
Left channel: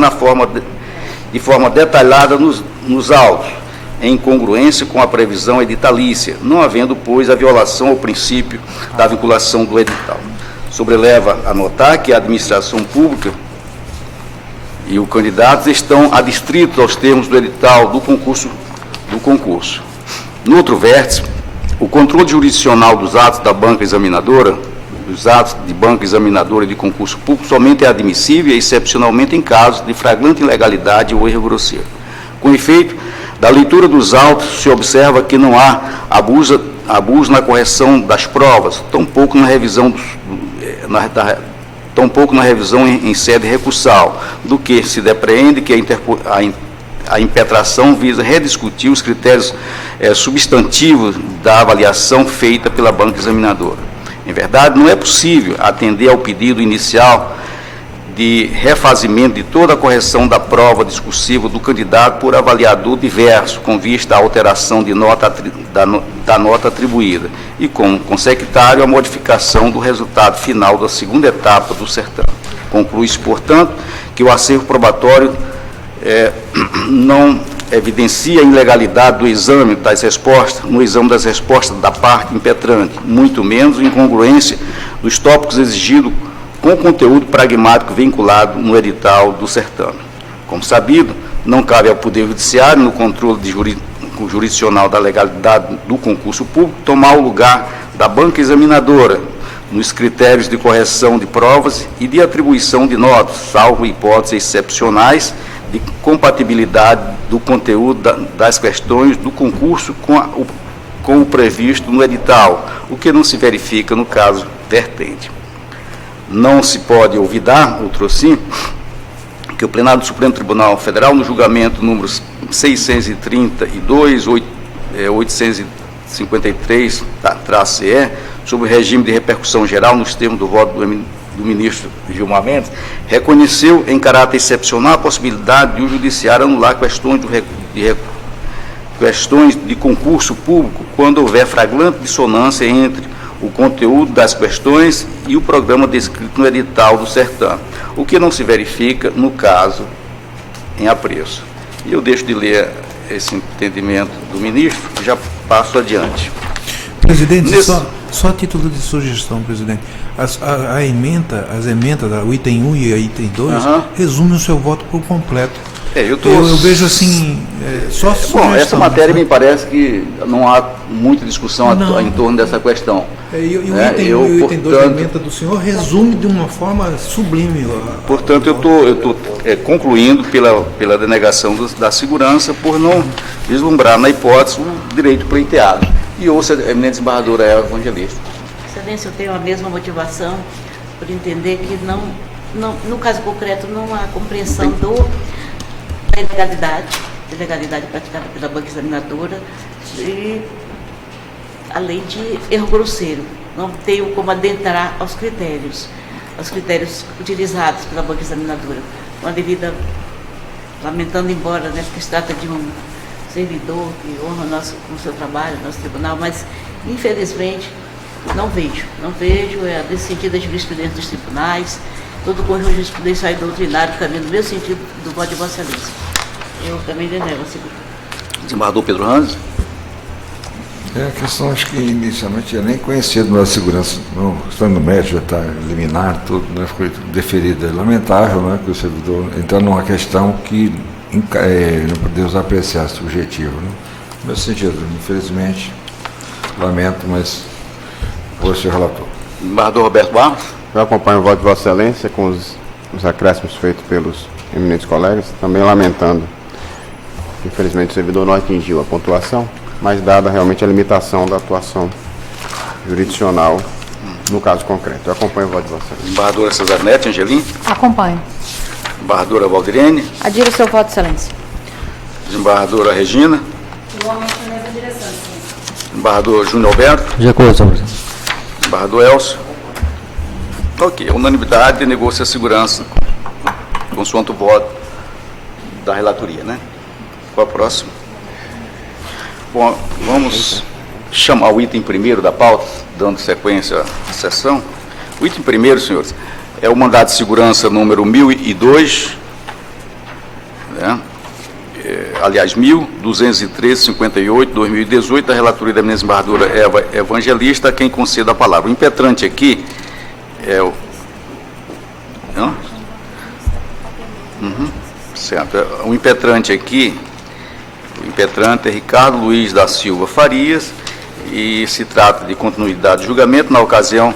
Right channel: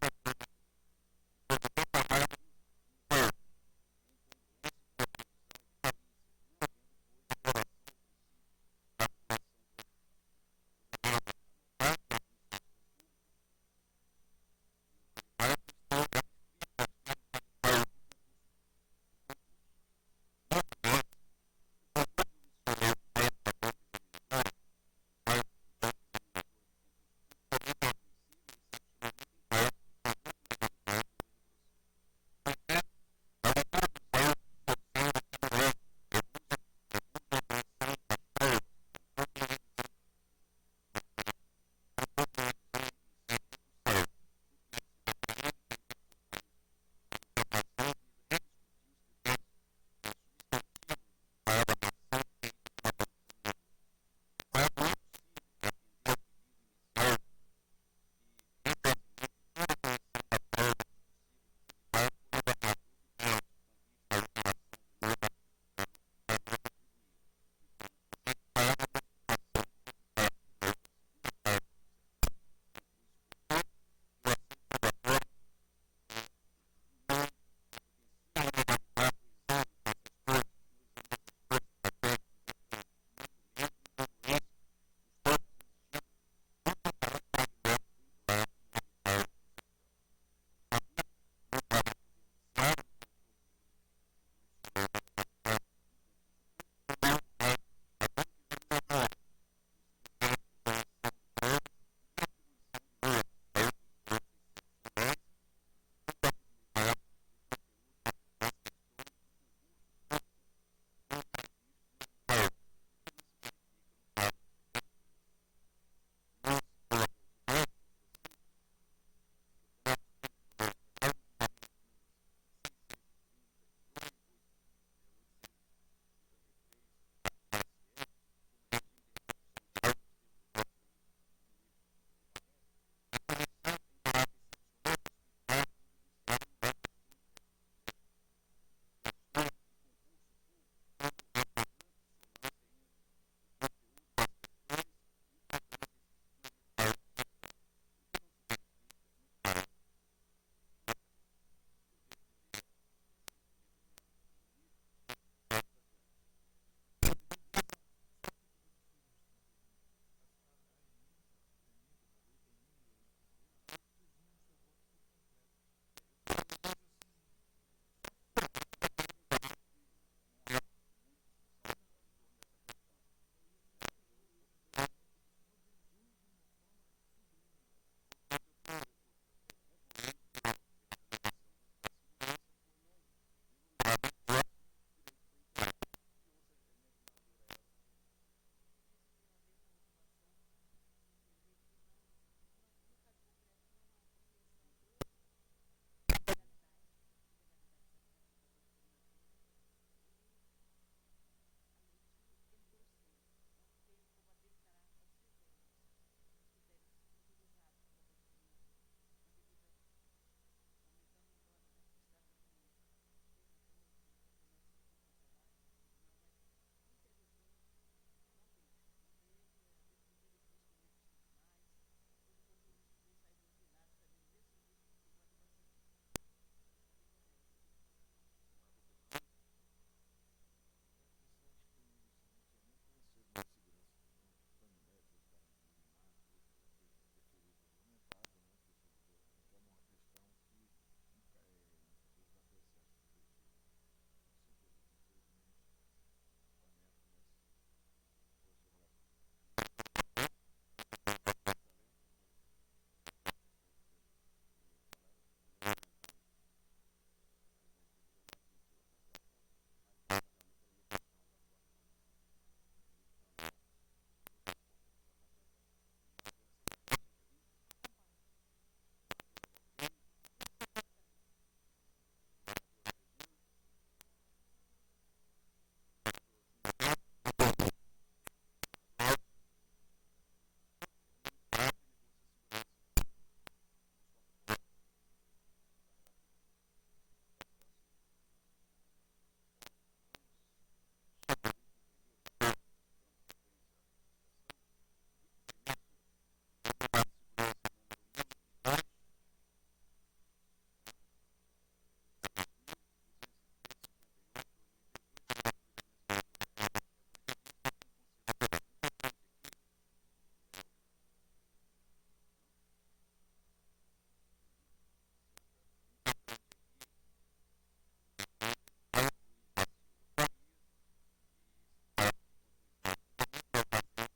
de forma detalhada nos autos, em congruência com a previsão editalícia, não havendo, pois, a violação ao princípio da vinculação do edital. Sobreleva a notar que a administração pública e o candidato estão adstritos aos termos do edital do concurso. No outro vértice, o controle jurisdicional dos atos da banca examinadora, dos atos de banca examinadora e de concurso público, somente é admissível e excepcionalmente em casos de flagrante ilegalidade ou erro grosseiro. Com efeito, da leitura dos autos se observa que não há abuso na correção das provas, tampouco na revisão em sede recursal, do que se depreende que a impetração visa rediscutir os critérios substantivos da avaliação feita pela banca examinadora. Em verdade, não é possível atender ao pedido inicial de refazimento de toda a correção da prova discursiva do candidato por avaliador diverso, com vista à alteração de da nota atribuída, e com consecutário a modificação do resultado final da segunda etapa do certame. Conclui-se, portanto, que o acervo probatório não evidencia a ilegalidade do exame das respostas, no exame das respostas da parte impetrante, muito menos incongruência dos tópicos exigidos com o conteúdo pragmático vinculado no edital do certame. Como sabido, não cabe ao Poder Judiciário, no controle jurisdicional da legalidade do concurso público, tomar o lugar da banca examinadora nos critérios de correção de provas e de atribuição de notas, salvo hipóteses excepcionais de compatibilidade do conteúdo das questões do concurso com o previsto no edital, o que não se verifica no caso vertente. Não se pode olvidar, outrossim, que o plenário do Supremo Tribunal Federal, no julgamento número 632, 853-CE, sobre o regime de repercussão geral nos termos do voto do ministro Gilmar Mendes, reconheceu em caráter excepcional a possibilidade de o Judiciário anular questões de concurso público quando houver flagrante dissonância entre o conteúdo das questões e o programa descrito no edital do certame, o que não se verifica no caso em apreço. E eu deixo de ler esse entendimento do ministro e já passo adiante. Presidente, só a título de sugestão, presidente, as emendas, o item 1 e o item 2, resumem o seu voto por completo. Eu vejo assim, só bom, essa matéria me parece que não há muita discussão em torno dessa questão. E o item 2 da emenda do senhor resume de uma forma sublime. Portanto, eu estou concluindo pela denegação da segurança por não vislumbrar na hipótese o direito pleiteado. E ouça a eminente desembargadora Eva Evangelista. Excelência, eu tenho a mesma motivação por entender que no caso concreto não há compreensão da ilegalidade praticada pela banca examinadora e além de erro grosseiro. Não tenho como adentrar aos critérios utilizados pela banca examinadora. Com a devida, lamentando embora, né, porque se trata de um servidor que honra o seu trabalho, nosso tribunal, mas infelizmente não vejo nesse sentido a jurisprudência dos tribunais, todo o conjunto de jurisprudência doutrinário caminho no mesmo sentido do voto de Vossa Excelência. Eu também denego a segunda. Desembargador Pedro Ranz. A questão, acho que inicialmente eu nem conhecia do nosso segurança, não, estando no médico, já está liminar, tudo, né, foi deferida. É lamentável, né, que o servidor entrar numa questão que não podemos apreciar subjetivo. Né? No meu sentido, infelizmente, lamento, mas vou ser relator. Desembargador Roberto Barros. Eu acompanho o voto de Vossa Excelência com os acréscimos feitos pelos eminentes colegas, também lamentando que, infelizmente, o servidor não atingiu a pontuação, mas dada realmente a limitação da atuação jurisdicional no caso concreto. Eu acompanho o voto de Vossa Excelência. Desembargadora Cesarnete Angelim. Acompanho. Desembargadora Valdirene. Adiro o seu voto, Excelência. Desembargadora Regina. Igualmente na mesma direção, Excelência. Desembargador Júnior Alberto. De acordo, senhor presidente. Desembargador Elcio. Ok, a unanimidade negou-se a segurança consoante o voto da relatoria, né? Qual é o próximo? Bom, vamos chamar o item primeiro da pauta, dando sequência à sessão. O item primeiro, senhores, é o mandado de segurança número 1002, né? Aliás, 1213-58, 2018, da relatoria da eminente desembargadora Eva Evangelista, a quem conceda a palavra. O impetrante aqui é o... Não? Certo. O impetrante aqui, o impetrante é Ricardo Luiz da Silva Farias, e se trata de continuidade de julgamento. Na ocasião,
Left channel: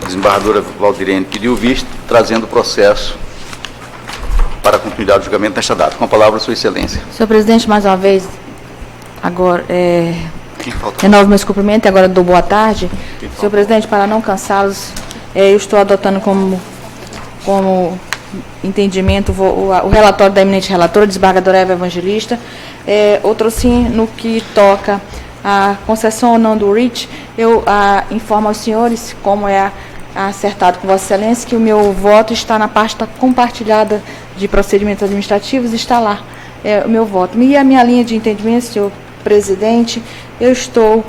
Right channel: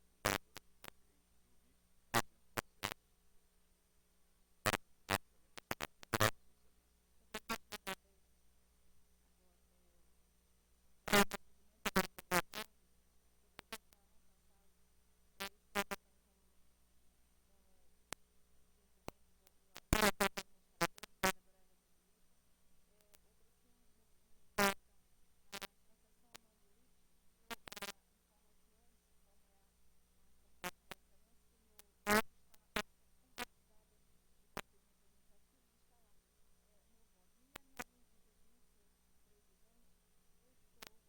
a desembargadora Valdirene pediu visto, trazendo o processo para a continuidade do julgamento nesta data. Com a palavra, Sua Excelência. Senhor presidente, mais uma vez, agora, renovo meus cumprimentos e agora dou boa tarde. Senhor presidente, para não cansá-los, eu estou adotando como entendimento o relatório da eminente relatora, desembargadora Eva Evangelista. Outro sim, no que toca a concessão ou não do REACH, eu informo aos senhores, como é acertado com Vossa Excelência, que o meu voto está na pasta compartilhada de procedimentos administrativos, está lá o meu voto. E a minha linha de entendimento, senhor presidente, eu estou,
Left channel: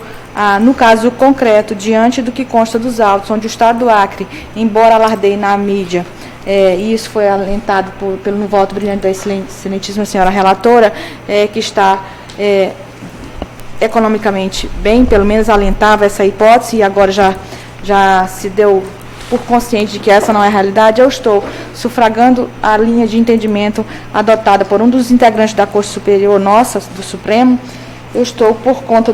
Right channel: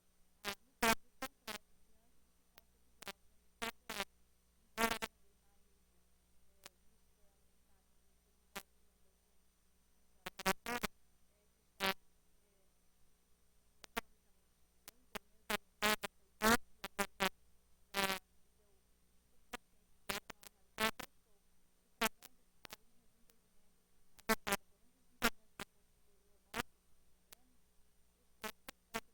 no caso concreto, diante do que consta dos autos, onde o Estado do Acre, embora alardeie na mídia, e isso foi alentado pelo voto brilhante da excelentíssima senhora relatora, que está economicamente bem, pelo menos alentava essa hipótese, e agora já se deu por consciente de que essa não é a realidade. Eu estou sufragando a linha de entendimento adotada por um dos integrantes da Corte Superior nossa, do Supremo. Eu estou, por conta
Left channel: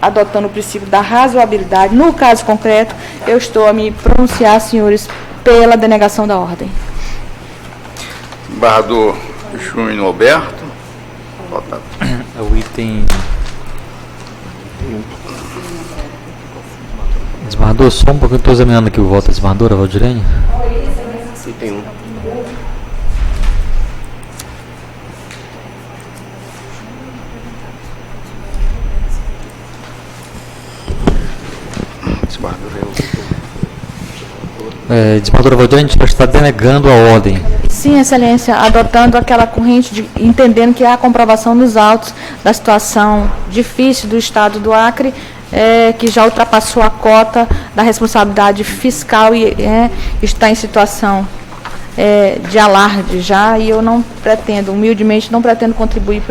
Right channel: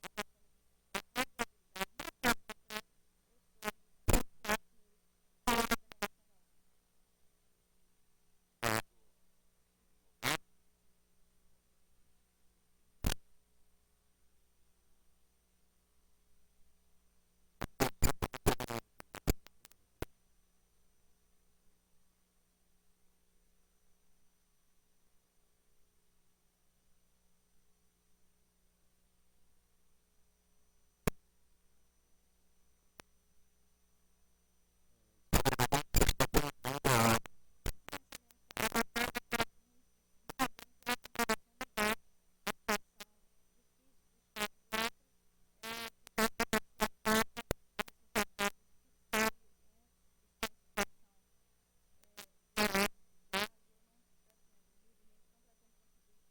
adotando o princípio da razoabilidade. No caso concreto, eu estou a me pronunciar, senhores, pela denegação da ordem. Desembargador Júnior Alberto. Votado. É o item... Desembargador, só um pouquinho, estou examinando aqui o voto da desembargadora Valdirene. Item 1. Desembargadora Valdirene, a gente está denegando a ordem. Sim, Excelência, adotando aquela corrente, entendendo que há a comprovação nos autos da situação difícil do Estado do Acre, que já ultrapassou a cota da responsabilidade fiscal e está em situação de alarde já, e eu não pretendo, humildemente, não pretendo contribuir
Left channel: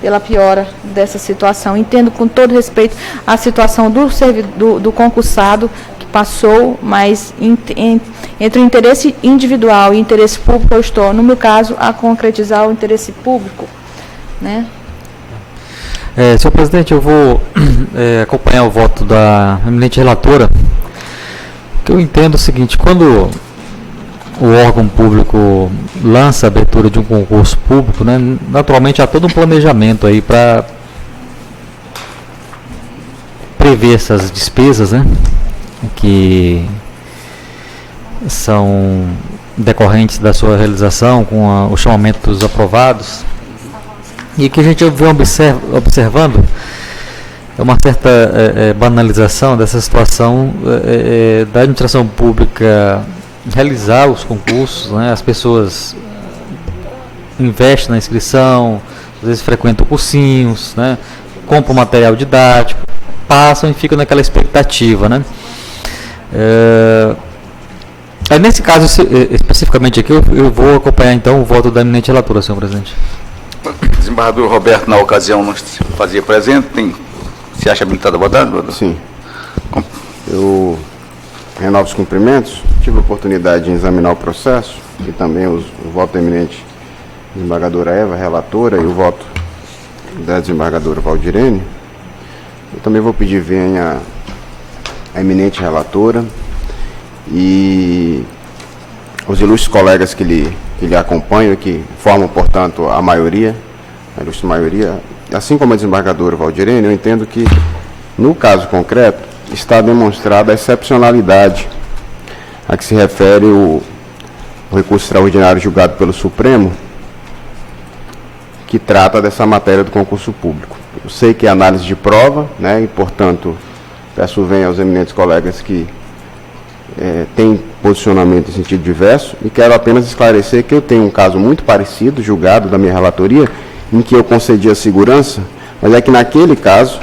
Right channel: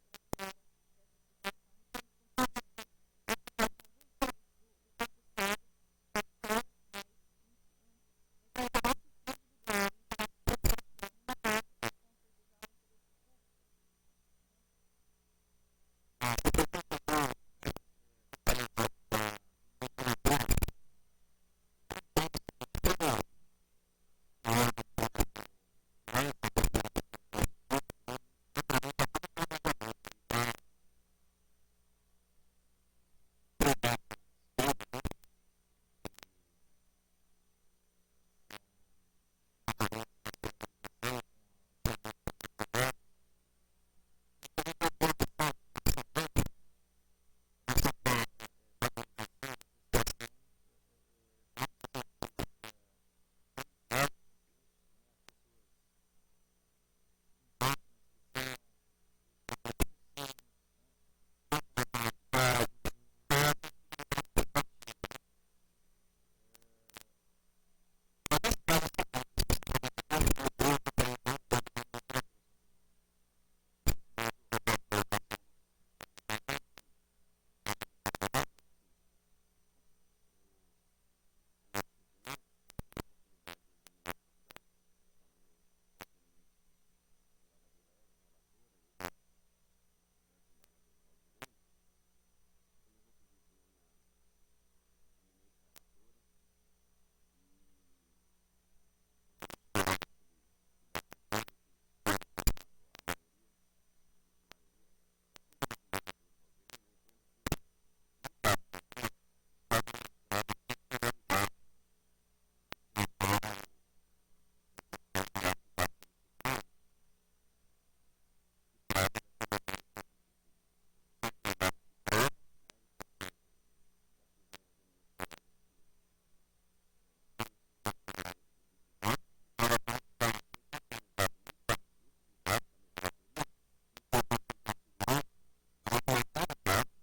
pela piora dessa situação. Entendo com todo respeito a situação do concursado que passou, mas entre o interesse individual e o interesse público, eu estou, no meu caso, a concretizar o interesse público, né? Senhor presidente, eu vou acompanhar o voto da eminente relatora, que eu entendo o seguinte: quando o órgão público lança a abertura de um concurso público, né, naturalmente há todo um planejamento aí para prevê essas despesas, né, que são decorrentes da sua realização com o chamamento dos aprovados, e que a gente vem observando é uma certa banalização dessa situação da administração pública realizar os concursos, né? As pessoas investem na inscrição, às vezes frequentam cursinhos, né? Compram material didático, passam e ficam naquela expectativa, né? Nesse caso, especificamente aqui, eu vou acompanhar então o voto da eminente relatora, senhor presidente. O desembargador Roberto, na ocasião, não se fazia presente. Se acha habilitado a votar? Sim. Eu renovo os cumprimentos. Tive a oportunidade de examinar o processo e também o voto da eminente desembargadora Eva, relatora, e o voto da desembargadora Valdirene. Eu também vou pedir venha a eminente relatora e os ilustres colegas que lhe acompanham, que formam, portanto, a maioria, a ilustre maioria, assim como a desembargadora Valdirene, eu entendo que, no caso concreto, está demonstrada a excepcionalidade a que se refere o recurso extraordinário julgado pelo Supremo, que trata dessa matéria do concurso público. Eu sei que é análise de prova, né, e, portanto, peço venha aos eminentes colegas que têm posicionamento em sentido diverso, e quero apenas esclarecer que eu tenho um caso muito parecido, julgado da minha relatoria, em que eu concedi a segurança, mas é que naquele caso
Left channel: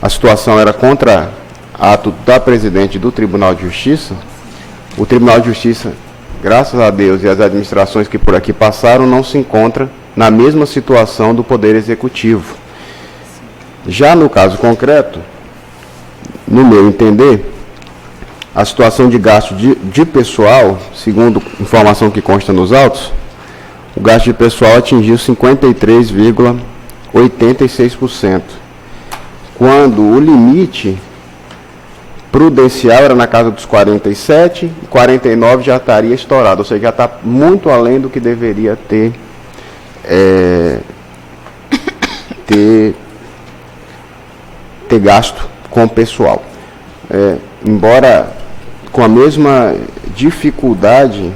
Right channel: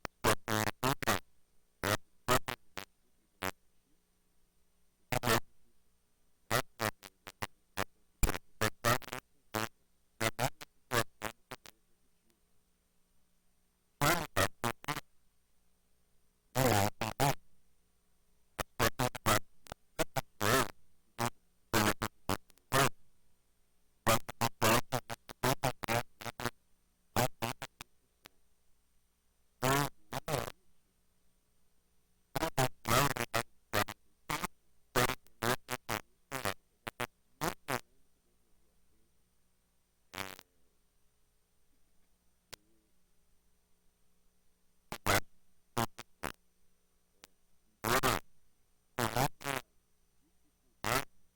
a situação era contra ato da presidente do Tribunal de Justiça. O Tribunal de Justiça, graças a Deus e as administrações que por aqui passaram, não se encontra na mesma situação do Poder Executivo. Já no caso concreto, no meu entender, a situação de gasto de pessoal, segundo informação que consta nos autos, o gasto de pessoal atingiu 53,86%, quando o limite prudencial era na casa dos 47%, e 49% já estaria estourado, ou seja, já está muito além do que deveria ter gasto com o pessoal. Embora com a mesma dificuldade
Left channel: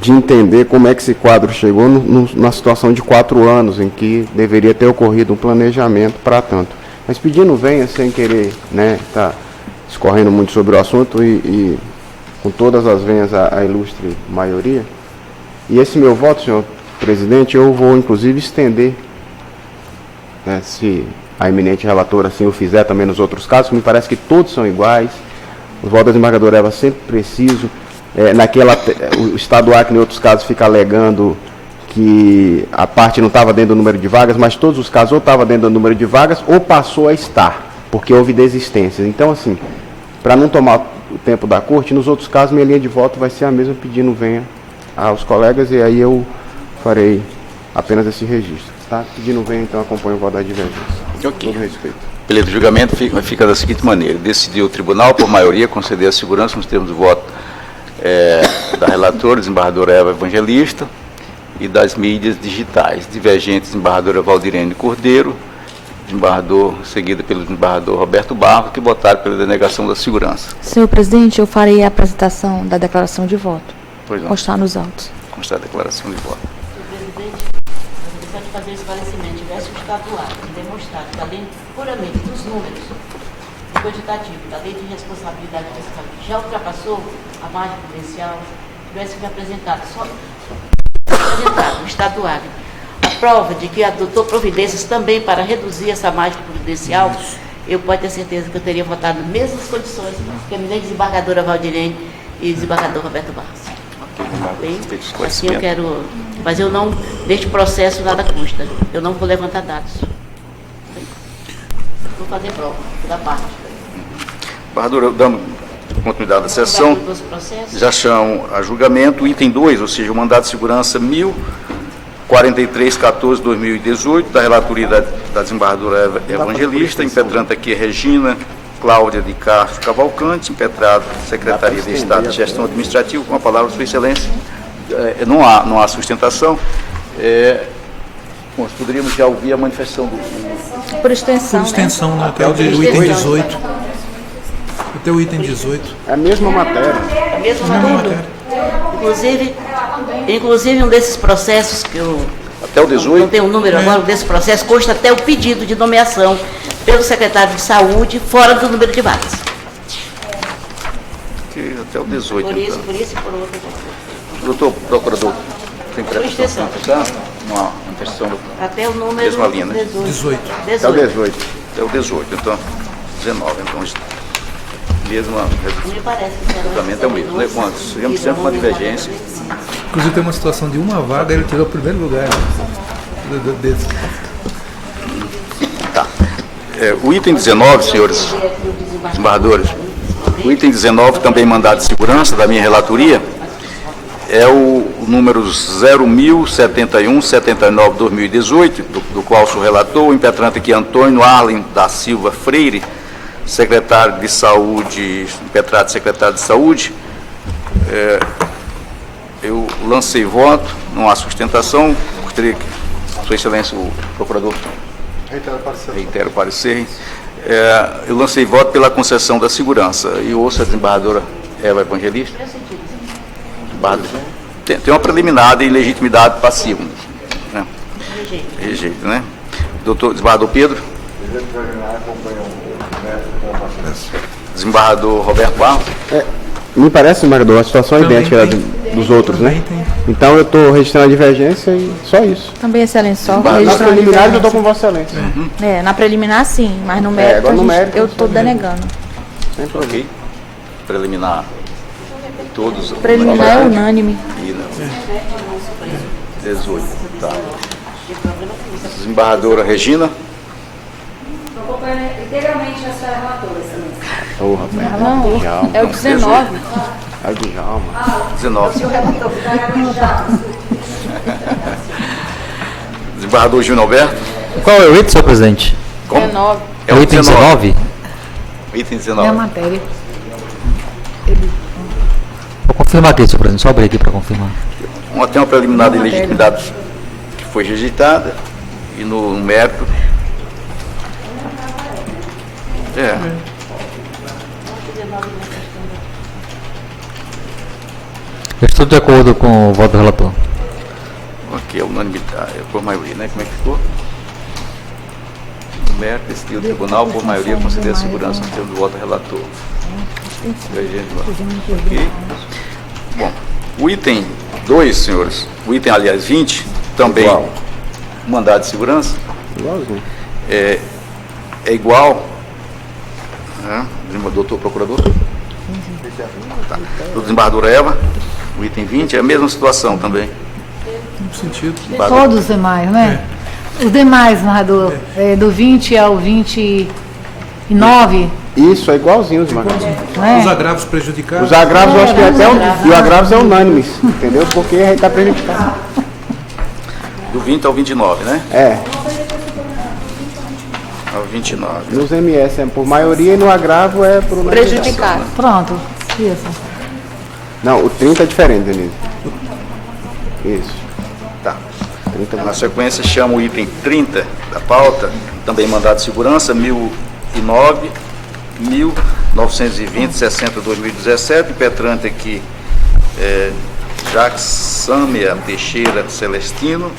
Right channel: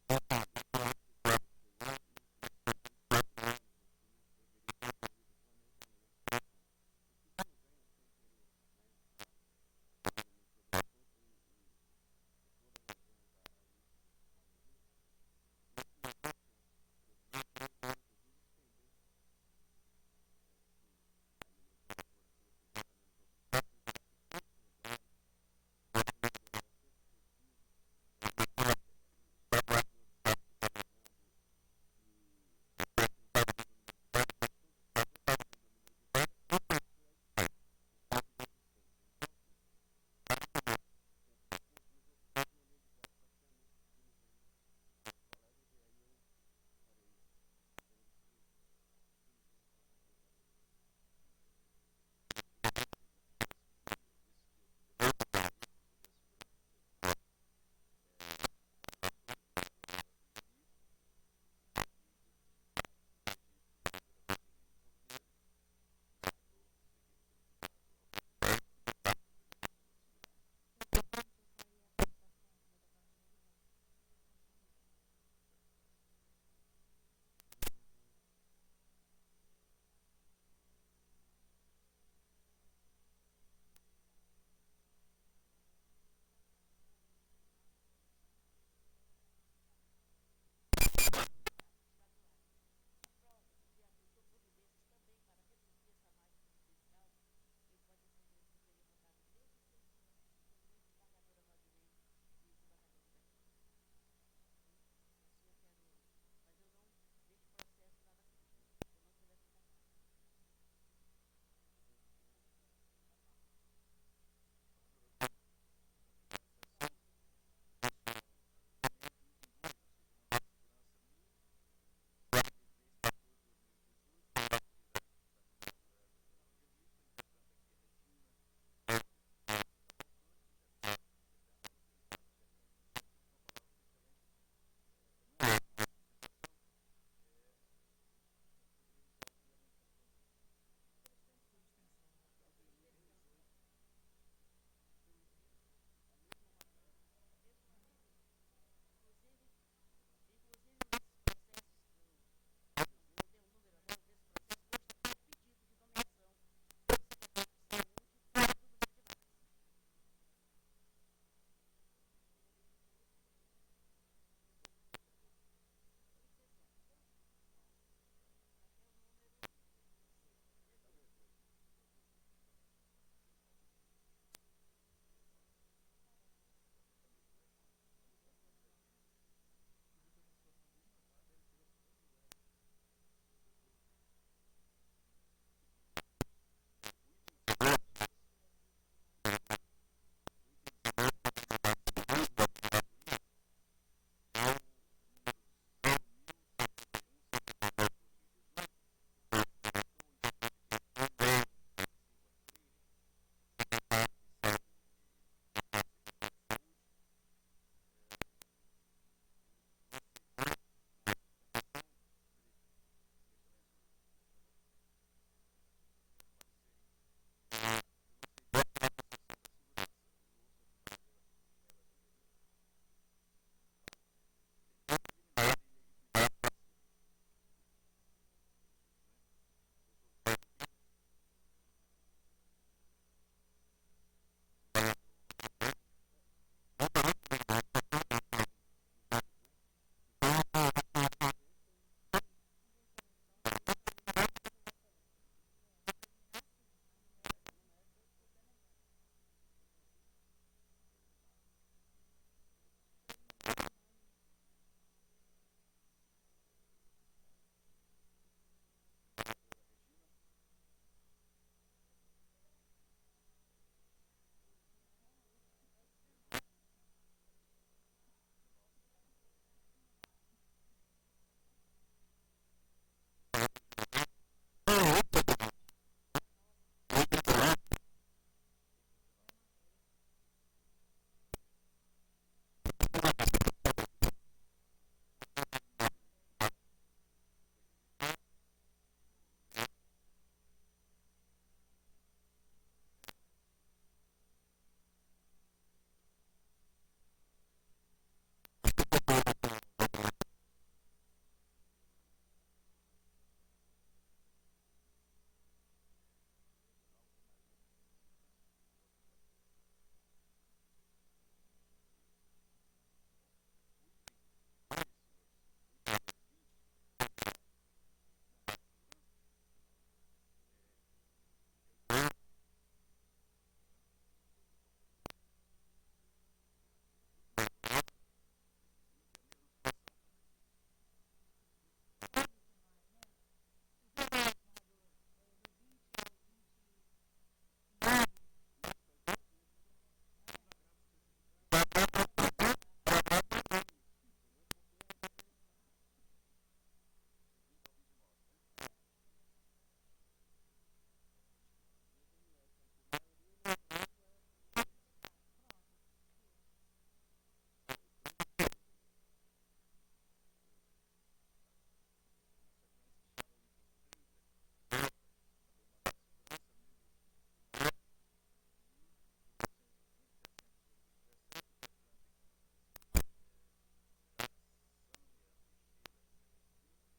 de entender como é que esse quadro chegou na situação de 4 anos, em que deveria ter ocorrido um planejamento para tanto. Mas pedindo venha, sem querer, né, tá escorrendo muito sobre o assunto e com todas as venhas a ilustre maioria. E esse meu voto, senhor presidente, eu vou inclusive estender, né, se a eminente relatora assim o fizer também nos outros casos, me parece que todos são iguais. O voto da desembargadora Eva sempre preciso. O Estado do Acre, em outros casos, fica alegando que a parte não estava dentro do número de vagas, mas todos os casos ou estava dentro do número de vagas ou passou a estar, porque houve desistências. Então, assim, para não tomar o tempo da corte, nos outros casos minha linha de voto vai ser a mesma, pedindo venha aos colegas, e aí eu farei apenas esse registro. Tá? Pedindo venha, então acompanho o voto da divergência. Ok. Todo respeito. Beleza, o julgamento fica da seguinte maneira: decidiu o tribunal, por maioria, conceder a segurança nos termos do voto da relatora, desembargadora Eva Evangelista, e das mídias digitais, divergentes, desembargadora Valdirene Cordeiro, desembargador, seguida pelo desembargador Roberto Barro, que votaram pela denegação da segurança. Senhor presidente, eu farei a apresentação da declaração de voto. Pois não. Constar nos autos. Constar a declaração de voto. Senhor presidente, eu gostaria de fazer esclarecimento. Tivesse o Estado do Acre demonstrado que, além puramente dos números do quantitativo, da lei de responsabilidade fiscal, que já ultrapassou a margem prudencial, tivesse me apresentado o Estado do Acre a prova de que adotou providências também para reduzir essa margem prudencial, eu pode ter certeza que eu teria votado nas mesmas condições que a eminente desembargadora Valdirene e o desembargador Roberto Barros. Bem, assim eu quero, mas eu não, neste processo nada custa, eu não vou levantar dados. Vou fazer prova da parte. Desembargadora, dando continuidade à sessão, já chamo a julgamento o item 2, ou seja, o mandato de segurança 1043/14/2018, da relatoria da desembargadora Evangelista, impetrante aqui é Regina Cláudia de Castro Cavalcante, impetrado Secretaria de Estado de Gestão Administrativa, com a palavra de Sua Excelência. Não há sustentação. Bom, poderíamos já ouvir a manifestação do... Por extensão, Por extensão, né? Até o item 18. Até o item 18. É a mesma matéria. A mesma matéria. Inclusive um desses processos que eu Até o 18? não tenho o número agora, desse processo consta até o pedido de nomeação pelo secretário de Saúde fora do número de vagas. Até o 18, Por isso, então. por isso e por outro. Doutor Procurador, tem Por extensão. Uma manifestação do... Até o número Mesma linha, né? 18. Até o 18. Até o 18, então 19, então mesma Me parece que será julgamento é o mesmo, né? Quantos? Sempre uma divergência. Inclusive tem uma situação de uma vaga, ele tirou o primeiro lugar. Desse. Tá. O item 19, senhores desembargadores, o item 19, também mandado de segurança da minha relatoria, é o número 0.071/79/2018, do qual sou relator, o impetrante aqui Antônio Arlen da Silva Freire, secretário de Saúde, impetrante secretário de Saúde. Eu lancei voto, não há sustentação, gostaria que Sua Excelência, o Procurador, reitero o parecer. Eu lancei voto pela concessão da segurança e ouço a desembargadora Eva Evangelista. Tem uma preliminar de ilegitimidade passiva. Né? Rejeito, né? Doutor desembargador Pedro. Desembargador Roberto Barros. Me parece, desembargador, a situação é idêntica dos outros, né? Então eu estou registrando a divergência e só isso. Também, excelência, só Nas registrando a preliminares eu divergência. estou com Vossa Excelência. Na preliminar sim, mas no mérito, agora no mérito, eu estou denegando. Sem problema. Ok. Preliminar. Todos. Preliminar é unânime. 18. Tá. Desembargadora Regina. Integralmente essa relatora, excelência. Ô, rapaz. Não, Djalma. é o 19. É o Djalma. 19. Desembargador Júnior Alberto. Qual é o item, senhor presidente? Como? 19. É o item 19? Item É a 19. matéria. Vou confirmar aqui, senhor presidente. Só abrir aqui para confirmar. Tem uma preliminar de ilegitimidade que foi rejeitada e no mérito. Eu estou de acordo com o voto do relator. Ok, a unanimidade, por maioria, né? Como é que ficou? No mérito, decidiu o tribunal, por maioria, conceder a segurança no termo do voto do relator. Ok. Bom, o item 2, senhores, o item, aliás, 20, também Igual. mandado de segurança, Igualzinho. é igual, né? Doutor Procurador? Tá. Do desembargador Eva, o item 20, é a mesma situação também. No sentido. Todos os demais, né? Os demais, narrador, do 20 ao 29, Isso, é igualzinho, desembargador. não é? Os agravos prejudicados. Os agravos, eu acho que até e o agravos é unânime, entendeu? Porque a gente está prejudicado. Do 20 ao 29, né? Ao 29. Nos MS é por maioria e no agravo é por unanimidade. Prejudicado. Pronto, isso. Não, o 30 é diferente, Denise. Isso. Tá. 30 Na sequência, chama o item 30 da pauta, também mandado de segurança, 1009, 1920, 60, 2017, impetrante aqui, Jacques Sâmia Teixeira Celestino,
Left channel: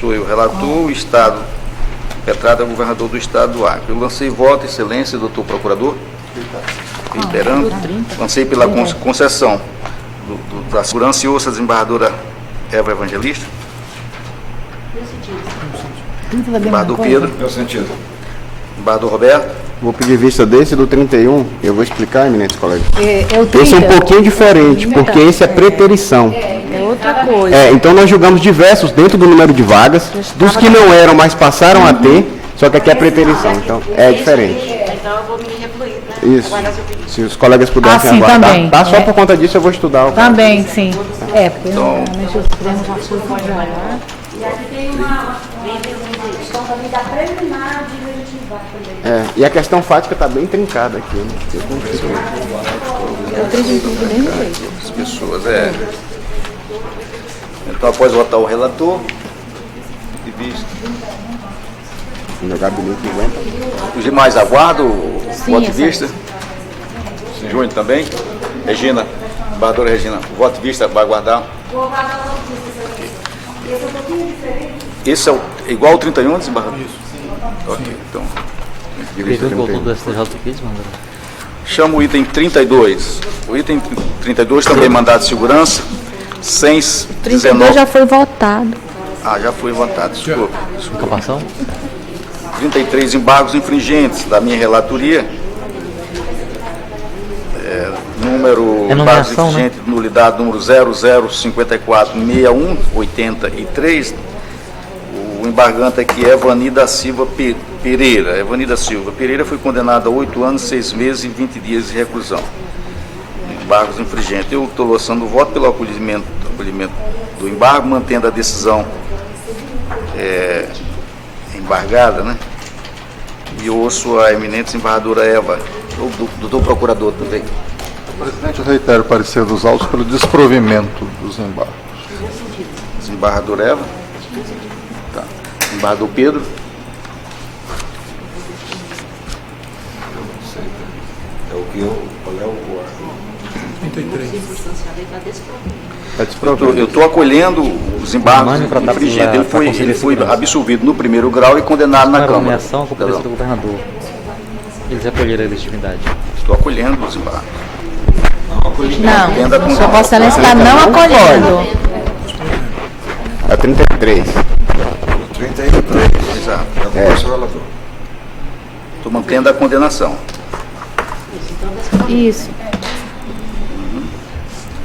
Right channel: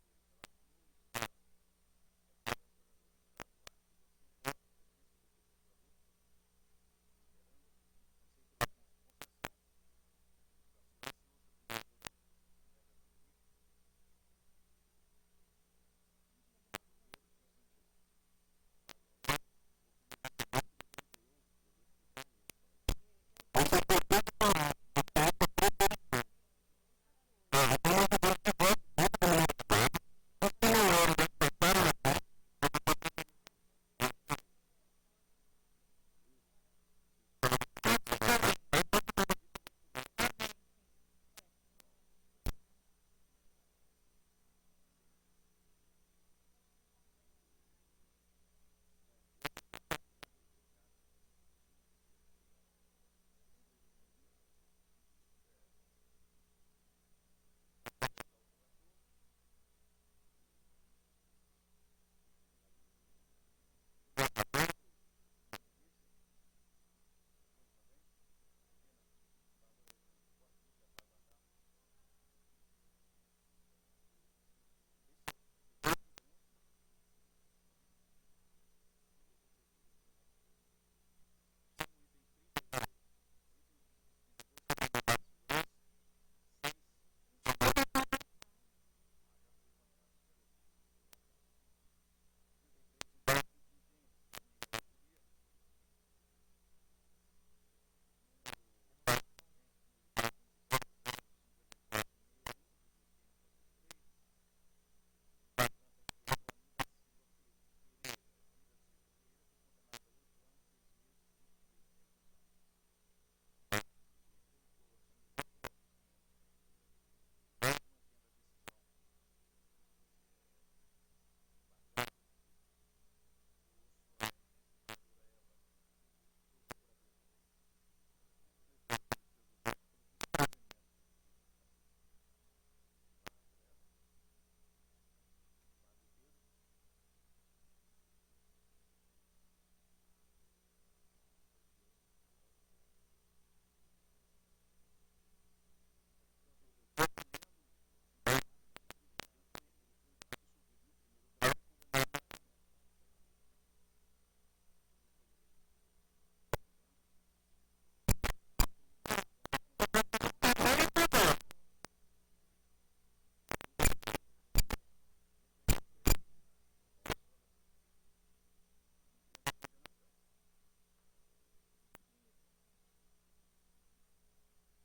sou eu relator, o Estado, impetrado é o governador do Estado do Acre. Eu lancei voto, excelência, doutor procurador, reiterando, lancei pela concessão da segurança e ouça a desembargadora Eva Evangelista. Desembargador Pedro. Meu sentido. Desembargador Roberto. Vou pedir vista desse do 31, eu vou explicar, eminentes colegas. É o 30. Esse é um pouquinho diferente, porque esse é preterição. É outra coisa. Então nós julgamos diversos dentro do número de vagas, dos que não eram, mas passaram a ter, só que aqui é preterição, então é diferente. Então eu vou me refluir, né? Isso. Se os colegas pudessem sim, aguardar, também. tá? Só por conta disso eu vou estudar. o caso. Também, sim. Porque Então, normalmente os Supremos já pode olhar. E aqui tem uma questão também da preliminar de legitimidade também. E a questão fática está bem trincada aqui. Né? Eu tenho tudo do mesmo jeito. As pessoas, Então, após votar o relator, vista. No meu gabinete 50. Os demais aguardam o Sim, voto de excelência. vista? Júnior também? Regina, embargadora Regina, o voto de vista vai aguardar? Vou aguardar o voto de vista, excelência. Esse é um pouquinho diferente. Esse é igual ao 31, desembargador? Isso. Ok, então. Pegou o voltou do STJ aqui, desembargador. Chama o item 32. O item 32 também mandado de segurança, 32 119. já foi votado. Ah, já foi votado, desculpa. Acabação? 33 embargos infringentes da minha relatoria. Número É embargos nomeação, né? infringente, nulidade número 00546183. O embargante aqui é Evani da Silva Pereira. Evani da Silva Pereira foi condenada a 8 anos, 6 meses e 20 dias de reclusão. Embargos infringentes. Eu estou lançando o voto pelo acolhimento do embargo, mantendo a decisão embargada, né? E ouço a eminente desembargadora Eva, o doutor procurador também. Presidente, eu reitero o parecer dos autos pelo desprovimento dos embargos. Desembargador Eva. Tá. Desembargador Pedro. É o que eu. Qual é o 33. Eu estou acolhendo os embargos infringentes. Ele foi absolvido no primeiro grau e condenado na Não era Câmara. nomeação, a competência do governador. Eles acolheram a legitimidade. Estou acolhendo os embargos. Não, Sua Vossa Excelência está não acolhendo. É 33. 33. Exato. Estou mantendo a condenação. Isso.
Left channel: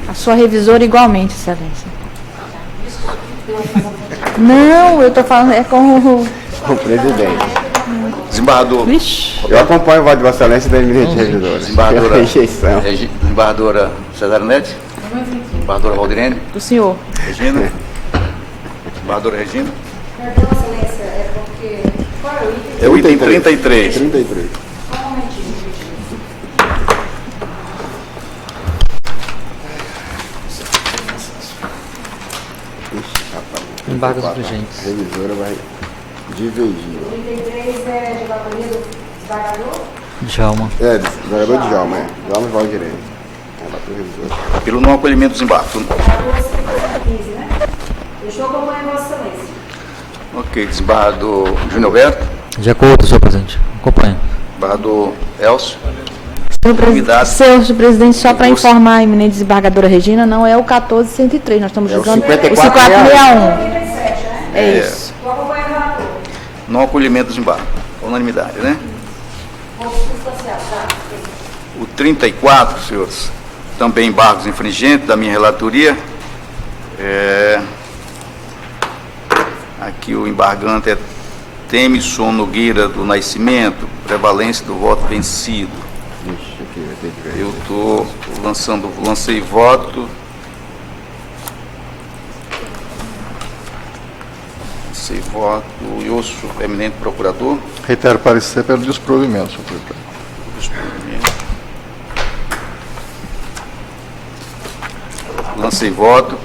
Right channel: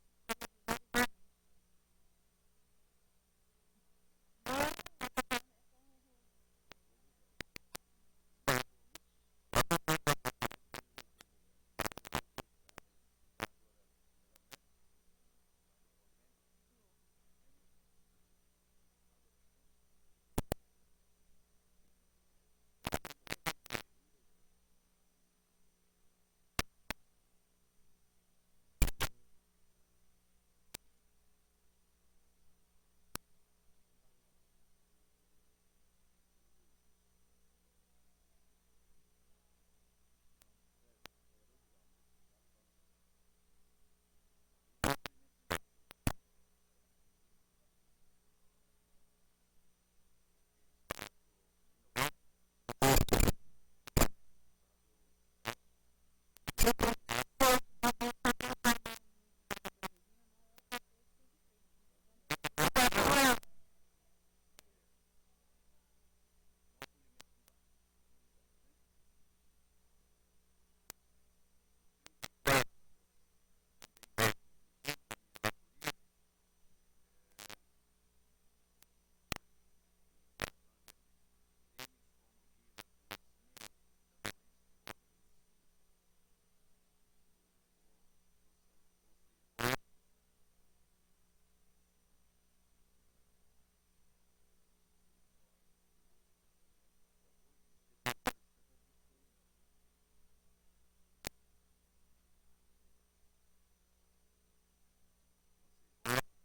A sua revisora igualmente, Excelência. Não, eu estou falando é com o... O presidente. Desembargador. Eu acompanho o voto de Vossa Excelência da eminente revisora. Desembargadora. Rejeição. Desembargadora Cesarinete. Desembargadora Valdirene. Do senhor. Regina. Desembargadora Regina. Perdão, excelência, é porque... Qual é o item? É o item 33. 33. Só um momentinho. Embargos infringentes. A revisora vai divergir. 33 é de relatoria do desembargador? Djalma. Desembargador Djalma, Djalma Valdirene. Relator revisor. Pelo não acolhimento dos embargos. 15, né? Eu estou acompanhando Vossa Excelência. Ok, desembargador Júnior Alberto. De acordo, senhor presidente. Acompanho. Desembargador Elcio. Senhor presidente, só para informar a eminente desembargadora Regina, não é o 1403, nós estamos usando o 5461. É isso. Estou acompanhando o relator. Não acolhimento dos embargos. Unanimidade, né? Vou substanciar, tá? O 34, senhores, também embargos infringentes da minha relatoria. Aqui o embargante é Temisson Nogueira do Nascimento, prevalência do voto vencido. Eu lancei voto. Lancei voto. E ouço o eminente procurador. Reitero o parecer pelo desprovimento, senhor presidente. Lancei voto.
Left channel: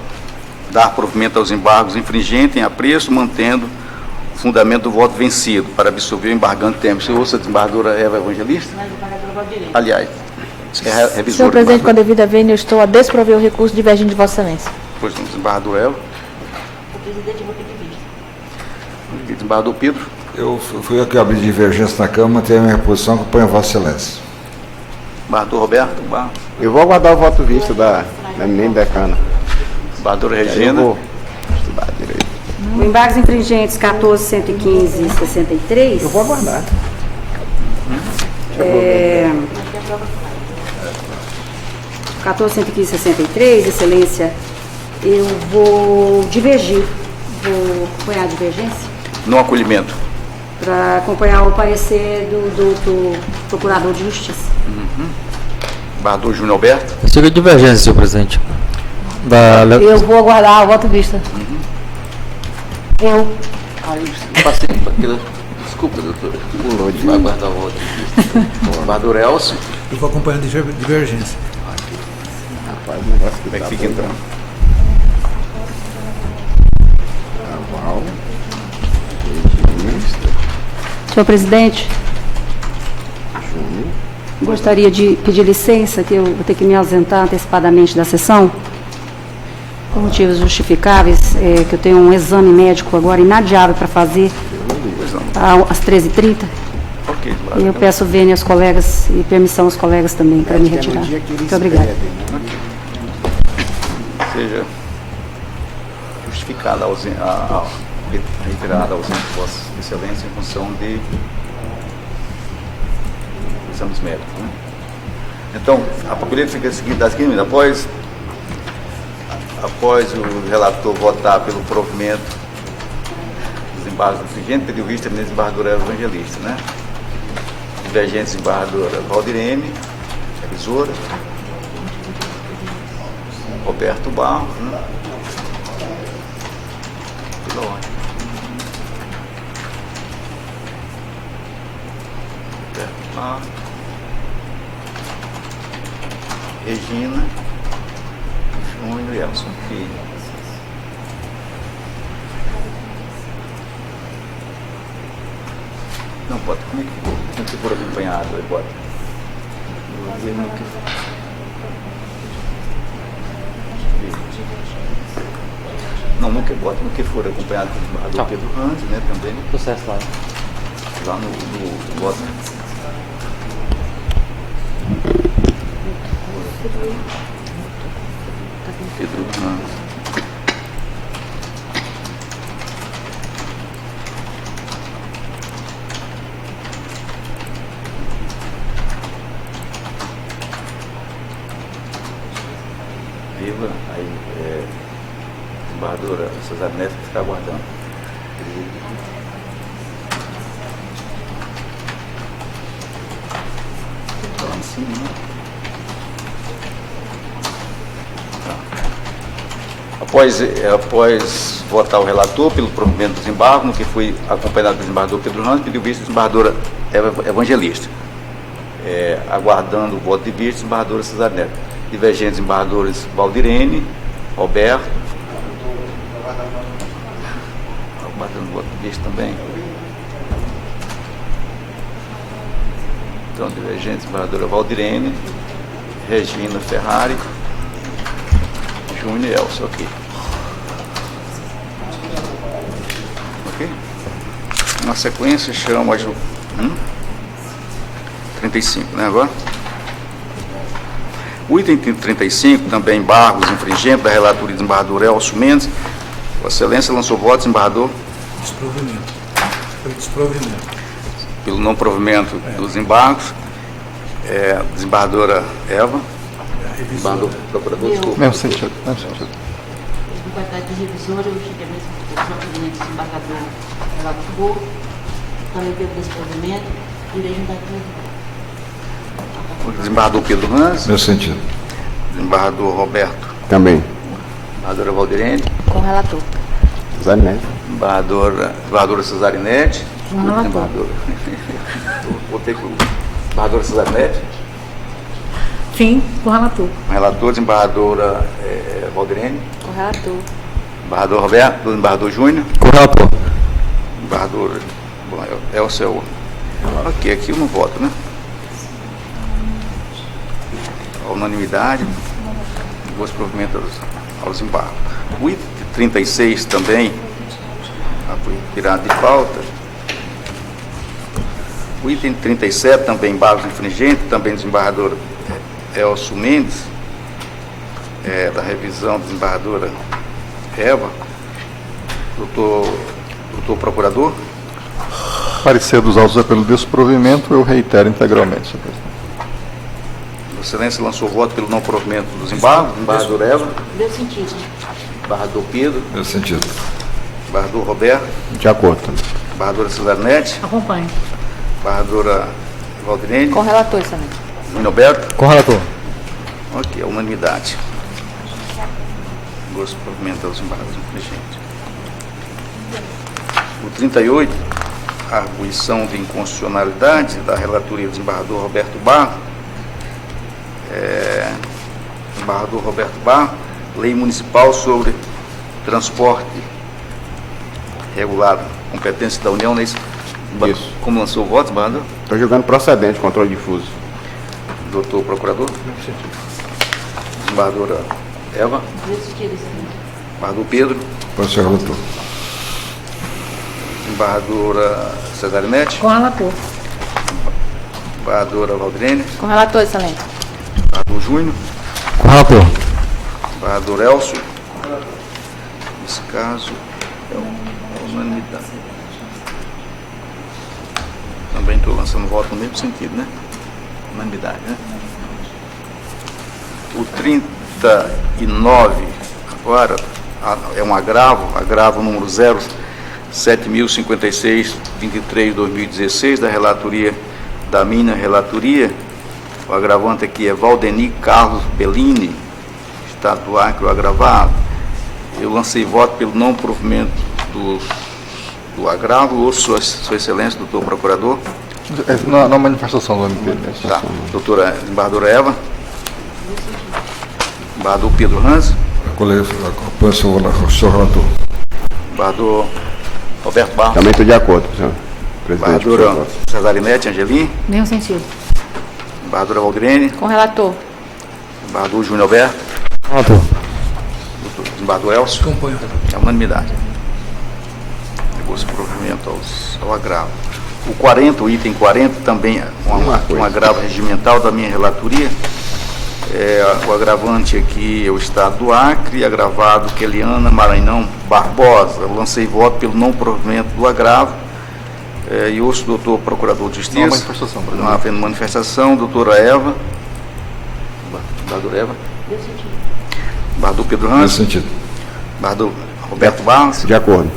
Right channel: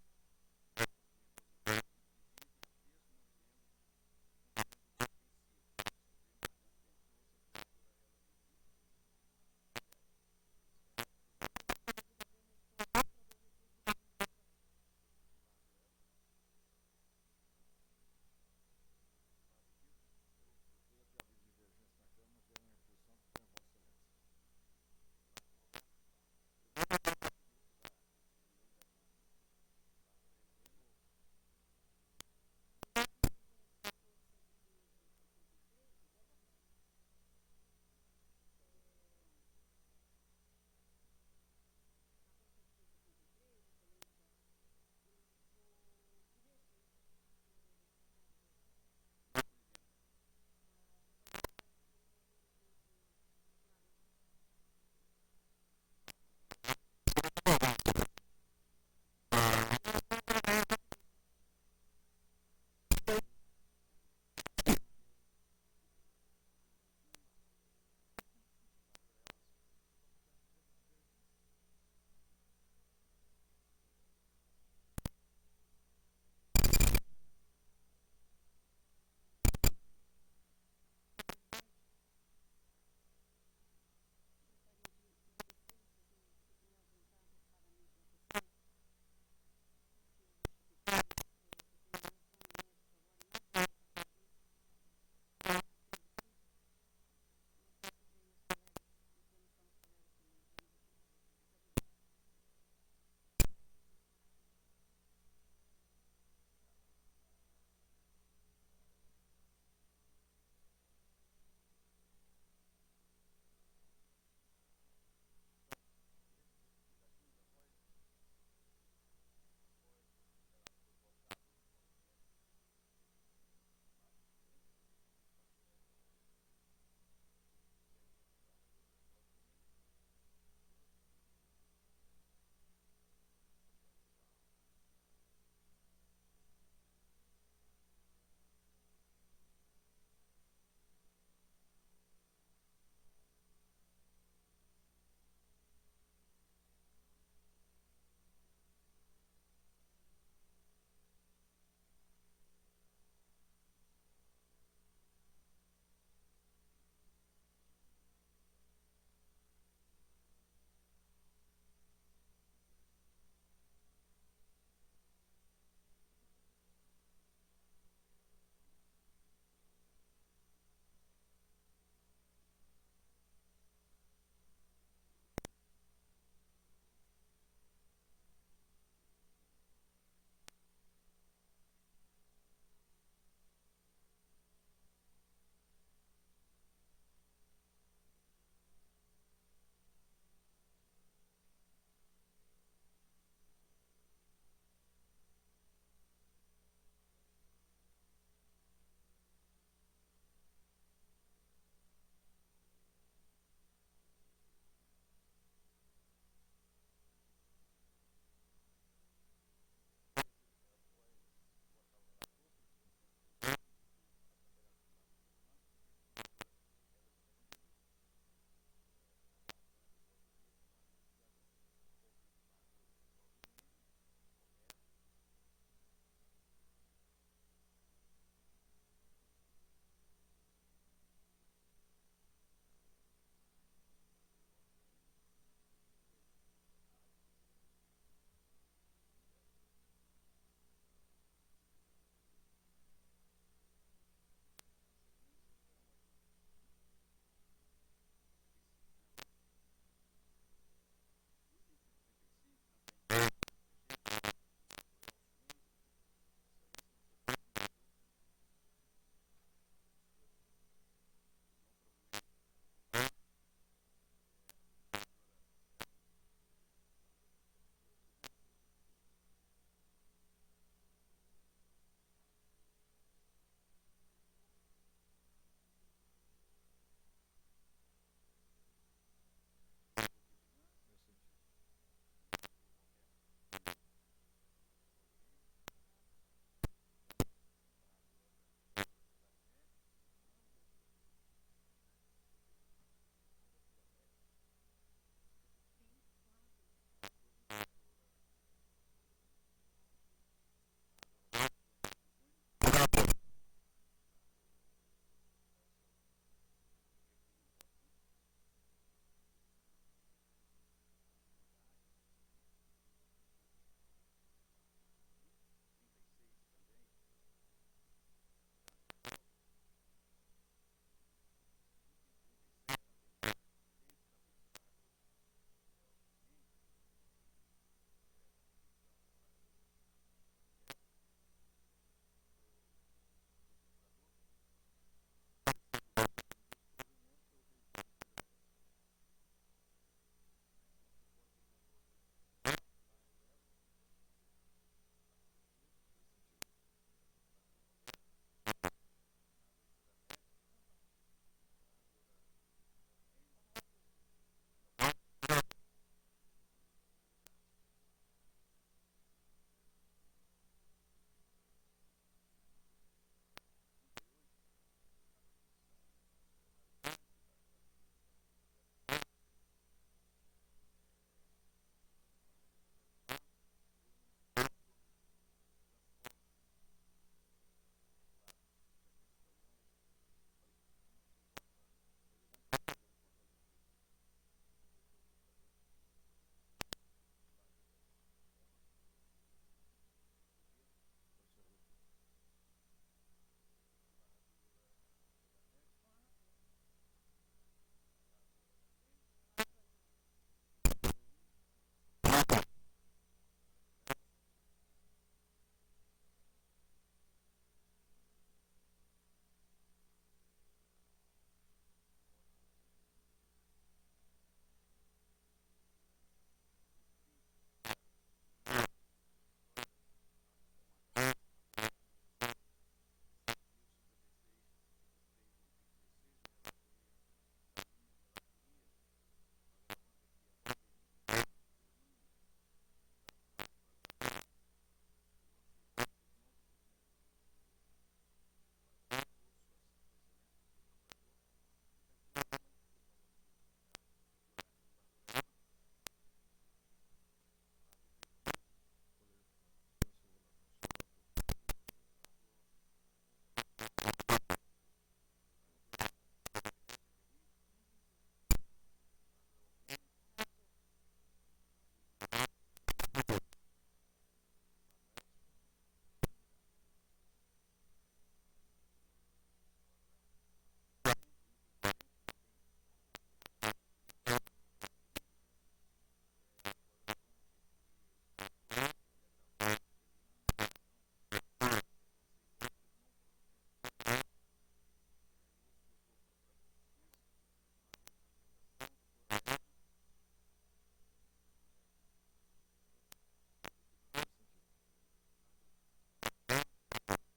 Dar provimento aos embargos infringentes em apreço, mantendo o fundamento do voto vencido, para absolver o embargante Temer. Você ouça a desembargadora Eva Evangelista? Aliás, é revisora. Senhor presidente, com a devida vênia, eu estou a desprover o recurso divergente de Vossa Excelência. Pois não, desembargador Eva. O presidente vai pedir vista. Desembargador Pedro. Eu fui aqui abrir divergência na Câmara, manter a minha posição, acompanho Vossa Excelência. Desembargador Roberto. Eu vou aguardar o voto visto da eminente decana. Desembargadora Regina. Eu vou estudar direito. O embargos infringentes 14, 115 e 63. Eu vou aguardar. 14, 115 e 63, Excelência, eu vou divergir. Vou acompanhar a divergência Não acolhimento. para acompanhar o parecer do Procurador de Justiça. Desembargador Júnior Alberto. Eu sigo a divergência, senhor presidente. Eu vou aguardar o voto vista. Eu. Passei por aquilo. Desculpa, doutora. Pulou de vai aguardar o voto. Desembargador Elcio. Eu vou acompanhando a divergência. Rapaz, o negócio Como é que fica entrando? Aval. Senhor presidente, gostaria de pedir licença, que eu vou ter que me ausentar antecipadamente da sessão, por motivos justificáveis, que eu tenho um exame médico agora inadiável para fazer às 13h30. E eu peço vênia aos colegas e permissão aos colegas também para me retirar. Muito obrigada. Seja justificada a retirada ausência de Vossa Excelência em função de exames médicos. Né? Então, a papeleta fica seguida da seguinte: após o relator votar pelo provimento dos embargos infringentes, pediu vista a desembargadora Evangelista, né? Divergente desembargadora Valdirene, revisora, Roberto Barros, né? Pela ordem. Roberto Barros, Regina, Júnior e Elson Filho. Não, bota como é que for acompanhado, aí bota. Não, no que for acompanhado do desembargador Pedro Hans, né, também. Processo lá. Lá no voto. Pedro Hans. Aí, desembargadora Cesar Neto está aguardando. Está lá em cima, né? Tá. Após votar o relator pelo provimento do desembargo, no que foi acompanhado do desembargador Pedro Ramos, pediu vista a desembargadora Evangelista. Aguardando o voto de vista, desembargadora Cesar Neto. Divergentes desembargadores Valdirene, Roberto. Aguardando o voto de vista também. Então, divergentes desembargadora Valdirene, Regina Ferrari, Júnior e Elcio, ok. Ok? Na sequência, chamo a 35, né, agora? O item 35, também embargos infringentes da relatoria do desembargador Elcio Mendes. Vossa Excelência lançou voto, desembargador? Desprovimento. Foi desprovimento. Pelo não provimento dos embargos. Desembargadora Eva. Desembargador procurador, desculpa. Mesmo sentido, mesmo sentido. Em qualidade de revisora, eu cheguei mesmo com o provimento do desembargador relator, também pelo desprovimento, e vejo daqui. Desembargador Pedro Hans. Meu sentido. Desembargador Roberto. Também. Desembargadora Valdirene. Com o relator. Cesarinete. Desembargadora Cesarinete. Com o relator. Vou ter que. Desembargadora Cesarinete. Sim, com o relator. Relator, desembargadora Valdirene. Com o relator. Desembargador Roberto. Desembargador Júnior. Com o relator. Desembargador. Bom, é o seu. Ok, aqui eu não voto, né? A unanimidade, duas provimentos aos embargos. O item 36 também foi tirado de pauta. O item 37 também embargos infringentes, também desembargador Elcio Mendes, da revisão desembargadora Eva. Doutor Procurador. Parecer dos autos é pelo desprovimento, eu reitero integralmente, senhor presidente. Vossa Excelência lançou voto pelo não provimento dos embargos. Desembargador Eva. Meu sentido. Desembargador Pedro. Meu sentido. Desembargador Roberto. De acordo. Desembargadora Cesarinete. Acompanho. Desembargadora Valdirene. Com o relator também. Roberto. Com o relator. Ok, unanimidade. Gosto de provimentar os embargos infringentes. O 38, a arguição de inconstitucionalidade da relatoria do desembargador Roberto Barros. Desembargador Roberto Barros, Lei Municipal sobre Transporte Regulado, competência da União, Isso. Como lançou o voto, desembargador? Estou julgando procedente, controle difuso. Doutor Procurador? Desembargadora Eva? Desembargador Pedro? Pode ser, relator. Desembargadora Cesarinete? Com relator. Desembargadora Valdirene? Com relator, excelência. Desembargador Júnior? Com relator. Desembargador Elcio? Nesse caso, é unanimidade. Também estou lançando voto no mesmo sentido, né? Unanimidade, né? O 39, agora, é um agravo número 07056-23-2016, da relatoria, da minha relatoria. O agravante aqui é Valdeni Carlos Bellini, Estado do Acre, o agravado. Eu lancei voto pelo não provimento do agravo. Ouço Sua Excelência, doutor Procurador. Na manifestação do MP. Tá. Doutora Desembargadora Eva. Desembargador Pedro Hans. Acompanho o senhor relator. Desembargador Roberto Barros. Também estou de acordo, senhor presidente. Desembargadora Cesarinete Angelim. Mesmo sentido. Desembargadora Valdirene. Com relator. Desembargador Júnior Alberto. Relator. Desembargador Elcio. Acompanho. É unanimidade. Negócio de provimento ao agravo. O 40, o item 40, também é um agravo regimental da minha relatoria. O agravante aqui é o Estado do Acre, agravado Keliana Maranhão Barbosa. Eu lancei voto pelo não provimento do agravo. E ouço o doutor Procurador de Justiça. Não, manifestação. Não havendo manifestação, doutora Eva. Desembargadora Eva. Desembargador Pedro Hans. Nesse sentido. Desembargador Roberto Barros. De acordo.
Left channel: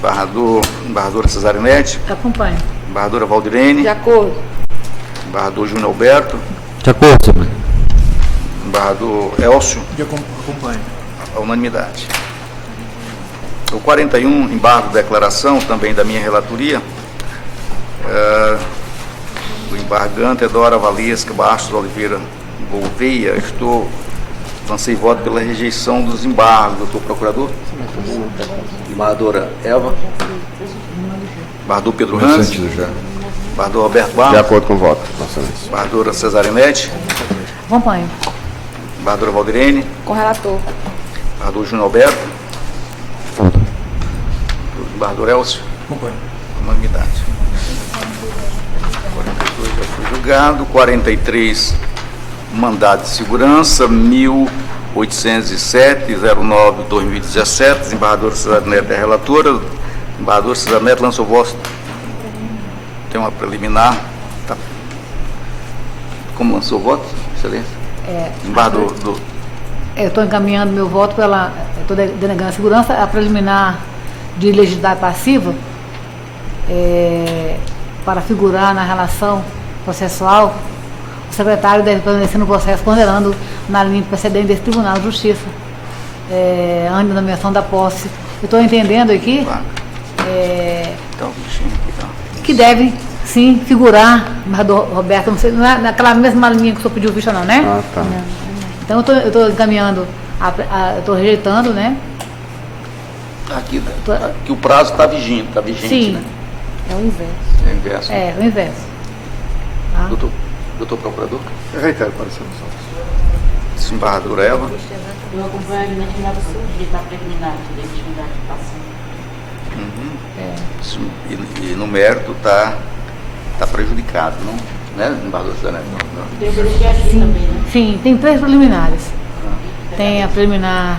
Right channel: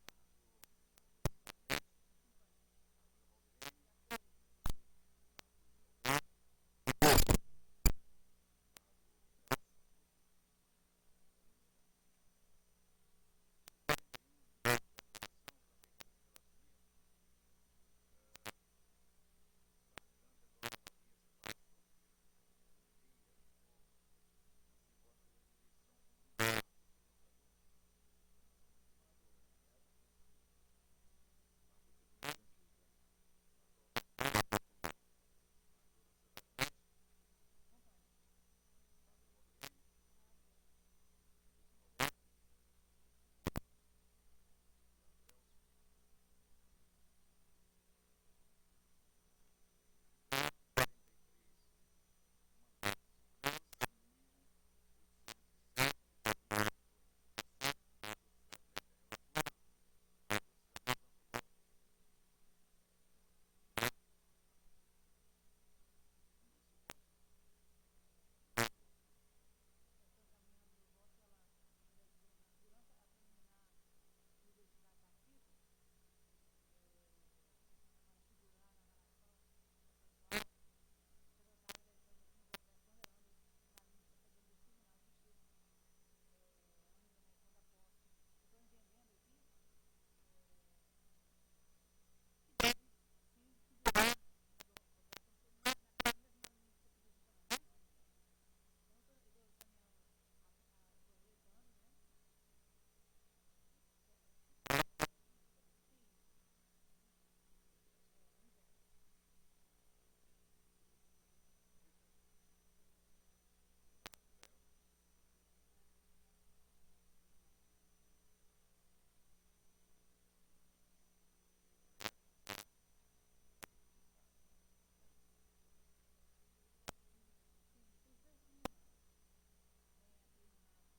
Desembargadora Cesarinete. Acompanho. Desembargadora Valdirene. De acordo. Desembargador Júnior Alberto. De acordo, senhor. Desembargador Elcio. Acompanho. A unanimidade. O 41, embargo de declaração, também da minha relatoria. O embargante é Dora Valesca Bastos Oliveira Gouveia. Lancei voto pela rejeição dos embargos, doutor Procurador. Desembargadora Eva. Desembargador Pedro Nesse Hans. sentido já. Desembargador Roberto Barros. De acordo com o voto, Vossa Excelência. Desembargadora Cesarinete. Acompanho. Desembargadora Valdirene. Com relator. Desembargador Júnior Alberto. Desembargador Elcio. Acompanho. Unanimidade. 42 já foi julgado. 43, mandado de segurança, 1807-09-2017. Desembargadora Cesarinete é relatora. Desembargador Cesarinete lançou voto. Tem uma preliminar. Tá. Como lançou o voto, Excelência? Desembargador Eu estou encaminhando meu voto estou denegando a segurança, a preliminar de legitimidade passiva, para figurar na relação processual, o secretário deve permanecer no processo ponderando na linha precedente desse Tribunal de Justiça, antes da nomeação da posse. Eu estou entendendo aqui que deve, sim, figurar, mas Roberto, não sei, não é naquela mesma linha que o senhor pediu vista não, né? Ah, tá. Então eu estou encaminhando, eu estou rejeitando, né? aqui, que o prazo está vigente, Sim. né? É o inverso. É o inverso. O inverso. Tá? Doutor Procurador? Eu reitero, parecer. Desembargadora Eva. Eu acompanho a legitimidade surgir da preliminar de legitimidade passando. E no mérito está prejudicado, não? Né, desembargador Cesarinete? Sim, tem 3 preliminares. Tem a preliminar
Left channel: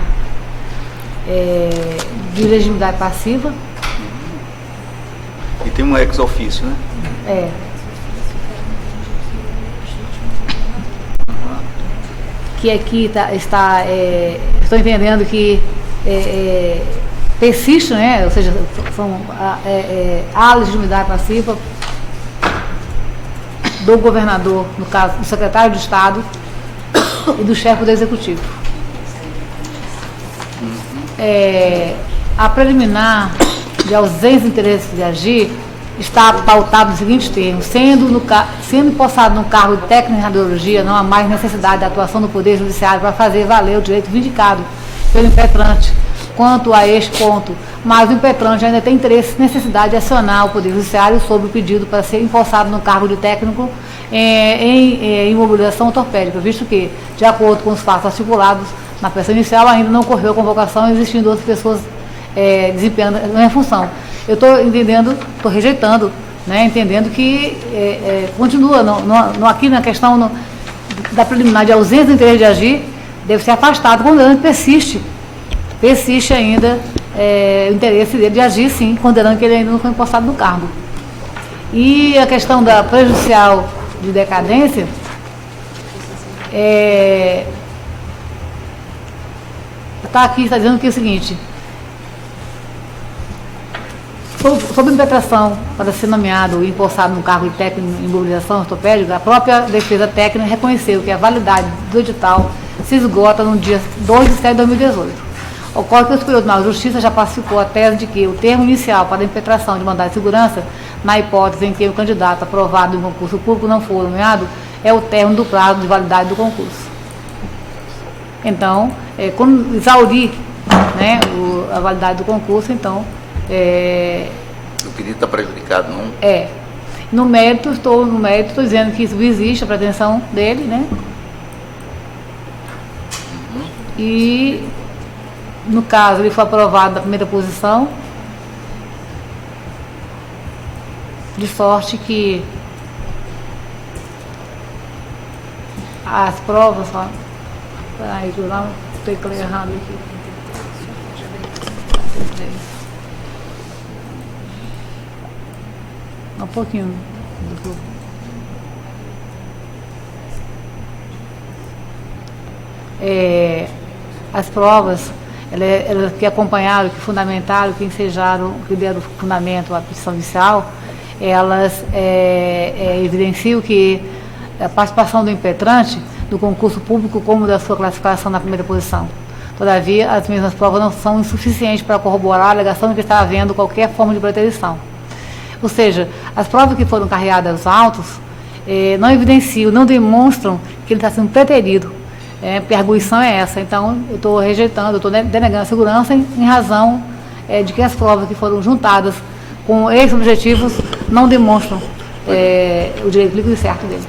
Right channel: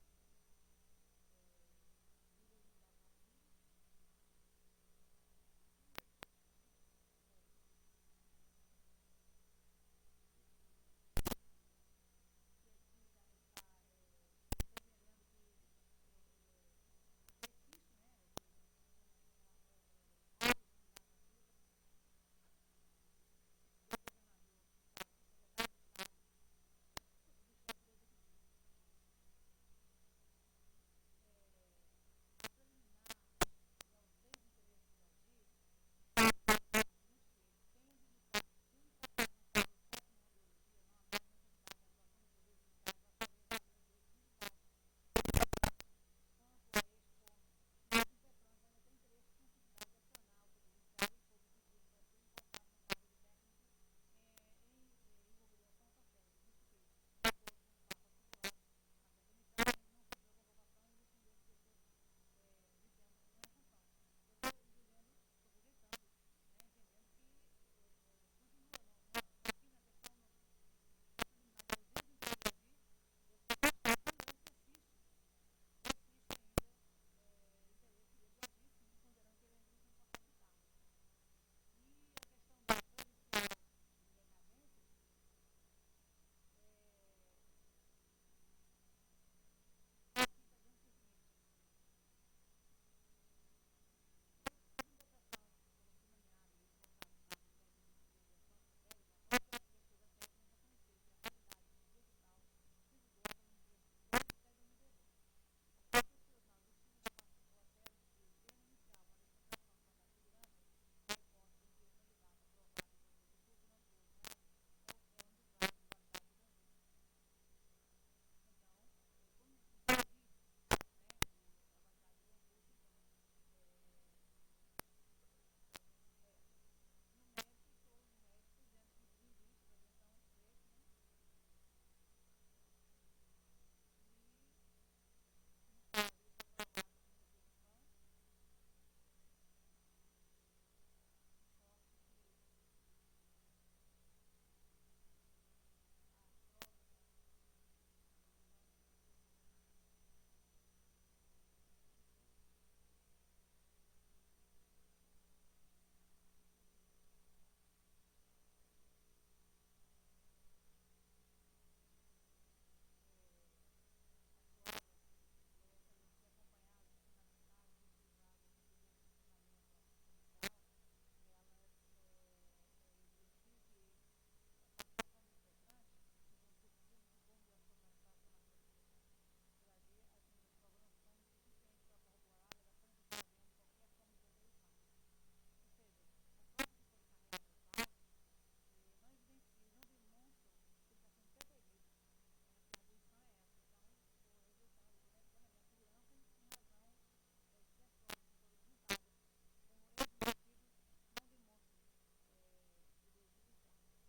de legitimidade passiva. E tem um ex-ofício, né? Que aqui estou entendendo que persiste, né? Ou seja, a legitimidade passiva do governador, no caso, do secretário de Estado e do chefe do Executivo. A preliminar de ausência de interesse de agir está pautado nos seguintes termos: sendo empossado no cargo de técnico em radiologia, não há mais necessidade da atuação do Poder Judiciário para fazer valer o direito vindicado pelo impetrante, quanto a este ponto, mas o impetrante ainda tem interesse e necessidade de acionar o Poder Judiciário sobre o pedido para ser empossado no cargo de técnico em imobilização ortopédica, visto que, de acordo com os fatos articulados na peça inicial, ainda não ocorreu a convocação, existindo outras pessoas desempenhando a minha função. Eu estou entendendo, estou rejeitando, né, entendendo que continua aqui na questão da preliminar de ausência do interesse de agir, deve ser afastado, considerando que persiste ainda o interesse dele de agir, sim, considerando que ele ainda não foi empossado no cargo. E a questão da prejudicial de decadência, está aqui, está dizendo que é o seguinte: sob impetração para ser nomeado e empossado no cargo de técnico em imobilização ortopédica, a própria defesa técnica reconheceu que a validade do edital se esgota no dia 2 de setembro de 2018. Ocorre que o Superior Tribunal de Justiça já pacificou a tese de que o termo inicial para a impetração de mandado de segurança, na hipótese em que o candidato aprovado em concurso público não for nomeado, é o término do prazo de validade do concurso. Então, quando exaurir, né, a validade do concurso, então... O pedido está prejudicado, não? No mérito, estou dizendo que isso existe, a pretensão dele, né? E, no caso, ele foi aprovado na primeira posição, de sorte que as provas... Peraí, eu não teclei errado aqui. Um pouquinho. As provas, elas que acompanharam, que fundamentaram, que ensejaram, que deram fundamento à petição inicial, elas evidenciam que a participação do impetrante do concurso público como da sua classificação na primeira posição. Todavia, as mesmas provas não são insuficientes para corroborar a alegação de que está havendo qualquer forma de preterição. Ou seja, as provas que foram carreadas aos autos não evidenciam, não demonstram que ele está sendo preterido. Porque a arguição é essa. Então, eu estou rejeitando, eu estou denegando a segurança em razão de que as provas que foram juntadas com esses objetivos não demonstram o direito líquido e certo dele.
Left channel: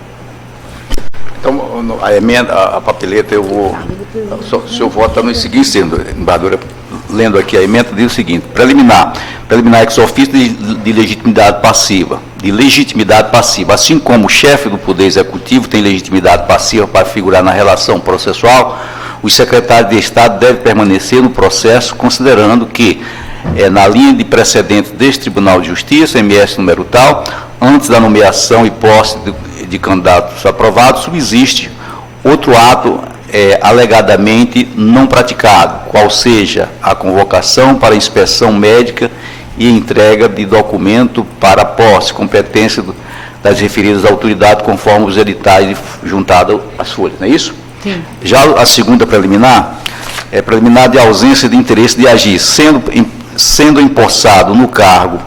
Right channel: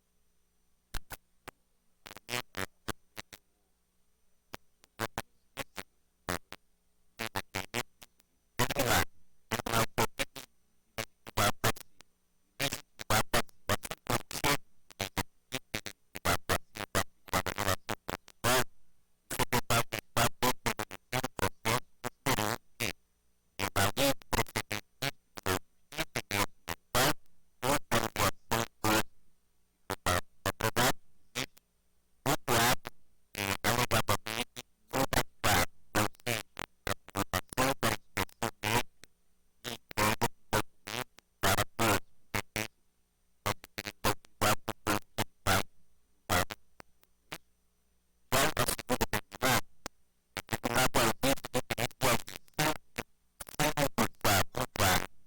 Então, a emenda, a papeleta, o seu voto está no seguinte, sendo, embaixadora, lendo aqui a emenda, diz o seguinte: preliminar ex officio de legitimidade passiva, assim como o chefe do Poder Executivo tem legitimidade passiva para figurar na relação processual, os secretários de Estado devem permanecer no processo, considerando que, na linha de precedente deste Tribunal de Justiça, MS número tal, antes da nomeação e posse de candidatos aprovados, subsiste outro ato alegadamente não praticado, qual seja a convocação para inspeção médica e entrega de documento para posse, competência das referidas autoridades, conforme os editais juntados às folhas, não é isso? Sim. Já a segunda preliminar, preliminar de ausência de interesse de agir, sendo empossado no cargo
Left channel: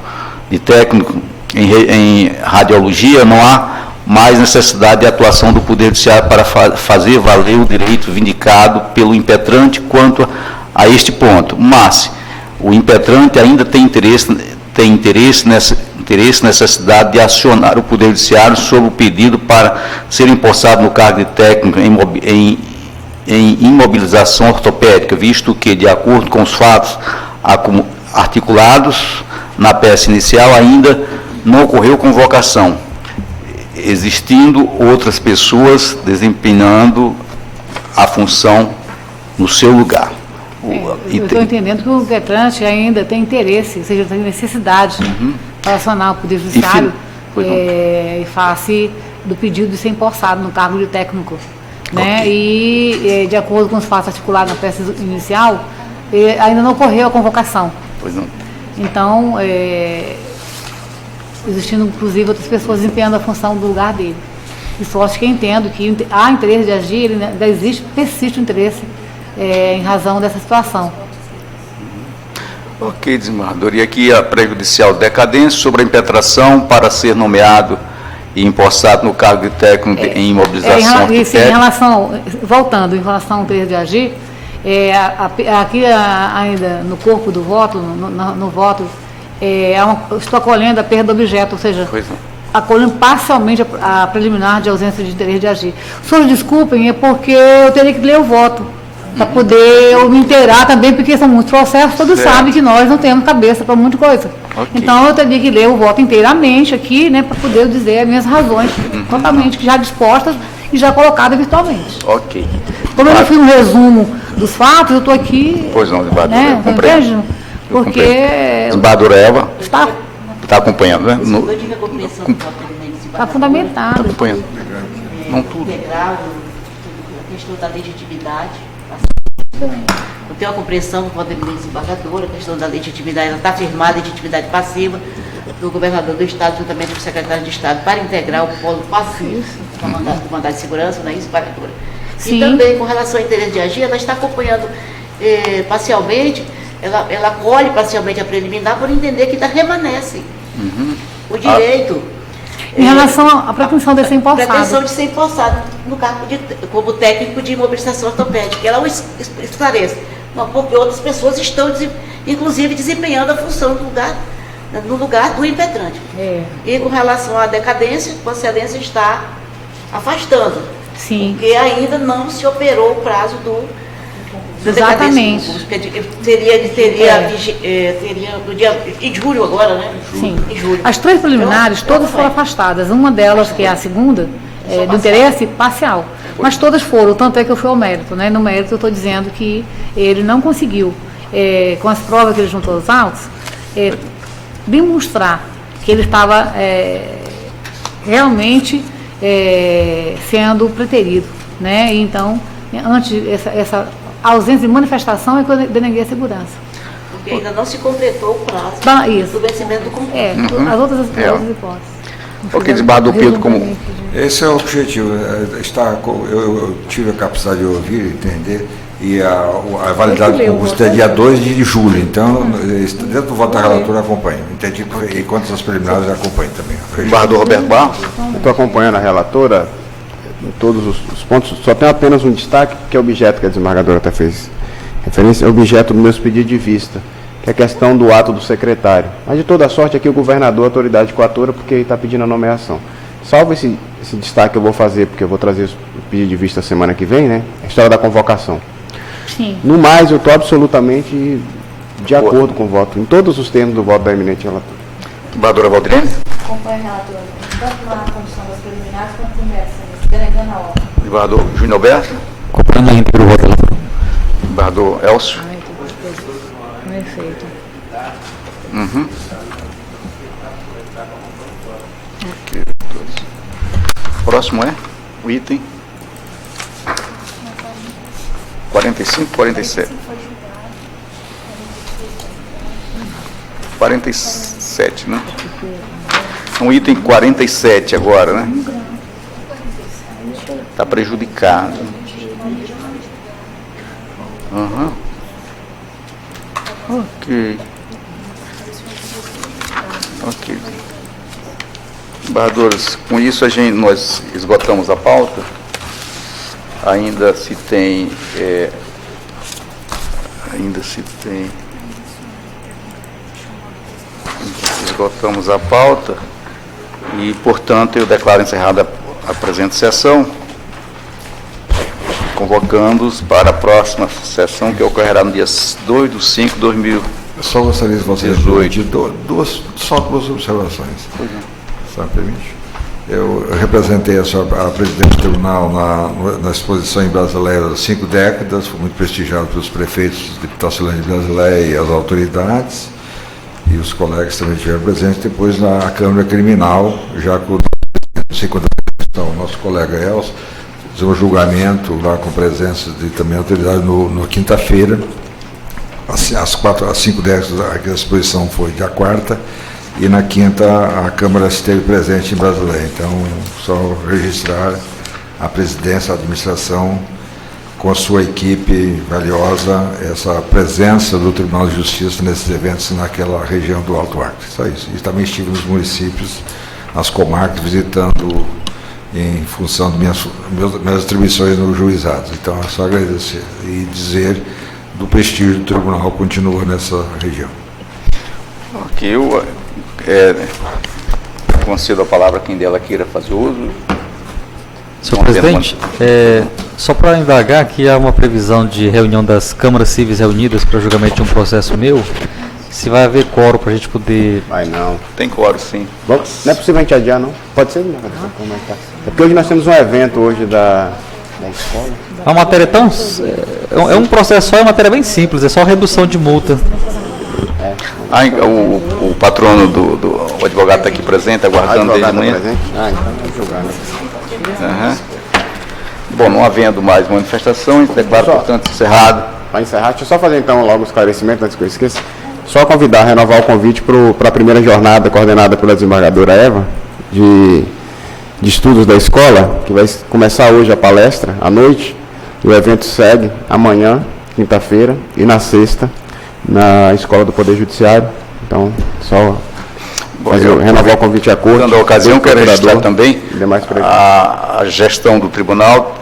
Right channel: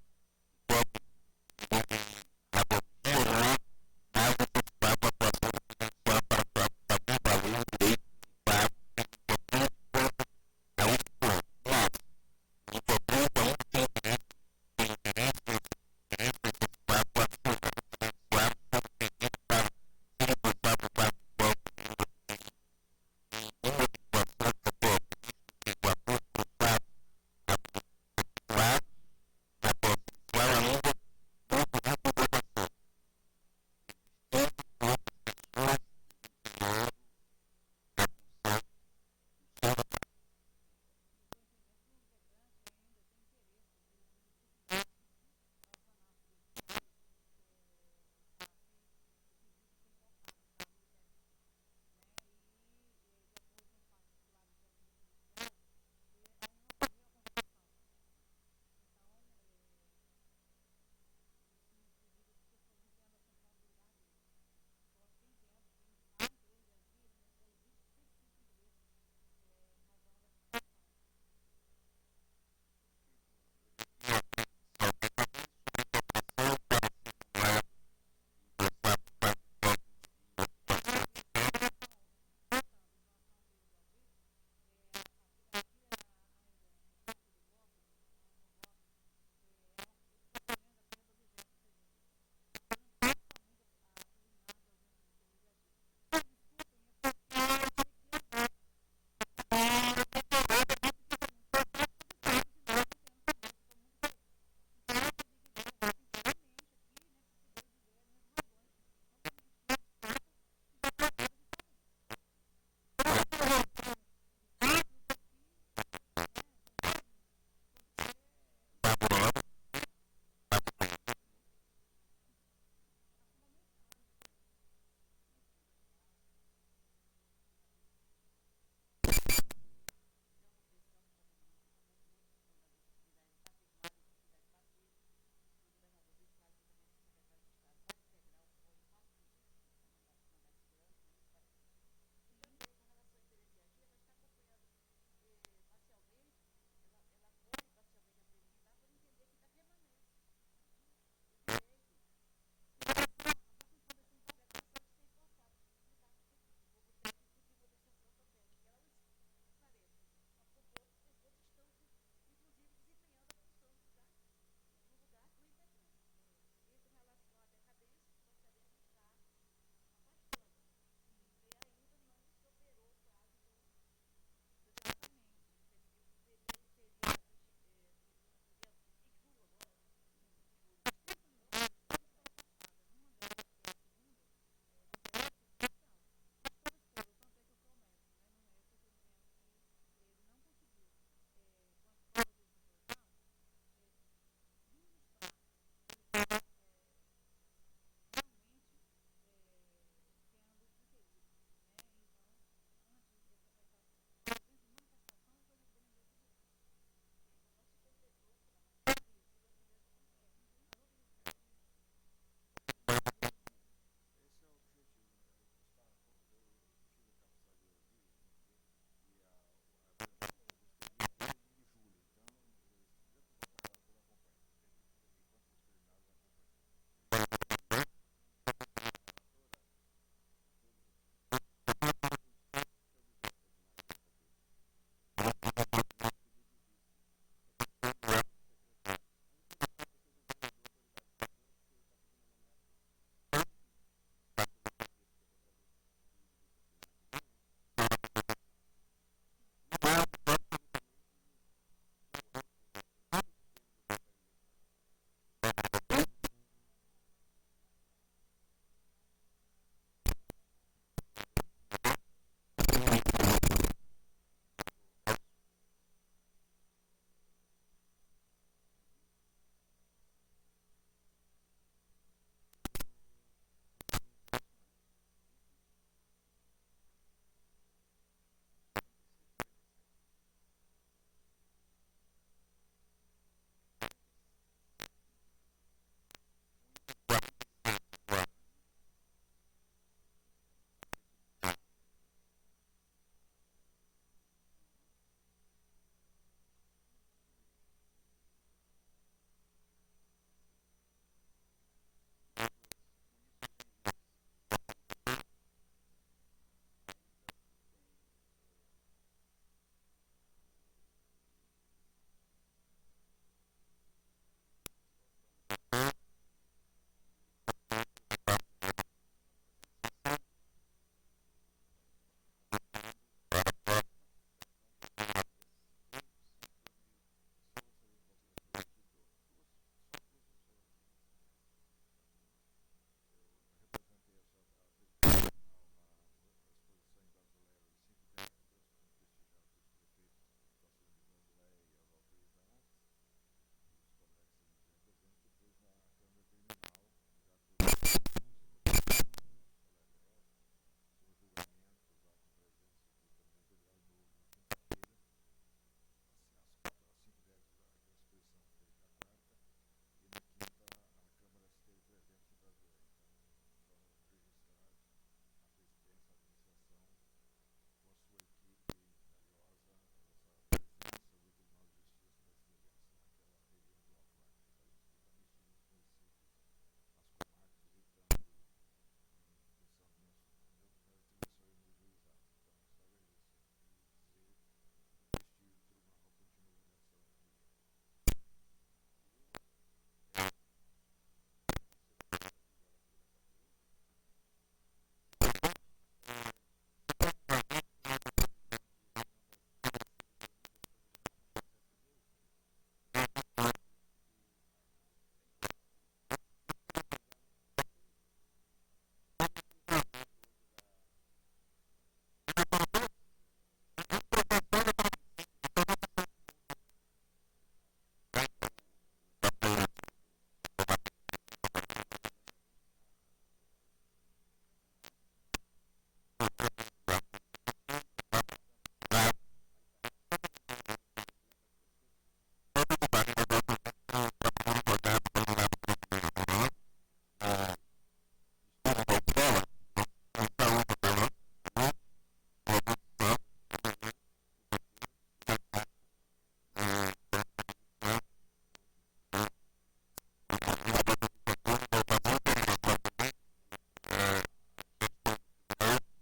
de técnico em radiologia, não há mais necessidade de atuação do Poder Judiciário para fazer valer o direito vindicado pelo impetrante quanto a este ponto. Mas o impetrante ainda tem necessidade de acionar o Poder Judiciário sobre o pedido para ser empossado no cargo de técnico em imobilização ortopédica, visto que, de acordo com os fatos articulados na peça inicial, ainda não ocorreu convocação, existindo outras pessoas desempenhando a função no seu lugar. Eu estou entendendo que o impetrante ainda tem interesse, ou seja, tem necessidade para acionar o Poder Judiciário em face do pedido de ser empossado no cargo de técnico. Né? E, de acordo com os fatos articulados na peça inicial, ainda não ocorreu a convocação. Pois não. Então, existindo, inclusive, outras pessoas desempenhando a função do lugar dele. E só acho que entendo que há interesse de agir, ele ainda persiste o interesse em razão dessa situação. Ok, desembargador. E aqui a prejudicial decadência sobre a impetração para ser nomeado e empossado no cargo de técnico em imobilização ortopédica. Em relação, voltando, em relação ao interesse de agir, Aqui ainda no corpo do voto, no voto, estou acolhendo a perda do objeto, ou seja, acolhendo parcialmente a preliminar de ausência de interesse de agir. Os senhores desculpem, é porque eu teria que ler o voto, para poder eu me inteirar também, porque são muitos processos, todos sabem que nós não temos cabeça para muita coisa. Então eu teria que ler o voto inteiramente aqui, né, para poder dizer as minhas razões, totalmente já dispostas e já colocadas virtualmente. Ok. Como eu fiz um resumo dos fatos, eu estou aqui. Pois não, desembargador, né, compreendo. Porque. Desembargadora Elva está acompanhando, né? Está fundamentado. Está acompanhando. Não tudo. Integral, a questão da legitimidade. Eu tenho a compreensão com a desembargadora, a questão da legitimidade, ela está afirmada, a legitimidade passiva do governador do Estado, juntamente com o secretário de Estado, para integrar o polo passivo do mandado de segurança, não é isso, desembargadora? E também, com relação ao interesse de agir, ela está acompanhando parcialmente, ela acolhe parcialmente a preliminar por entender que remanesce o direito. Em relação à pretensão de ser empossado. Pretensão de ser empossado no cargo como técnico de imobilização ortopédica. Ela esclarece. Não, porque outras pessoas estão, inclusive, desempenhando a função no lugar do impetrante. E com relação à decadência, a Excelência está afastando. Sim. Porque ainda não se operou o prazo do exatamente. Teria no dia em julho agora, né? Sim. Em julho. As 3 preliminares, todas foram afastadas. Uma delas, que é a segunda, do interesse parcial. Mas todas foram, tanto é que eu fui ao mérito, né? No mérito eu estou dizendo que ele não conseguiu, com as provas que ele juntou aos autos, demonstrar que ele estava realmente sendo preterido, né? E então, antes essa ausência de manifestação é que eu deneguei a segurança. Porque ainda não se completou o prazo do vencimento do concurso. As outras hipóteses. Ok, desembargador Pedro, como... Esse é o objetivo. Eu tive a capacidade de ouvir, entender, e a validade do concurso é dia 2 de julho. Então, dentro do voto da relatora, acompanho. Entendi, e quanto às preliminares, acompanho também. Desembargador Roberto Barros. Eu estou acompanhando a relatora em todos os pontos, só tem apenas um destaque, que é o objeto que a desembargadora até fez referência, é o objeto do meu pedido de vista, que é a questão do ato do secretário. Mas, de toda sorte, aqui o governador, a autoridade coatora, porque ele está pedindo a nomeação. Salvo esse destaque que eu vou fazer, porque eu vou trazer o pedido de vista semana que vem, né? A história da convocação. Sim. No mais, eu estou absolutamente de acordo com o voto, em todos os termos do voto da eminente relatora. Desembargadora Valdilene. Acompanho a relatora, tanto na comissão das preliminares quanto no mérito, delegando a ordem. Desembargador Júnior Alberto. Acompanhando a íntegra o voto, relator. Desembargador Elcio. Perfeito. Ok, próximo é o item 45, 47. 47, né? Um item 47 agora, né? Está prejudicado. Ok. Ok. Embargadores, com isso nós esgotamos a pauta. Ainda se tem esgotamos a pauta e, portanto, eu declaro encerrada a presente sessão, convocando-os para a próxima sessão, que ocorrerá no dia 2/5/2018. Só gostaria de você só duas observações. Só permite? Eu representei a presidente do tribunal na exposição em Brasileia 5 décadas, fui muito prestigiado pelos prefeitos de Itacilândia de Brasileia e as autoridades, e os colegas também estiveram presentes. Depois na Câmara Criminal, já com o nosso colega Elcio, fizemos um julgamento lá com presença de também autoridade na quinta-feira. Às 5 décadas a exposição foi dia 4ª, e na quinta a Câmara esteve presente em Brasileia. Então, só registrar a presidência, a administração, com a sua equipe valiosa, essa presença do Tribunal de Justiça nesses eventos naquela região do Alto Acre. Só isso. E também estive nos municípios, nas comarcas, visitando em função das minhas atribuições no juizado. Então, é só agradecer e dizer do prestígio do tribunal continua nessa região. Ok, eu concedo a palavra a quem dela queira fazer uso. Senhor presidente, só para indagar, que há uma previsão de reunião das câmaras cíveis reunidas para julgamento de um processo meu, se vai haver quórum para a gente poder... Vai não. Tem quórum, sim. Bom, não é possível a gente adiar, não? Pode ser? Não. É porque hoje nós temos um evento hoje da escola. A matéria tão... É um processo só, é uma matéria bem simples, é só redução de multa. O patrono o advogado está aqui presente, aguardando desde amanhã. Então vamos julgar, né? Bom, não havendo mais manifestação, a gente declara, portanto, encerrado. Para encerrar, deixa eu só fazer então logo o esclarecimento, antes que eu esqueça. Só convidar, renovar o convite para a primeira jornada coordenada pela desembargadora Eva, de estudos da escola, que vai começar hoje a palestra, à noite. O evento segue amanhã, quinta-feira, e na sexta, na Escola do Poder Judiciário. Então, só renovar o convite à corte. Dando a ocasião, quero registrar também a gestão do tribunal,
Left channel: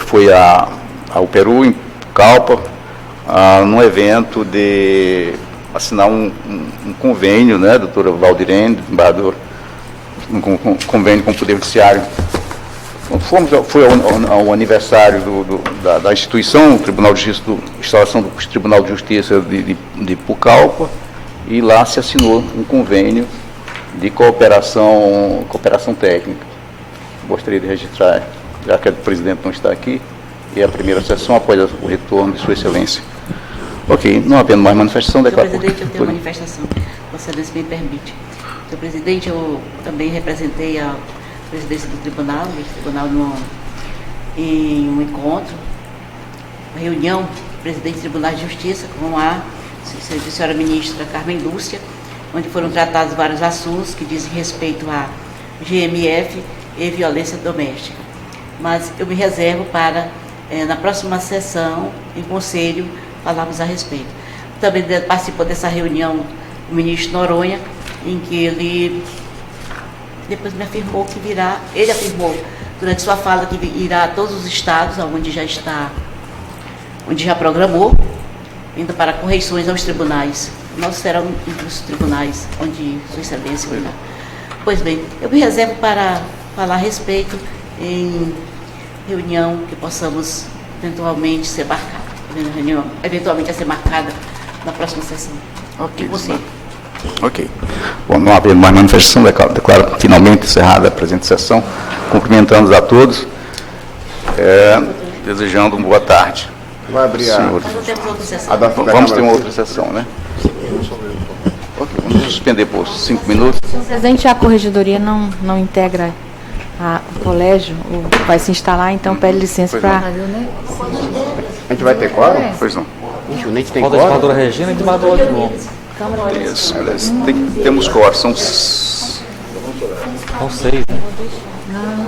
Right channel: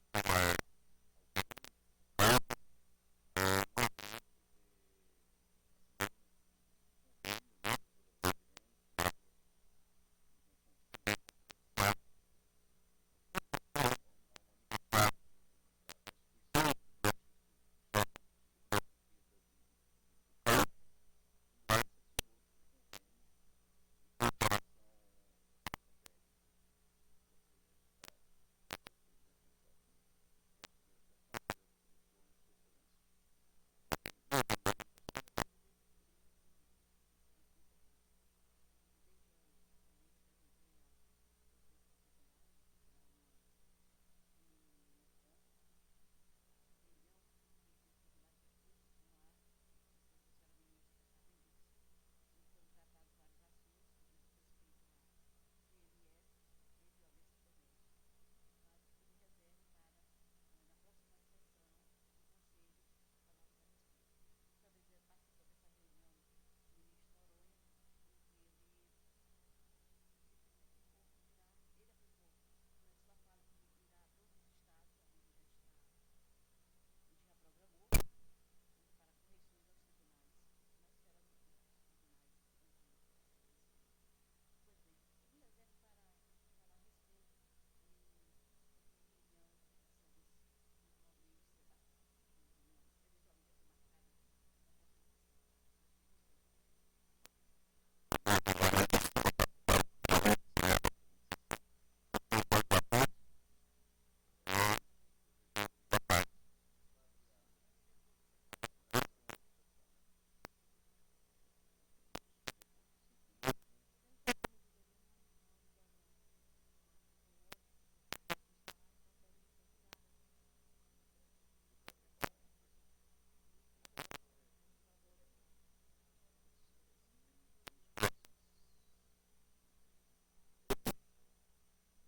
foi ao Peru, em Calpa, num evento de assinar um convênio, né, doutora Valdirene, desembargador, um convênio com o Poder Judiciário. Foi ao aniversário da instituição, o Tribunal de Justiça, instalação do Tribunal de Justiça de Pucallpa, e lá se assinou um convênio de cooperação técnica. Gostaria de registrar, já que o presidente não está aqui, e a primeira sessão após o retorno de Sua Excelência. Ok, não havendo mais manifestação, declaro... Senhor presidente, eu tenho manifestação. Vossa Excelência me permite. Senhor presidente, eu também representei a presidência do tribunal em um encontro, uma reunião do presidente do Tribunal de Justiça com a senhora ministra Carmen Lúcia, onde foram tratados vários assuntos que dizem respeito a GMF e violência doméstica. Mas eu me reservo para, na próxima sessão, em conselho, falarmos a respeito. Também participou dessa reunião o ministro Noronha, em que ele depois me afirmou que virá, ele afirmou durante sua fala que irá a todos os estados onde já está, onde já programou, indo para correições aos tribunais. Nós serão entre os tribunais onde Sua Excelência irá. Pois bem, eu me reservo para falar a respeito em reunião que possamos eventualmente ser marcada. Reunião eventualmente a ser marcada na próxima sessão. Ok. Ok. Bom, não havendo mais manifestação, declaro finalmente encerrada a presente sessão, cumprimentando a todos, desejando uma boa tarde. Vai abrir Nós não temos outra sessão. Vamos ter uma outra sessão, né? Ok, vamos suspender por 5 minutos. Senhor presidente, a corregedoria não integra o colégio, vai se instalar, então pede licença para... A gente vai ter quórum? Pois não. Gente, o Neite tem Falta a quórum? desembargadora Regina e a desembargadora de novo. Isso, temos quórum, são 6, né? Não,